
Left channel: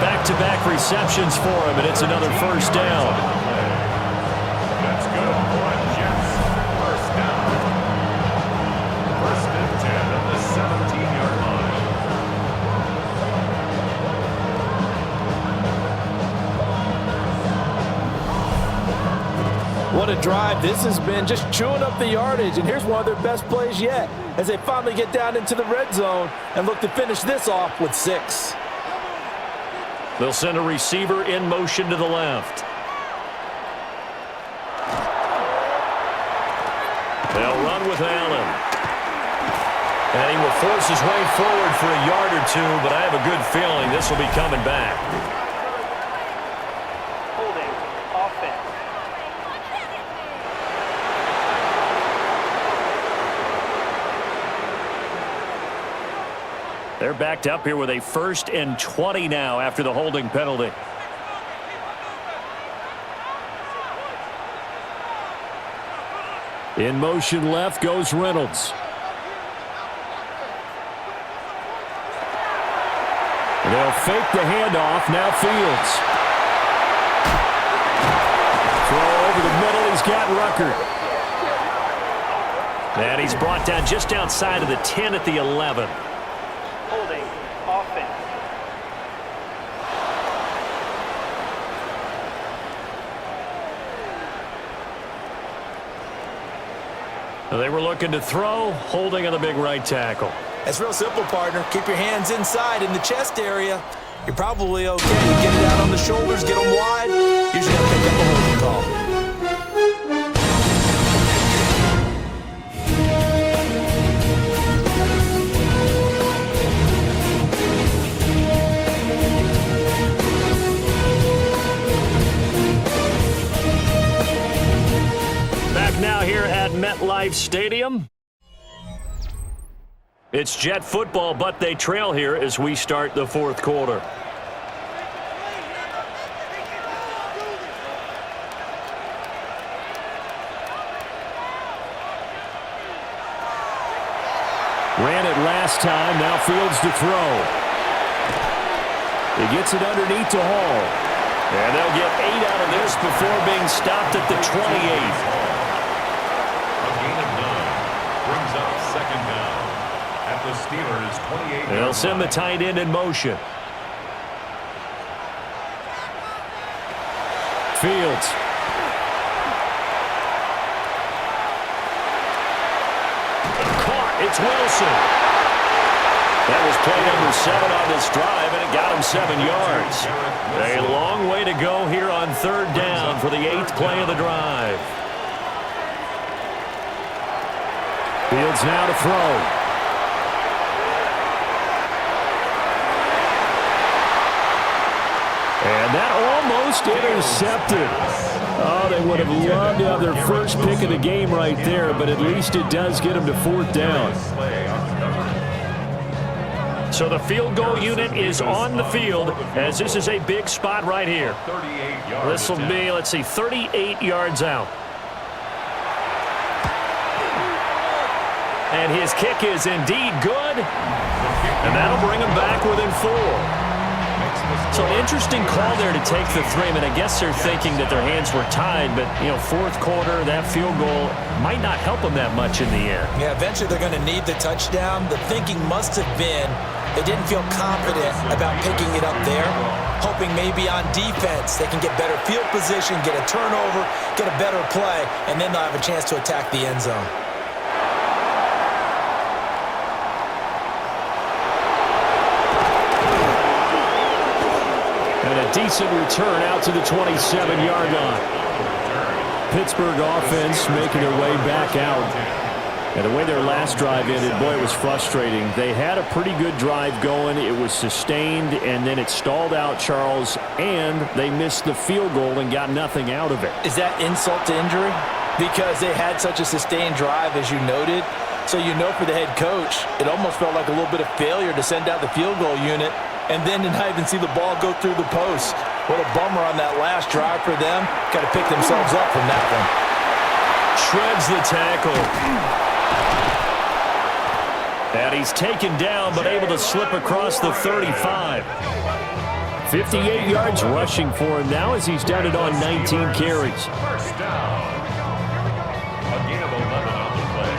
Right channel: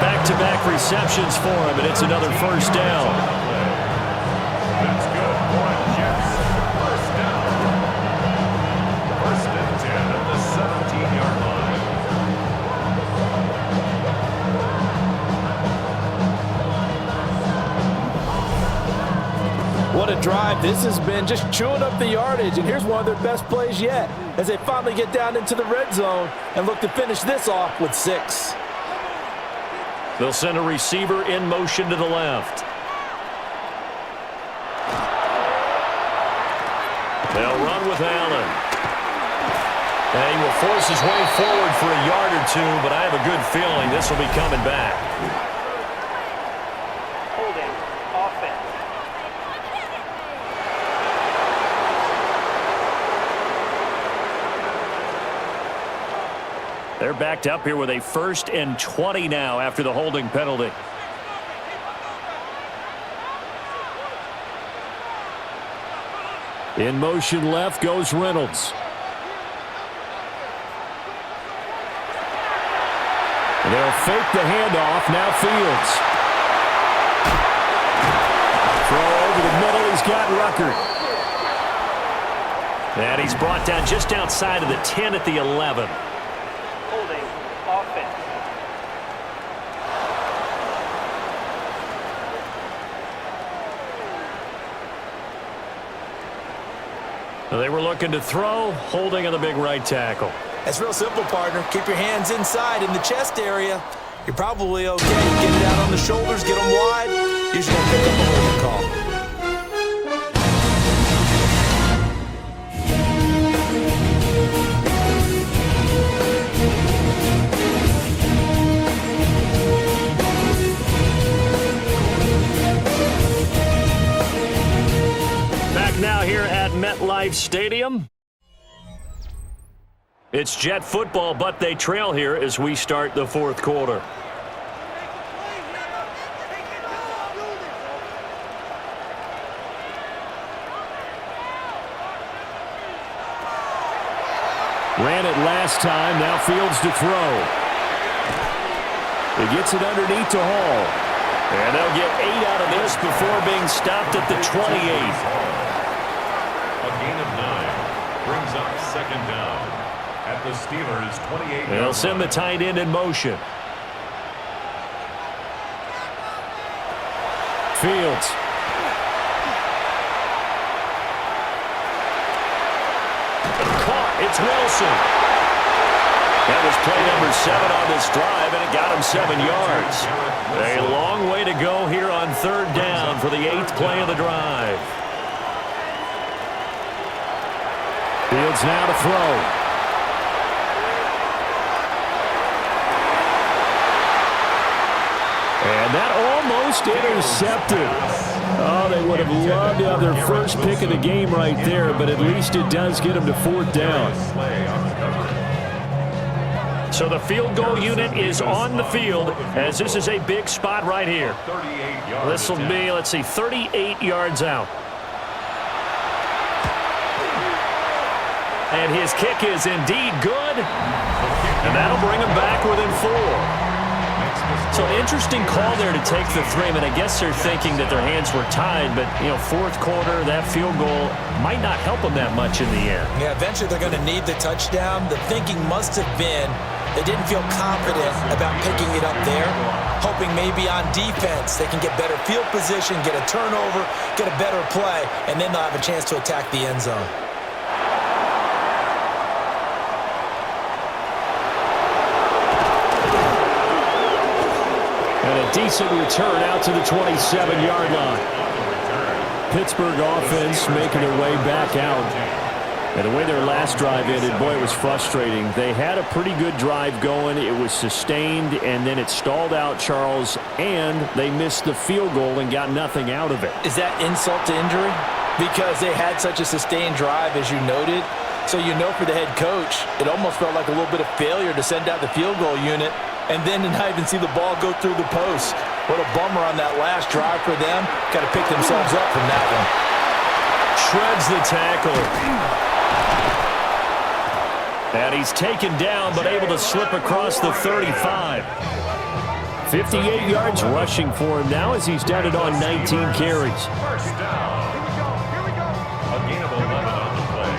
Back-to-back receptions for him, and it's another first down. That's good for a Jets first down. First and 10 at the 17-yard line. What a drive this has been, just chewing up the yardage. And here's one of their best plays yet as they finally get down into the red zone and look to finish this off with 6. They'll send a receiver in motion to the left. They'll run with Allen. And he will force his way forward for a yard or two, but I have a good feeling this will be coming back. Holding. Offense. They're backed up here with a 1st and 20 now after the holding penalty. In motion left goes Reynolds. And they'll fake the handoff. Now Fields. Throw over the middle. He's got Rucker. And he's brought down just outside of the 10 at the 11. Holding. Offense. They were looking to throw, holding on the big right tackle. It's real simple, partner. Keep your hands inside in the chest area. You're probably okay. You get it out on the shoulders, get them wide. Usually got to pick up a holding call. Back now here at Metlife Stadium. It's Jet football, but they trail here as we start the 4th quarter. Ran it last time. Now Fields to throw. He gets it underneath to Hall. And they'll get 8 out of this before being stopped at the 28. A gain of 9 brings up 2nd down at the Steelers' 28. They'll send the tight end in motion. Fields. Caught. It's Wilson. That was play number 7 on this drive, and it got him 7 yards. A long way to go here on 3rd down for the 8th play of the drive. Fields now to throw. And that almost intercepted. Oh, they would have loved to have their first pick of the game right there, but at least it does get them to 4th down. So the field goal unit is on the field as this is a big spot right here. This will be, let's see, 38 yards out. And his kick is indeed good. And that'll bring him back within 4. So an interesting call there to take the 3. I mean, I guess they're thinking that their hands were tied, but, you know, 4th quarter, that field goal might not help them that much in the end. Yeah, eventually they're going to need the touchdown. The thinking must have been they didn't feel confident about picking it up there, hoping maybe on defense they can get better field position, get a turnover, get a better play, and then they'll have a chance to attack the end zone. And a decent return out to the 27-yard line. Pittsburgh offense making their way back out. And the way their last drive ended, boy, it was frustrating. They had a pretty good drive going. It was sustained, and then it stalled out, Charles, and they missed the field goal and got nothing out of it. Is that insult to injury? Because they had such a sustained drive, as you noted. So you know for the head coach, it almost felt like a little bit of failure to send out the field goal unit and then to not even see the ball go through the post. What a bummer on that last drive for them. Got to pick themselves up from that one. Shreds the tackle. And he's taken down, but able to slip across the 35. 58 yards rushing for him now as he's done it on 19 carries. First down. A gain of 11 on the play.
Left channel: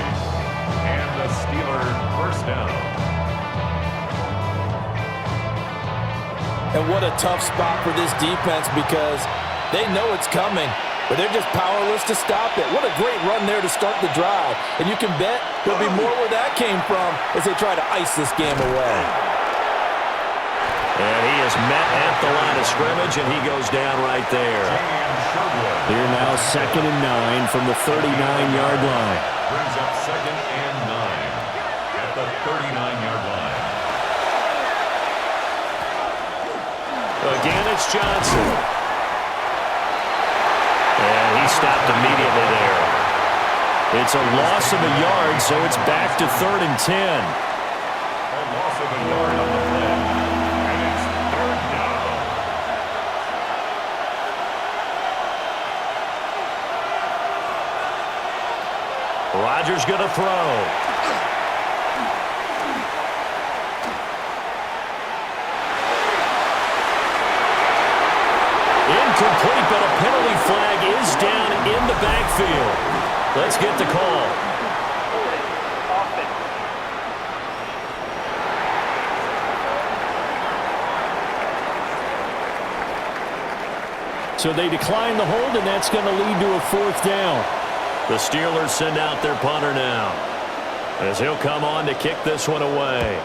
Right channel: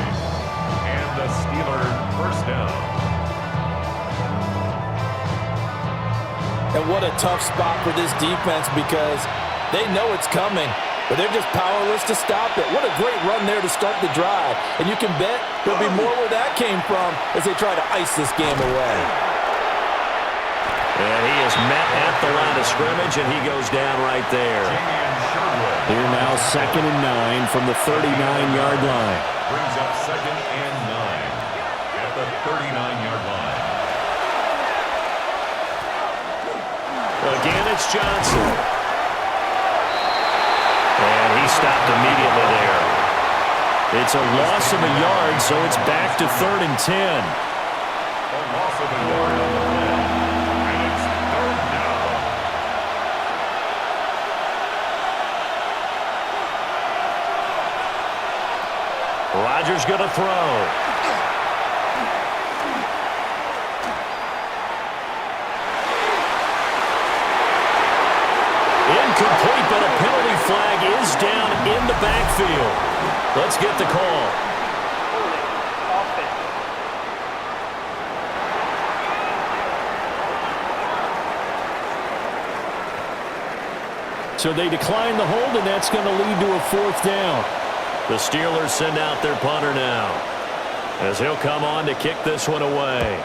And the Steelers first down. And what a tough spot for this defense because they know it's coming, but they're just powerless to stop it. What a great run there to start the drive. And you can bet there'll be more where that came from as they try to ice this game away. And he is met at the line of scrimmage, and he goes down right there. Here now 2nd and 9 from the 39-yard line. Brings up 2nd and 9 at the 39-yard line. Again, it's Johnson. And he stopped immediately there. It's a loss of a yard, so it's back to 3rd and 10. A loss of a yard on the play. And it's 3rd down. Rodgers going to throw. Incomplete, but a penalty flag is down in the backfield. Let's get the call. Holding. Offense. So they decline the hold, and that's going to lead to a 4th down. The Steelers send out their punter now, as he'll come on to kick this one away.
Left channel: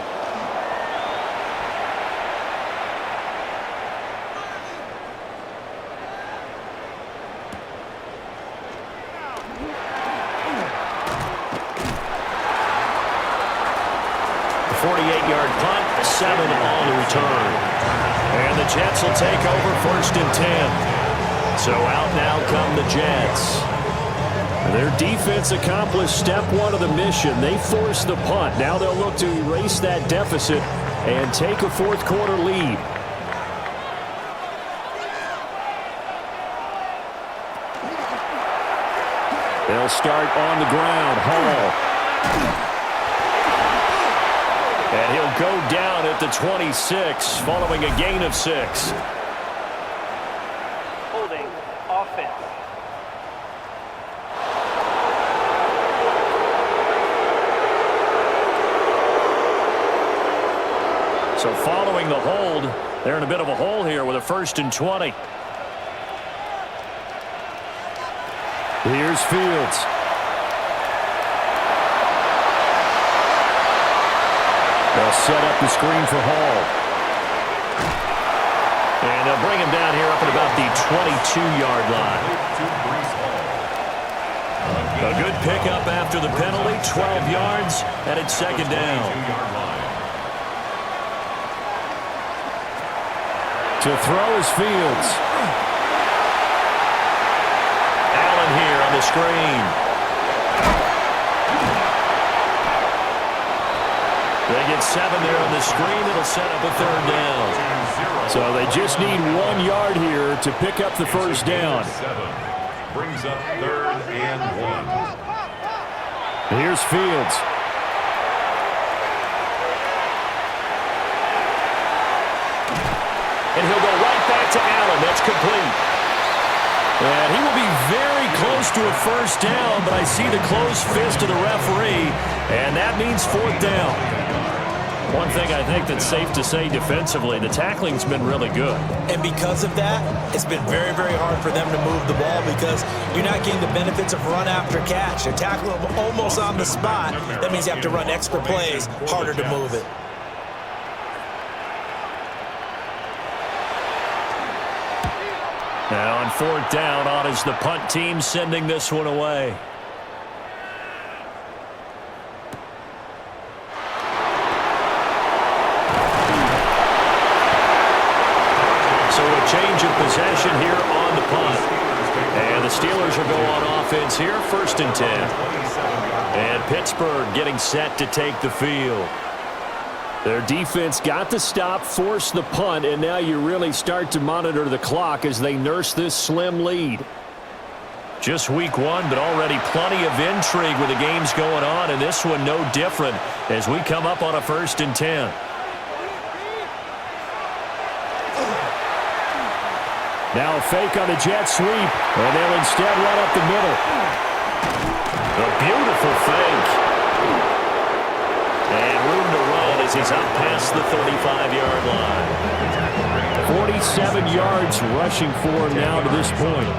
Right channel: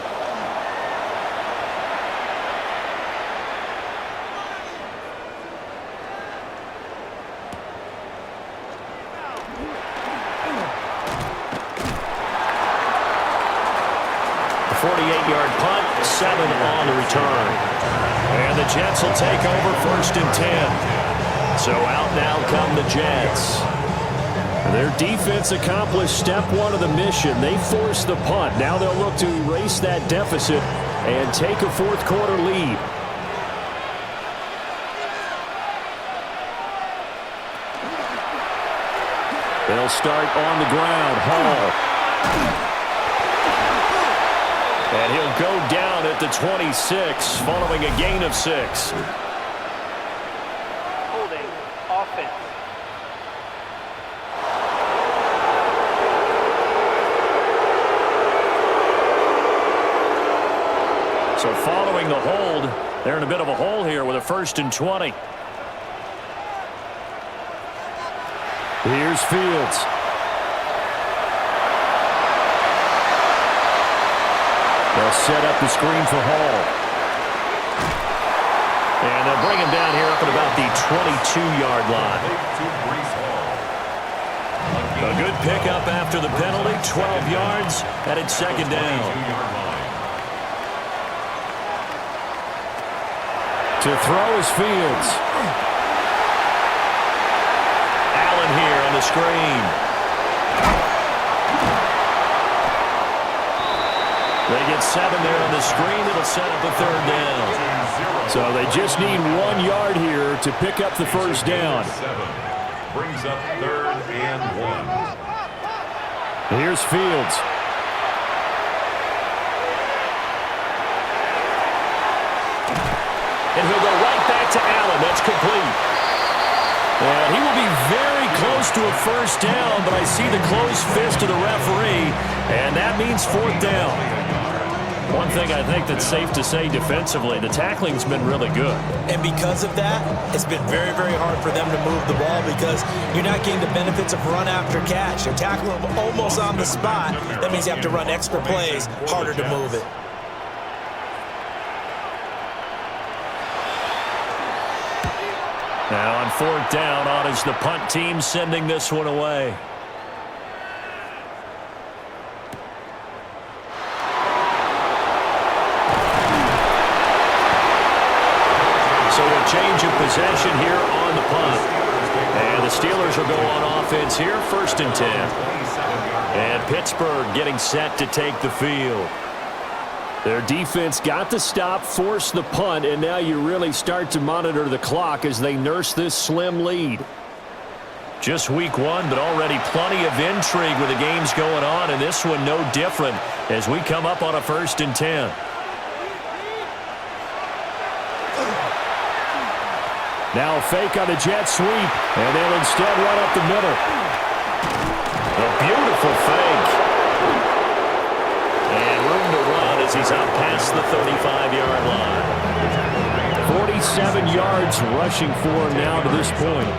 A 48-yard punt, 7 on the return. And the Jets will take over 1st and 10. So out now come the Jets. Their defense accomplished step 1 of the mission. They forced the punt. Now they'll look to erase that deficit and take a 4th quarter lead. They'll start on the ground. Hall. And he'll go down at the 26 following a gain of 6. Holding. Offense. So following the hold, they're in a bit of a hole here with a 1st and 20. Here's Fields. They'll set up the screen for Hall. And they'll bring him down here up at about the 22-yard line. A good pickup after the penalty, 12 yards, and it's 2nd down. To throw is Fields. Allen here on the screen. They get 7 there on the screen. It'll set up a 3rd down. So they just need 1 yard here to pick up the 1st down. 7 brings up 3rd and 1. Here's Fields. And he'll go right back to Allen. That's complete. And he will be very close to a 1st down, but I see the closed fist of the referee, and that means 4th down. One thing I think that's safe to say defensively, the tackling's been really good. And because of that, it's been very, very hard for them to move the ball because you're not getting the benefits of run after catch. They're tackling them almost on the spot. That means you have to run extra plays, harder to move it. Now on 4th down, on is the punt team sending this one away. So a change of possession here on the punt. And the Steelers will go on offense here, 1st and 10. And Pittsburgh getting set to take the field. Their defense got the stop, forced the punt, and now you really start to monitor the clock as they nurse this slim lead. Just week one, but already plenty of intrigue with the games going on, and this one no different as we come up on a 1st and 10. Now a fake on the jet sweep, and they'll instead run up the middle. A beautiful fake. And room to run as he's up past the 35-yard line. 47 yards rushing for him now to this point.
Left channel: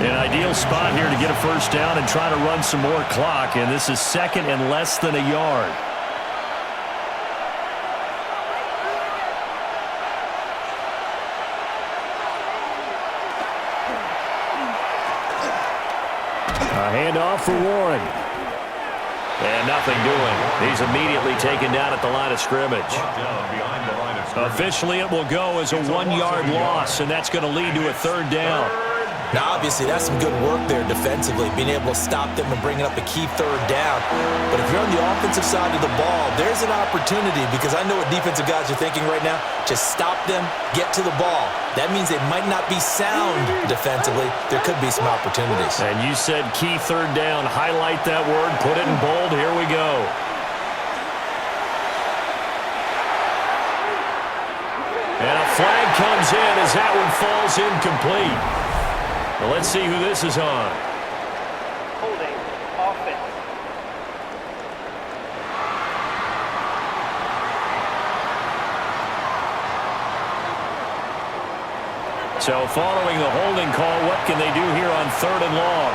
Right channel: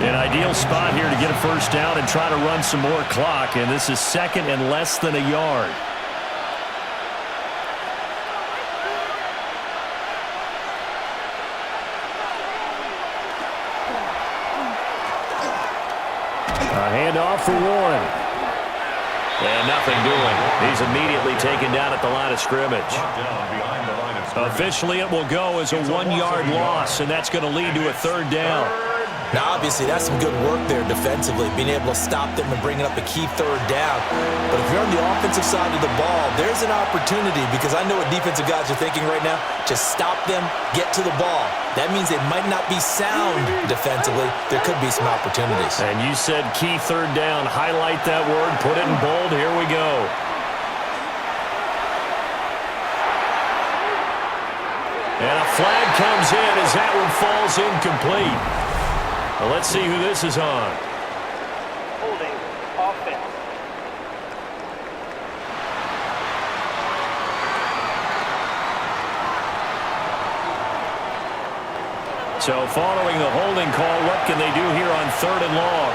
An ideal spot here to get a 1st down and try to run some more clock, and this is 2nd and less than a yard. A handoff for Warren. And nothing doing. He's immediately taken down at the line of scrimmage. Officially, it will go as a 1-yard loss, and that's going to lead to a 3rd down. Now, obviously, that's some good work there defensively, being able to stop them and bringing up a key 3rd down. But if you're on the offensive side of the ball, there's an opportunity, because I know what defensive guys are thinking right now. Just stop them, get to the ball. That means they might not be sound defensively. There could be some opportunities. And you said key 3rd down. Highlight that word. Put it in bold. Here we go. And a flag comes in as that one falls incomplete. Well, let's see who this is on. Holding. Offense. So following the holding call, what can they do here on 3rd and long?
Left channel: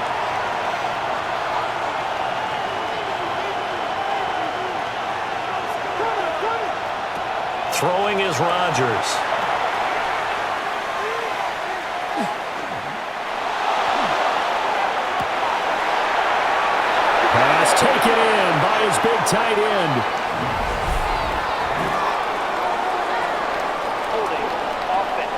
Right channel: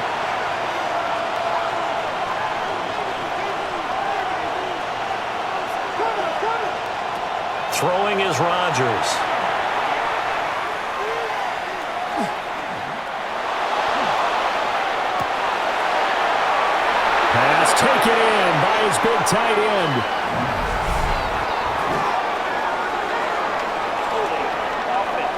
Throwing is Rodgers. Pass taken in by his big tight end. Holding. Offense.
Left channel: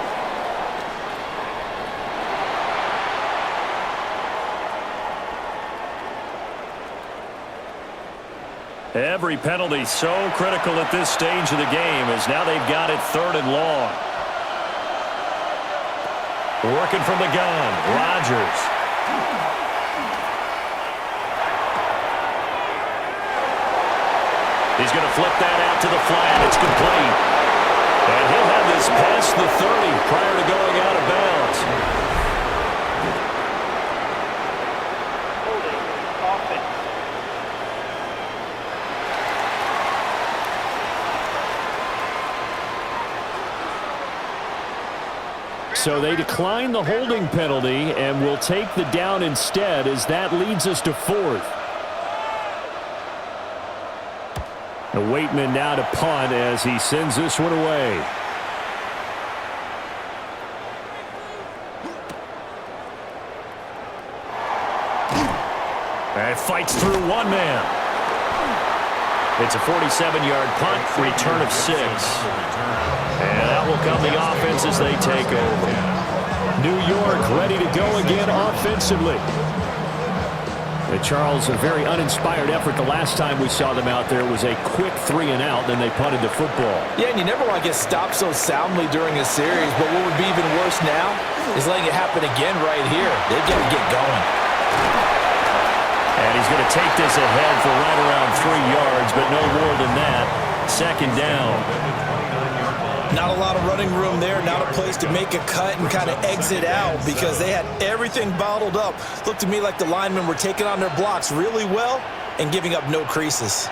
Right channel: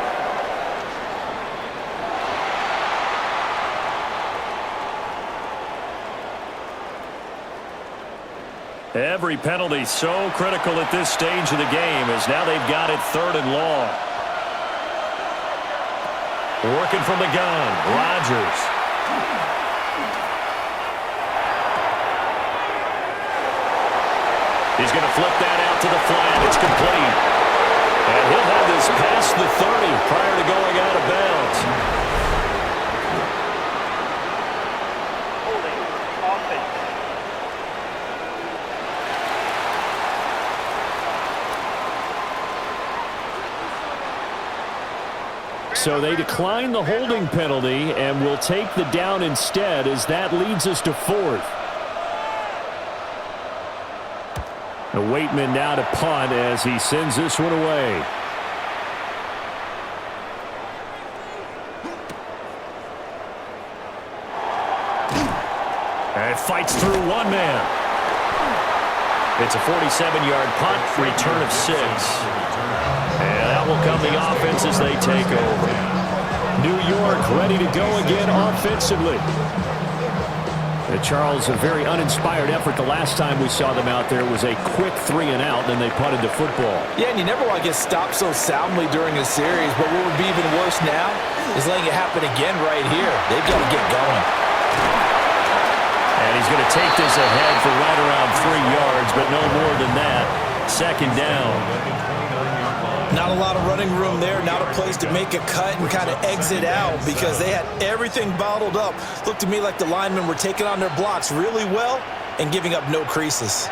Every penalty so critical at this stage of the game, as now they've got it 3rd and long. Working from the gun, Rodgers. He's going to flip that out to the flat. It's complete. And he'll have this past the 30 prior to going out of bounds. Holding. Offense. So they decline the holding penalty and will take the down instead, as that leads us to 4th. The Waitman now to punt as he sends this one away. And fights through one man. It's a 47-yard punt, return of 6. And out will come the offense as they take over. New York ready to go again offensively. Charles, a very uninspired effort the last time we saw them out there. Was a quick 3-and-out, then they punted the football. Yeah, and you never want to get stopped so soundly during a series, but what would be even worse now is letting it happen again right here. They've got to get going. And he's going to take this ahead for right around 3 yards, but no more than that. 2nd down. Not a lot of running room there, not a place to make a cut and kind of exit out, because they had everything bottled up. Looked to me like the linemen were taking on their blocks really well and giving up no creases.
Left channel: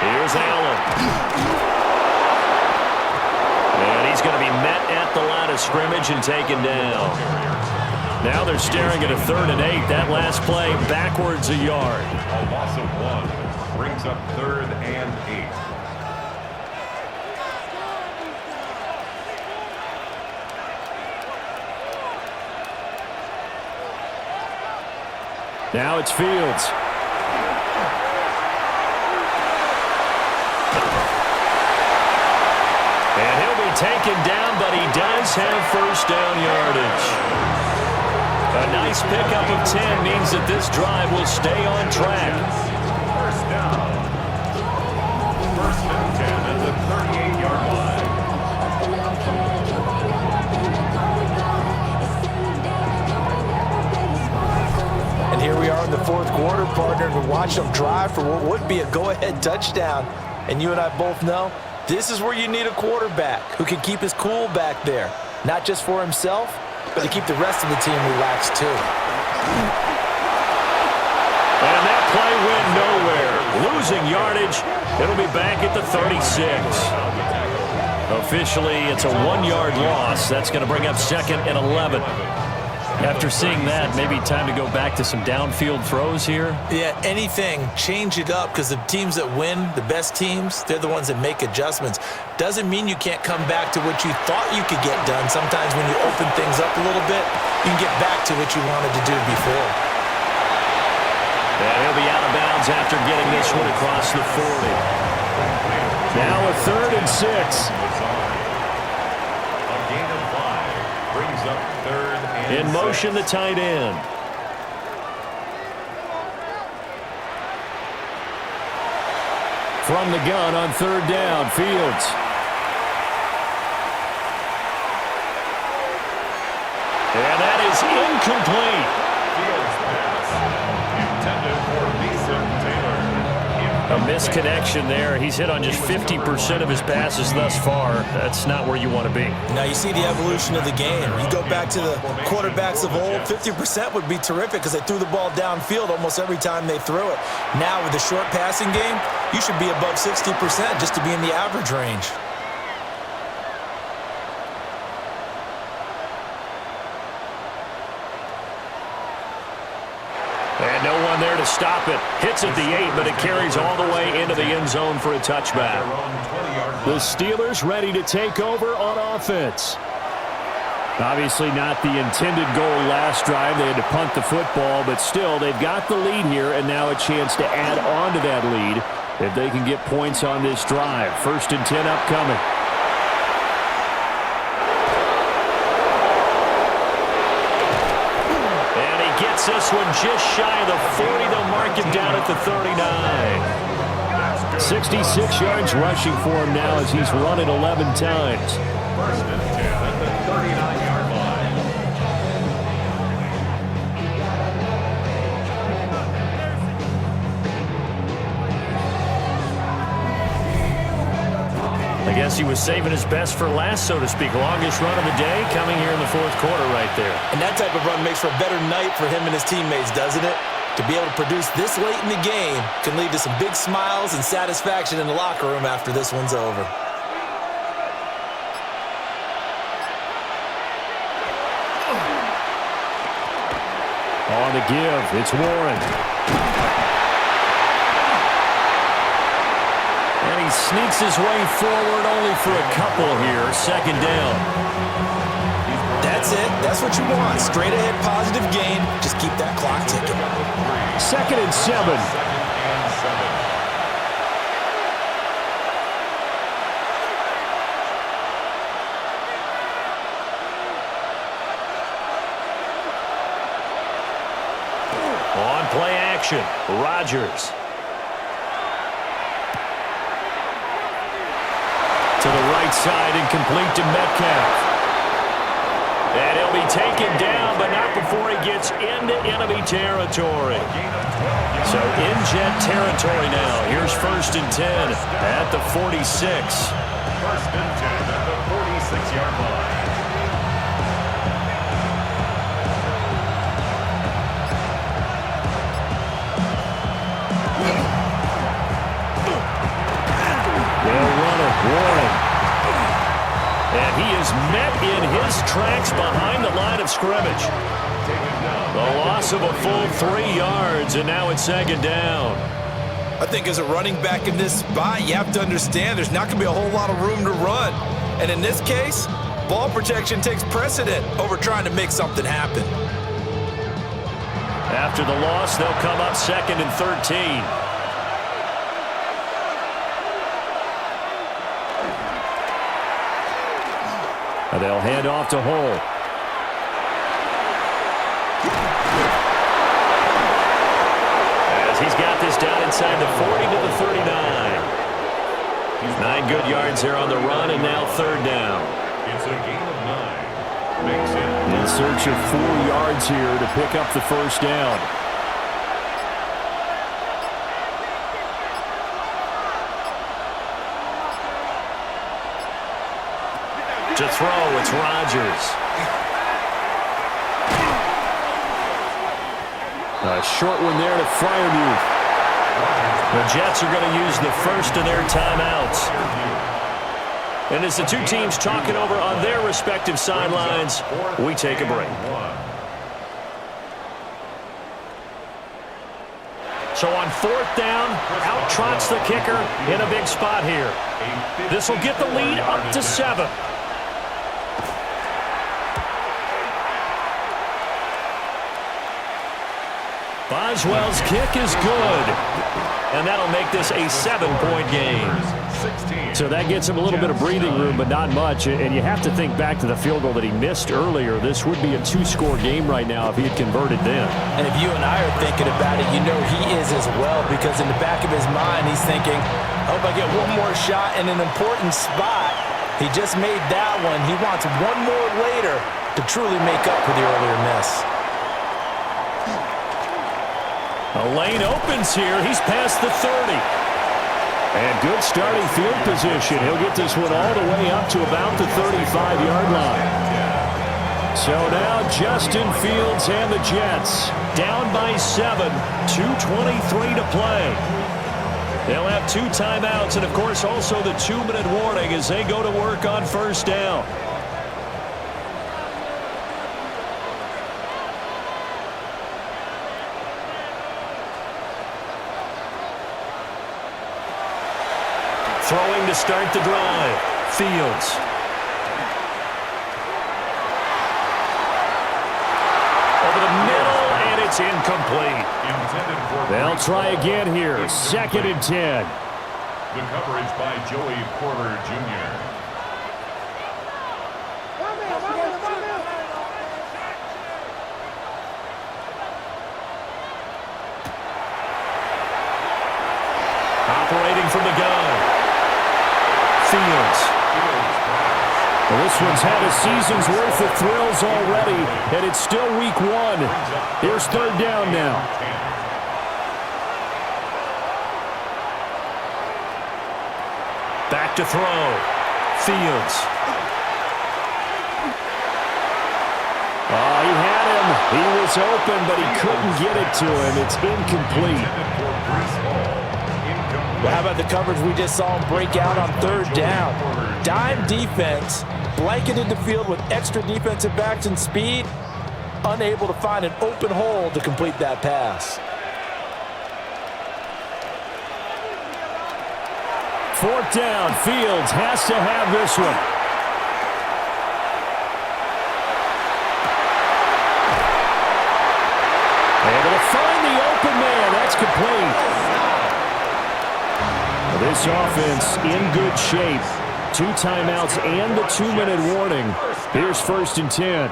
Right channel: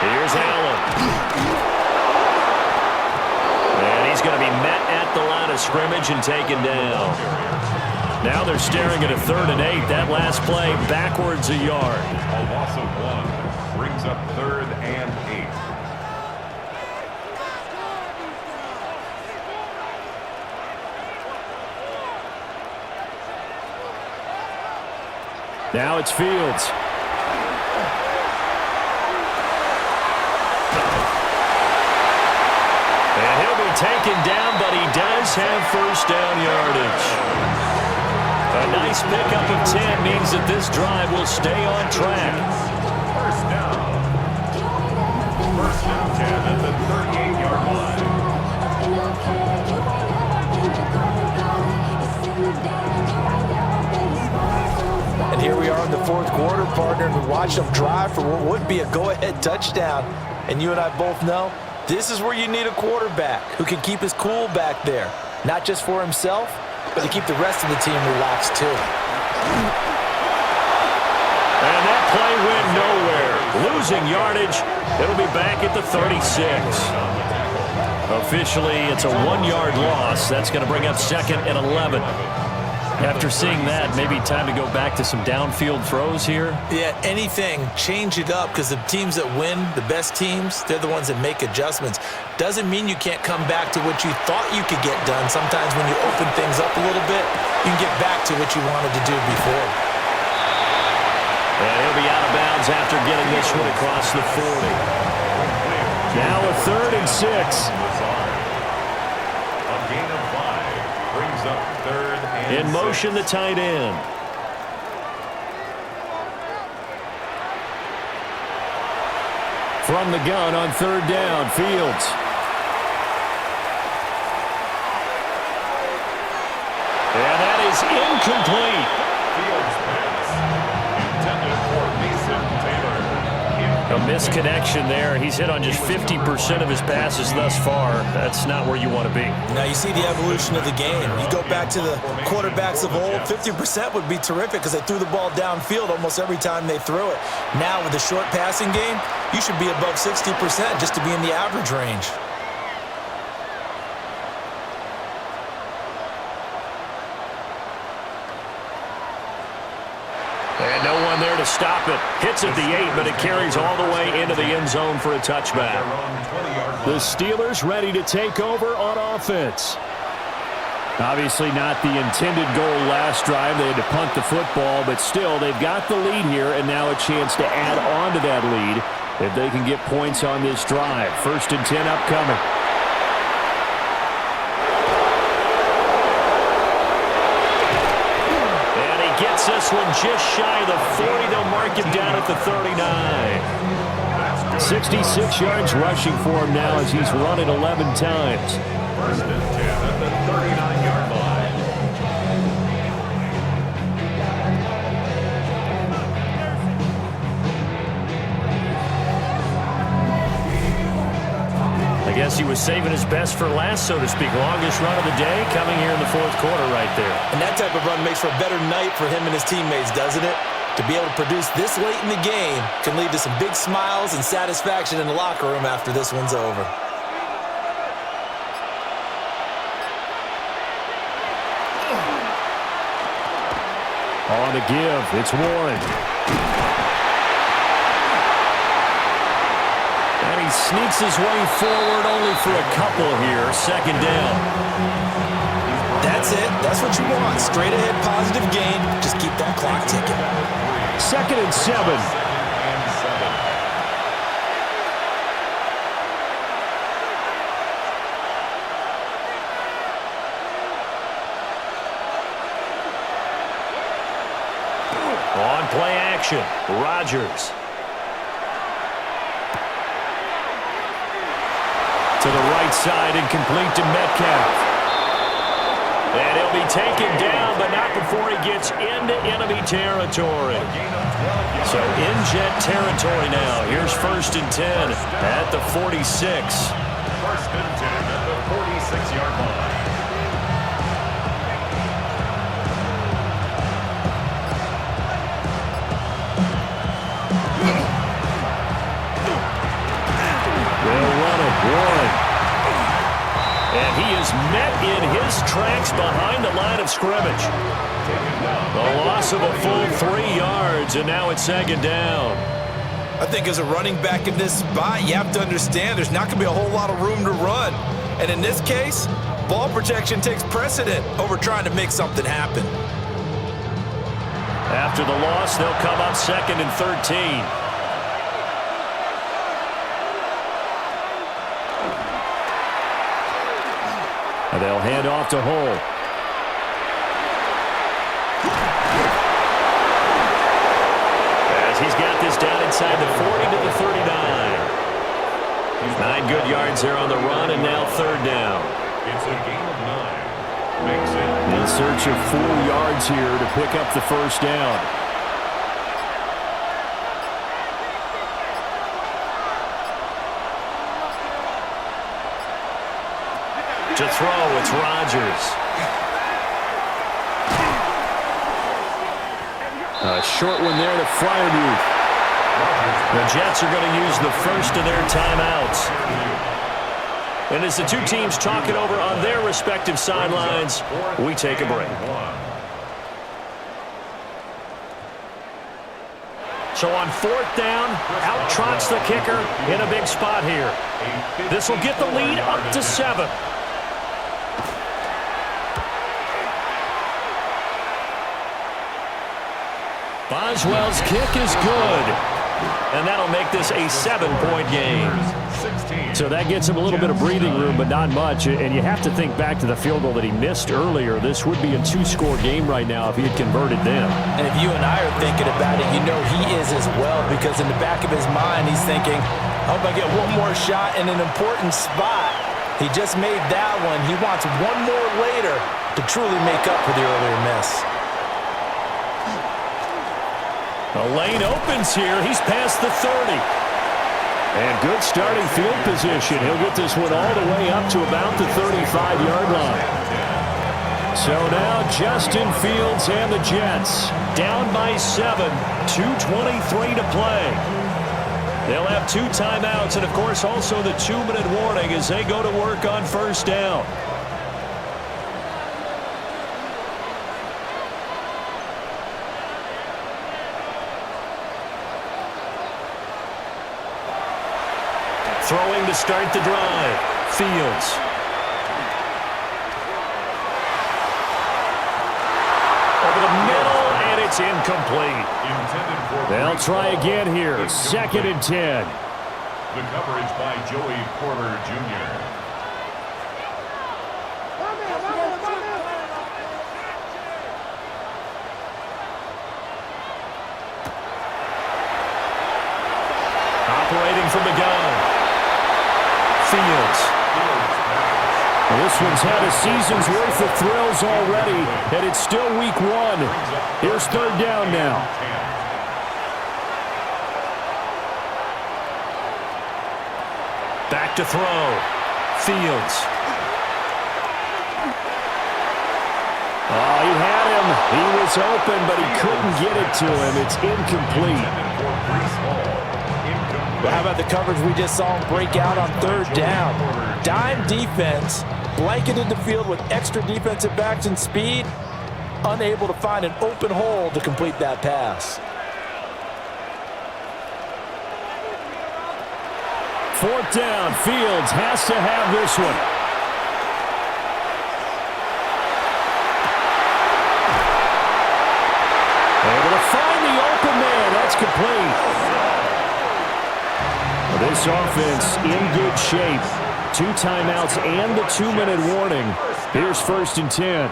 Here's Allen. And he's going to be met at the line of scrimmage and taken down. Now they're staring at a 3rd and 8. That last play backwards a yard. A loss of 1 brings up 3rd and 8. Now it's Fields. And he'll be taken down, but he does have 1st down yardage. A nice pickup of 10 means that this drive will stay on track. 1st down. partner, and we watched him drive for what would be a go-ahead touchdown. And you and I both know this is where you need a quarterback who can keep his cool back there, not just for himself, but to keep the rest of the team relaxed too. And that play went nowhere. Losing yardage. It'll be back at the 36. Officially, it's a 1-yard loss. That's going to bring up 2nd and 11. After seeing that, maybe time to go back to some downfield throws here? Yeah, anything. Change it up, because the teams that win, the best teams, they're the ones that make adjustments. Doesn't mean you can't come back to what you thought you could get done. Sometimes when you open things up a little bit, you can get back to what you wanted to do before. And he'll be out of bounds after getting this one across the 40. Now a 3rd and 6. A gain of 5 brings up 3rd and In motion, the tight end. From the gun on 3rd down, Fields. And that is incomplete. Fields pass intended for Mason Taylor. A misconnection there. He's hit on just 50% of his passes thus far. That's not where you want to be. Now you see the evolution of the game. You go back to the quarterbacks of old, 50% would be terrific because they threw the ball downfield almost every time they threw it. Now with the short passing game, you should be above 60% just to be in the average range. And no one there to stop it. Hits at the 8, but it carries all the way into the end zone for a touchback. The Steelers ready to take over on offense. Obviously not the intended goal last drive. They had to punt the football, but still they've got the lead here, and now a chance to add on to that lead if they can get points on this drive. 1st and 10 upcoming. Gets this one just shy of the 40. They'll mark him down at the 39. 66 yards rushing for him now as he's run it 11 times. 1st and 10 at the 39-yard line. I guess he was saving his best for last, so to speak. Longest run of the day coming here in the 4th quarter right there. And that type of run makes for a better night for him and his teammates, doesn't it? To be able to produce this late in the game can lead to some big smiles and satisfaction in the locker room after this one's over. On the give, it's Warren. And he sneaks his way forward only for a couple here. 2nd down. That's it. That's what you want. Straight ahead, positive gain. Just keep that clock ticking. 2nd and 7. 2nd and 7. On play action, Rodgers. To the right side and complete to Metcalf. And he'll be taken down, but not before he gets into enemy territory. So in jet territory now. Here's 1st and 10 at the 46. 1st and 10 at the 46-yard line. They'll run it, Warren. And he is met in his tracks behind the line of scrimmage. The loss of a full 3 yards, and now it's 2nd down. I think as a running back in this spot, you have to understand there's not going to be a whole lot of room to run. And in this case, ball protection takes precedent over trying to make something happen. After the loss, they'll come up 2nd and 13. And they'll hand off to Hull. As he's got this down inside the 40 to the 39. 9 good yards there on the run, and now 3rd down. It's a gain of 9. Makes it In search of 4 yards here to pick up the 1st down. To throw, it's Rodgers. A short one there to Freiermuth. The Jets are going to use the first of their timeouts. And as the two teams talk it over on their respective sidelines, we take a break. So on fourth down, out trots the kicker in a big spot here. This will get the lead up to 7. Boswell's kick is good. And that'll make this a 7-point game. So that gets him a little bit of breathing room, but not much. And you have to think back to the field goal that he missed earlier. This would be a 2-score game right now if he had converted then. And if you and I are thinking about it, you know he is as well, because in the back of his mind, he's thinking, I hope I get one more shot in an important spot. He just made that one. He wants one more later to truly make up for the earlier miss. A lane opens here. He's past the 30. And good starting field position. He'll get this one all the way up to about the 35-yard line. So now Justin Fields and the Jets Down by 7, 2:23 to play. They'll have 2 timeouts and, of course, also the 2-minute warning as they go to work on first down. Throwing to start the drive. Fields. Over the middle, and it's incomplete. They'll try again here. 2nd and 10. The coverage by Joey Porter Jr. Operating from the gun. Fields. Well, this one's had a season's worth of thrills already, and it's still week 1. Here's 3rd down now. Back to throw. Fields. Oh, he had him. He was open, but he couldn't get it to him. It's incomplete. Well, how about the coverage we just saw him break out on 3rd down? Dime defense, blanketed the field with extra defensive backs and speed, unable to find an open hole to complete that pass. 4th down. Fields has to have this one. Able to find the open man. That's complete. This offense in good shape. 2 timeouts and the 2-minute warning. Here's 1st and 10.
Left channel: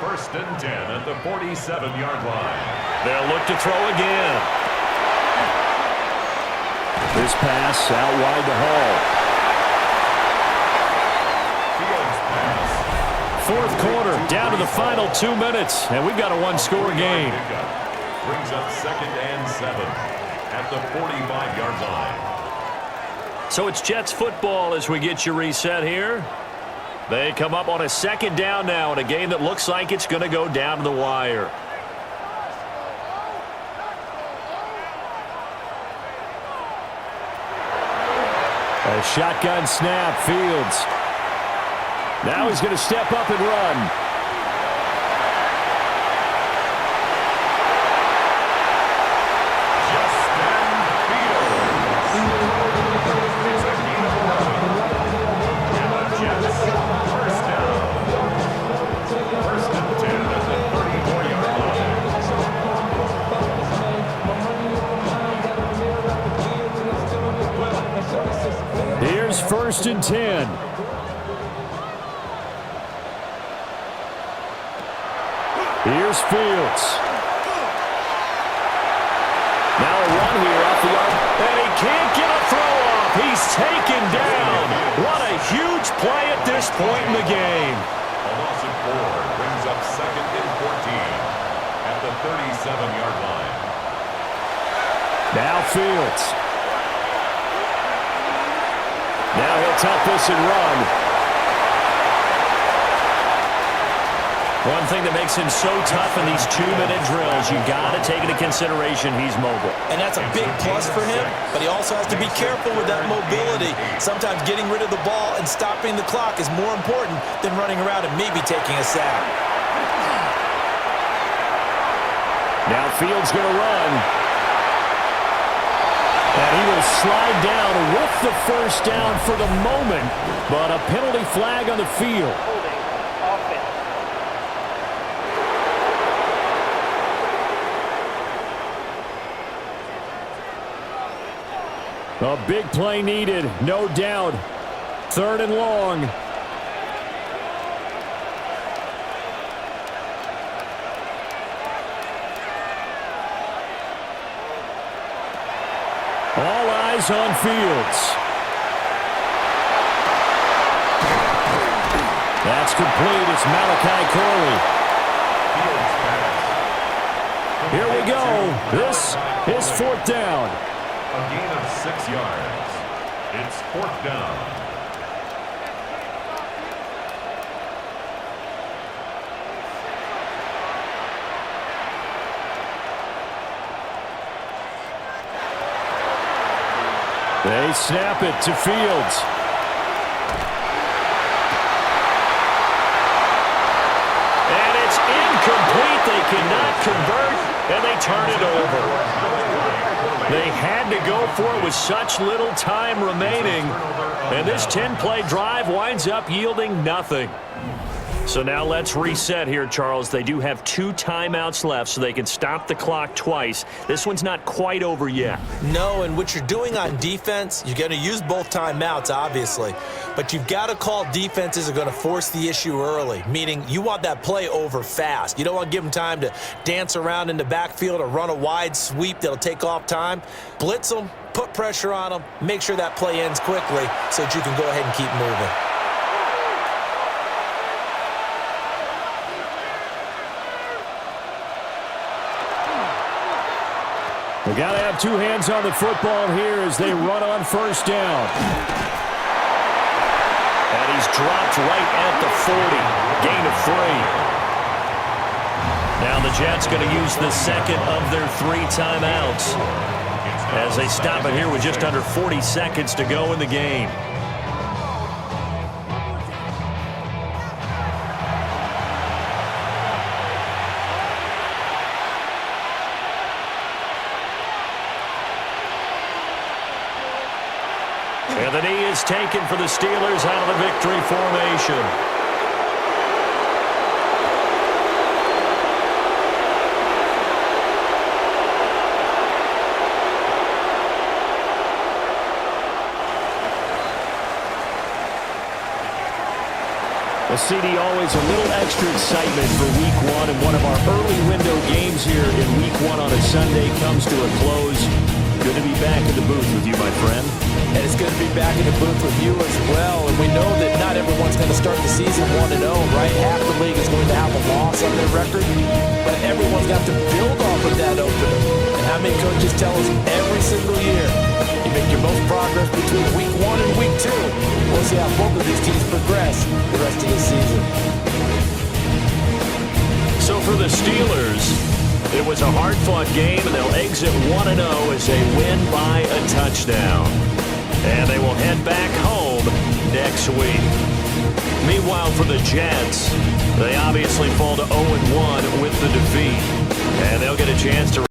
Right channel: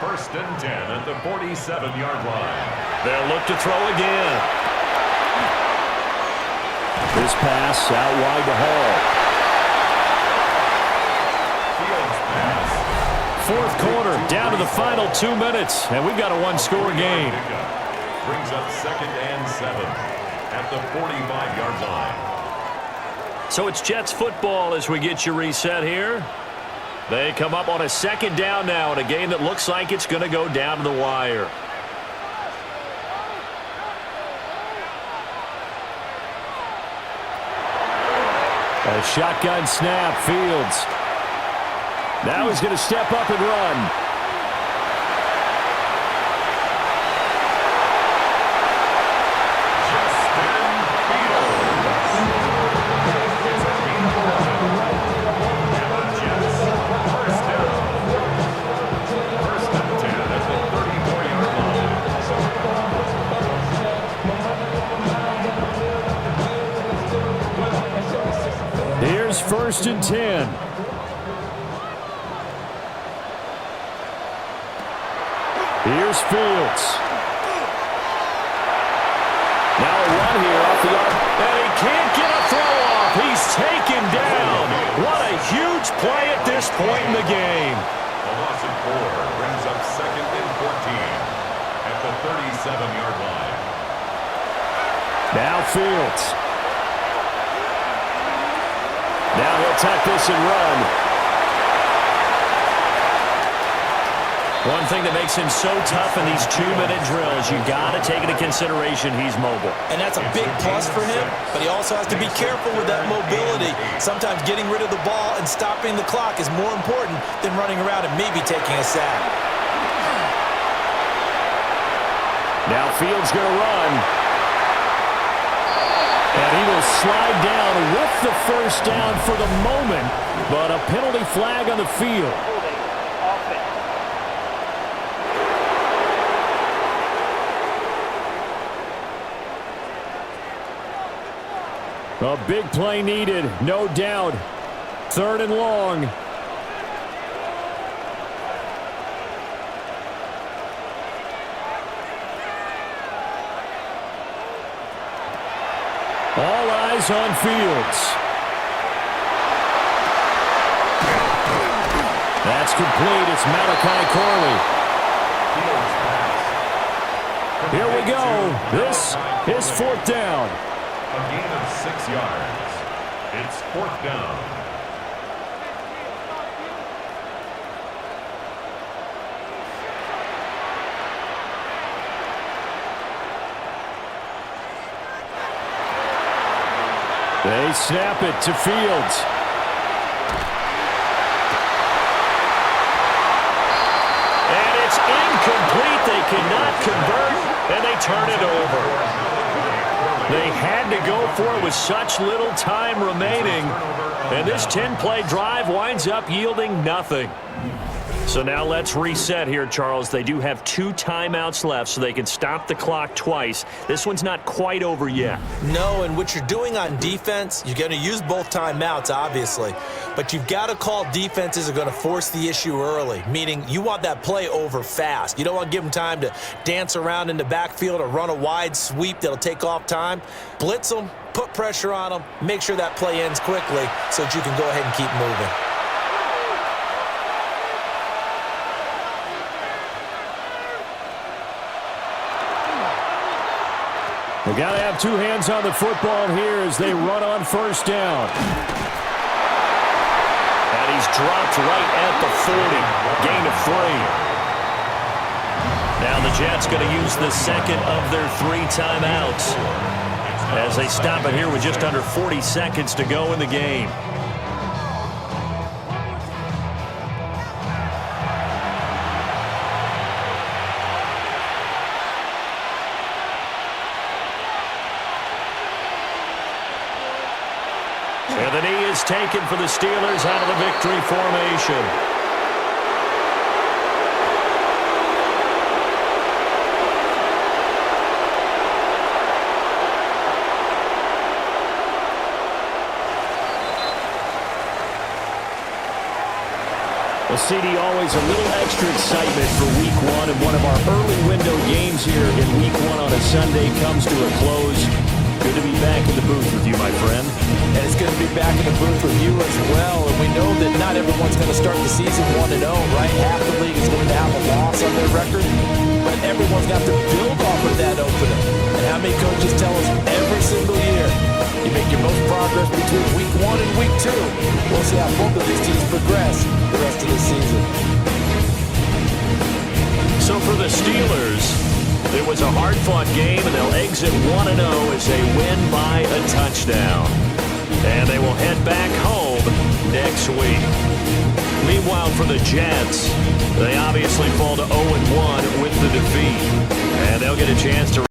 1st and 10 at the 47-yard line. They'll look to throw again. This pass out wide to Hall. Fields pass. 4th quarter, down to the final 2 minutes, and we've got a 1-score game. Brings up 2nd and 7 at the 45-yard line. So it's Jets football as we get you reset here. They come up on a 2nd down now in a game that looks like it's going to go down to the wire. A shotgun snap. Fields. Now he's going to step up and run. Here's 1st and 10. Here's Fields. Now a run here off the arc. And he can't get a throw off. He's taken down. What a huge play at this point in the game. A loss of 4 brings up 2nd and 14 at the 37-yard line. Now Fields. Now he'll tuck this and run. One thing that makes him so tough in these 2-minute drills, you got to take into consideration he's mobile. And that's a big plus for him, but he also has to be careful with that mobility. Sometimes getting rid of the ball and stopping the clock is more important than running around and maybe taking a sack. Now Fields going to run. And he will slide down with the first down for the moment, but a penalty flag on the field. Holding. Offense. A big play needed, no doubt. 3rd and long. All eyes on Fields. That's complete. It's Malachi Corley. Fields pass. Here we go. This is 4th down. A gain of 6 yards. It's 4th down. They snap it to Fields. And it's incomplete. They cannot convert, and they turn it over. They had to go for it with such little time remaining, and this 10-play drive winds up yielding nothing. So now let's reset here, Charles. They do have 2 timeouts left, so they can stop the clock twice. This one's not quite over yet. No, and what you're doing on defense, you're going to use both timeouts, obviously. But you've got to call defenses are going to force the issue early, meaning you want that play over fast. You don't want to give them time to dance around in the backfield or run a wide sweep that'll take off time. Blitz them, put pressure on them, make sure that play ends quickly so that you can go ahead and keep moving. We got to have 2 hands on the football here as they run on 1st down. And he's dropped right at the 40. Gain of 3. Now the Jets going to use the 2nd of their 3 timeouts as they stop it here with just under 40 seconds to go in the game. And the knee is taken for the Steelers out of the victory formation. Well, CD, always a little extra excitement for Week 1, and one of our early window games here in Week 1 on a Sunday comes to a close. Good to be back in the booth with you, my friend. And it's good to be back in the booth with you as well. And we know that not everyone's going to start the season 1-0, right? Half the league is going to have a loss on their record. But everyone's got to build off of that opener. And how many coaches tell us every single year, you make your most progress between Week 1 and Week 2. We'll see how both of these teams progress the rest of the season. So for the Steelers, it was a hard-fought game, and they'll exit 1-0 as they win by a touchdown. And they will head back home next week. Meanwhile, for the Jets, they obviously fall to 0-1 with the defeat. And they'll get a chance to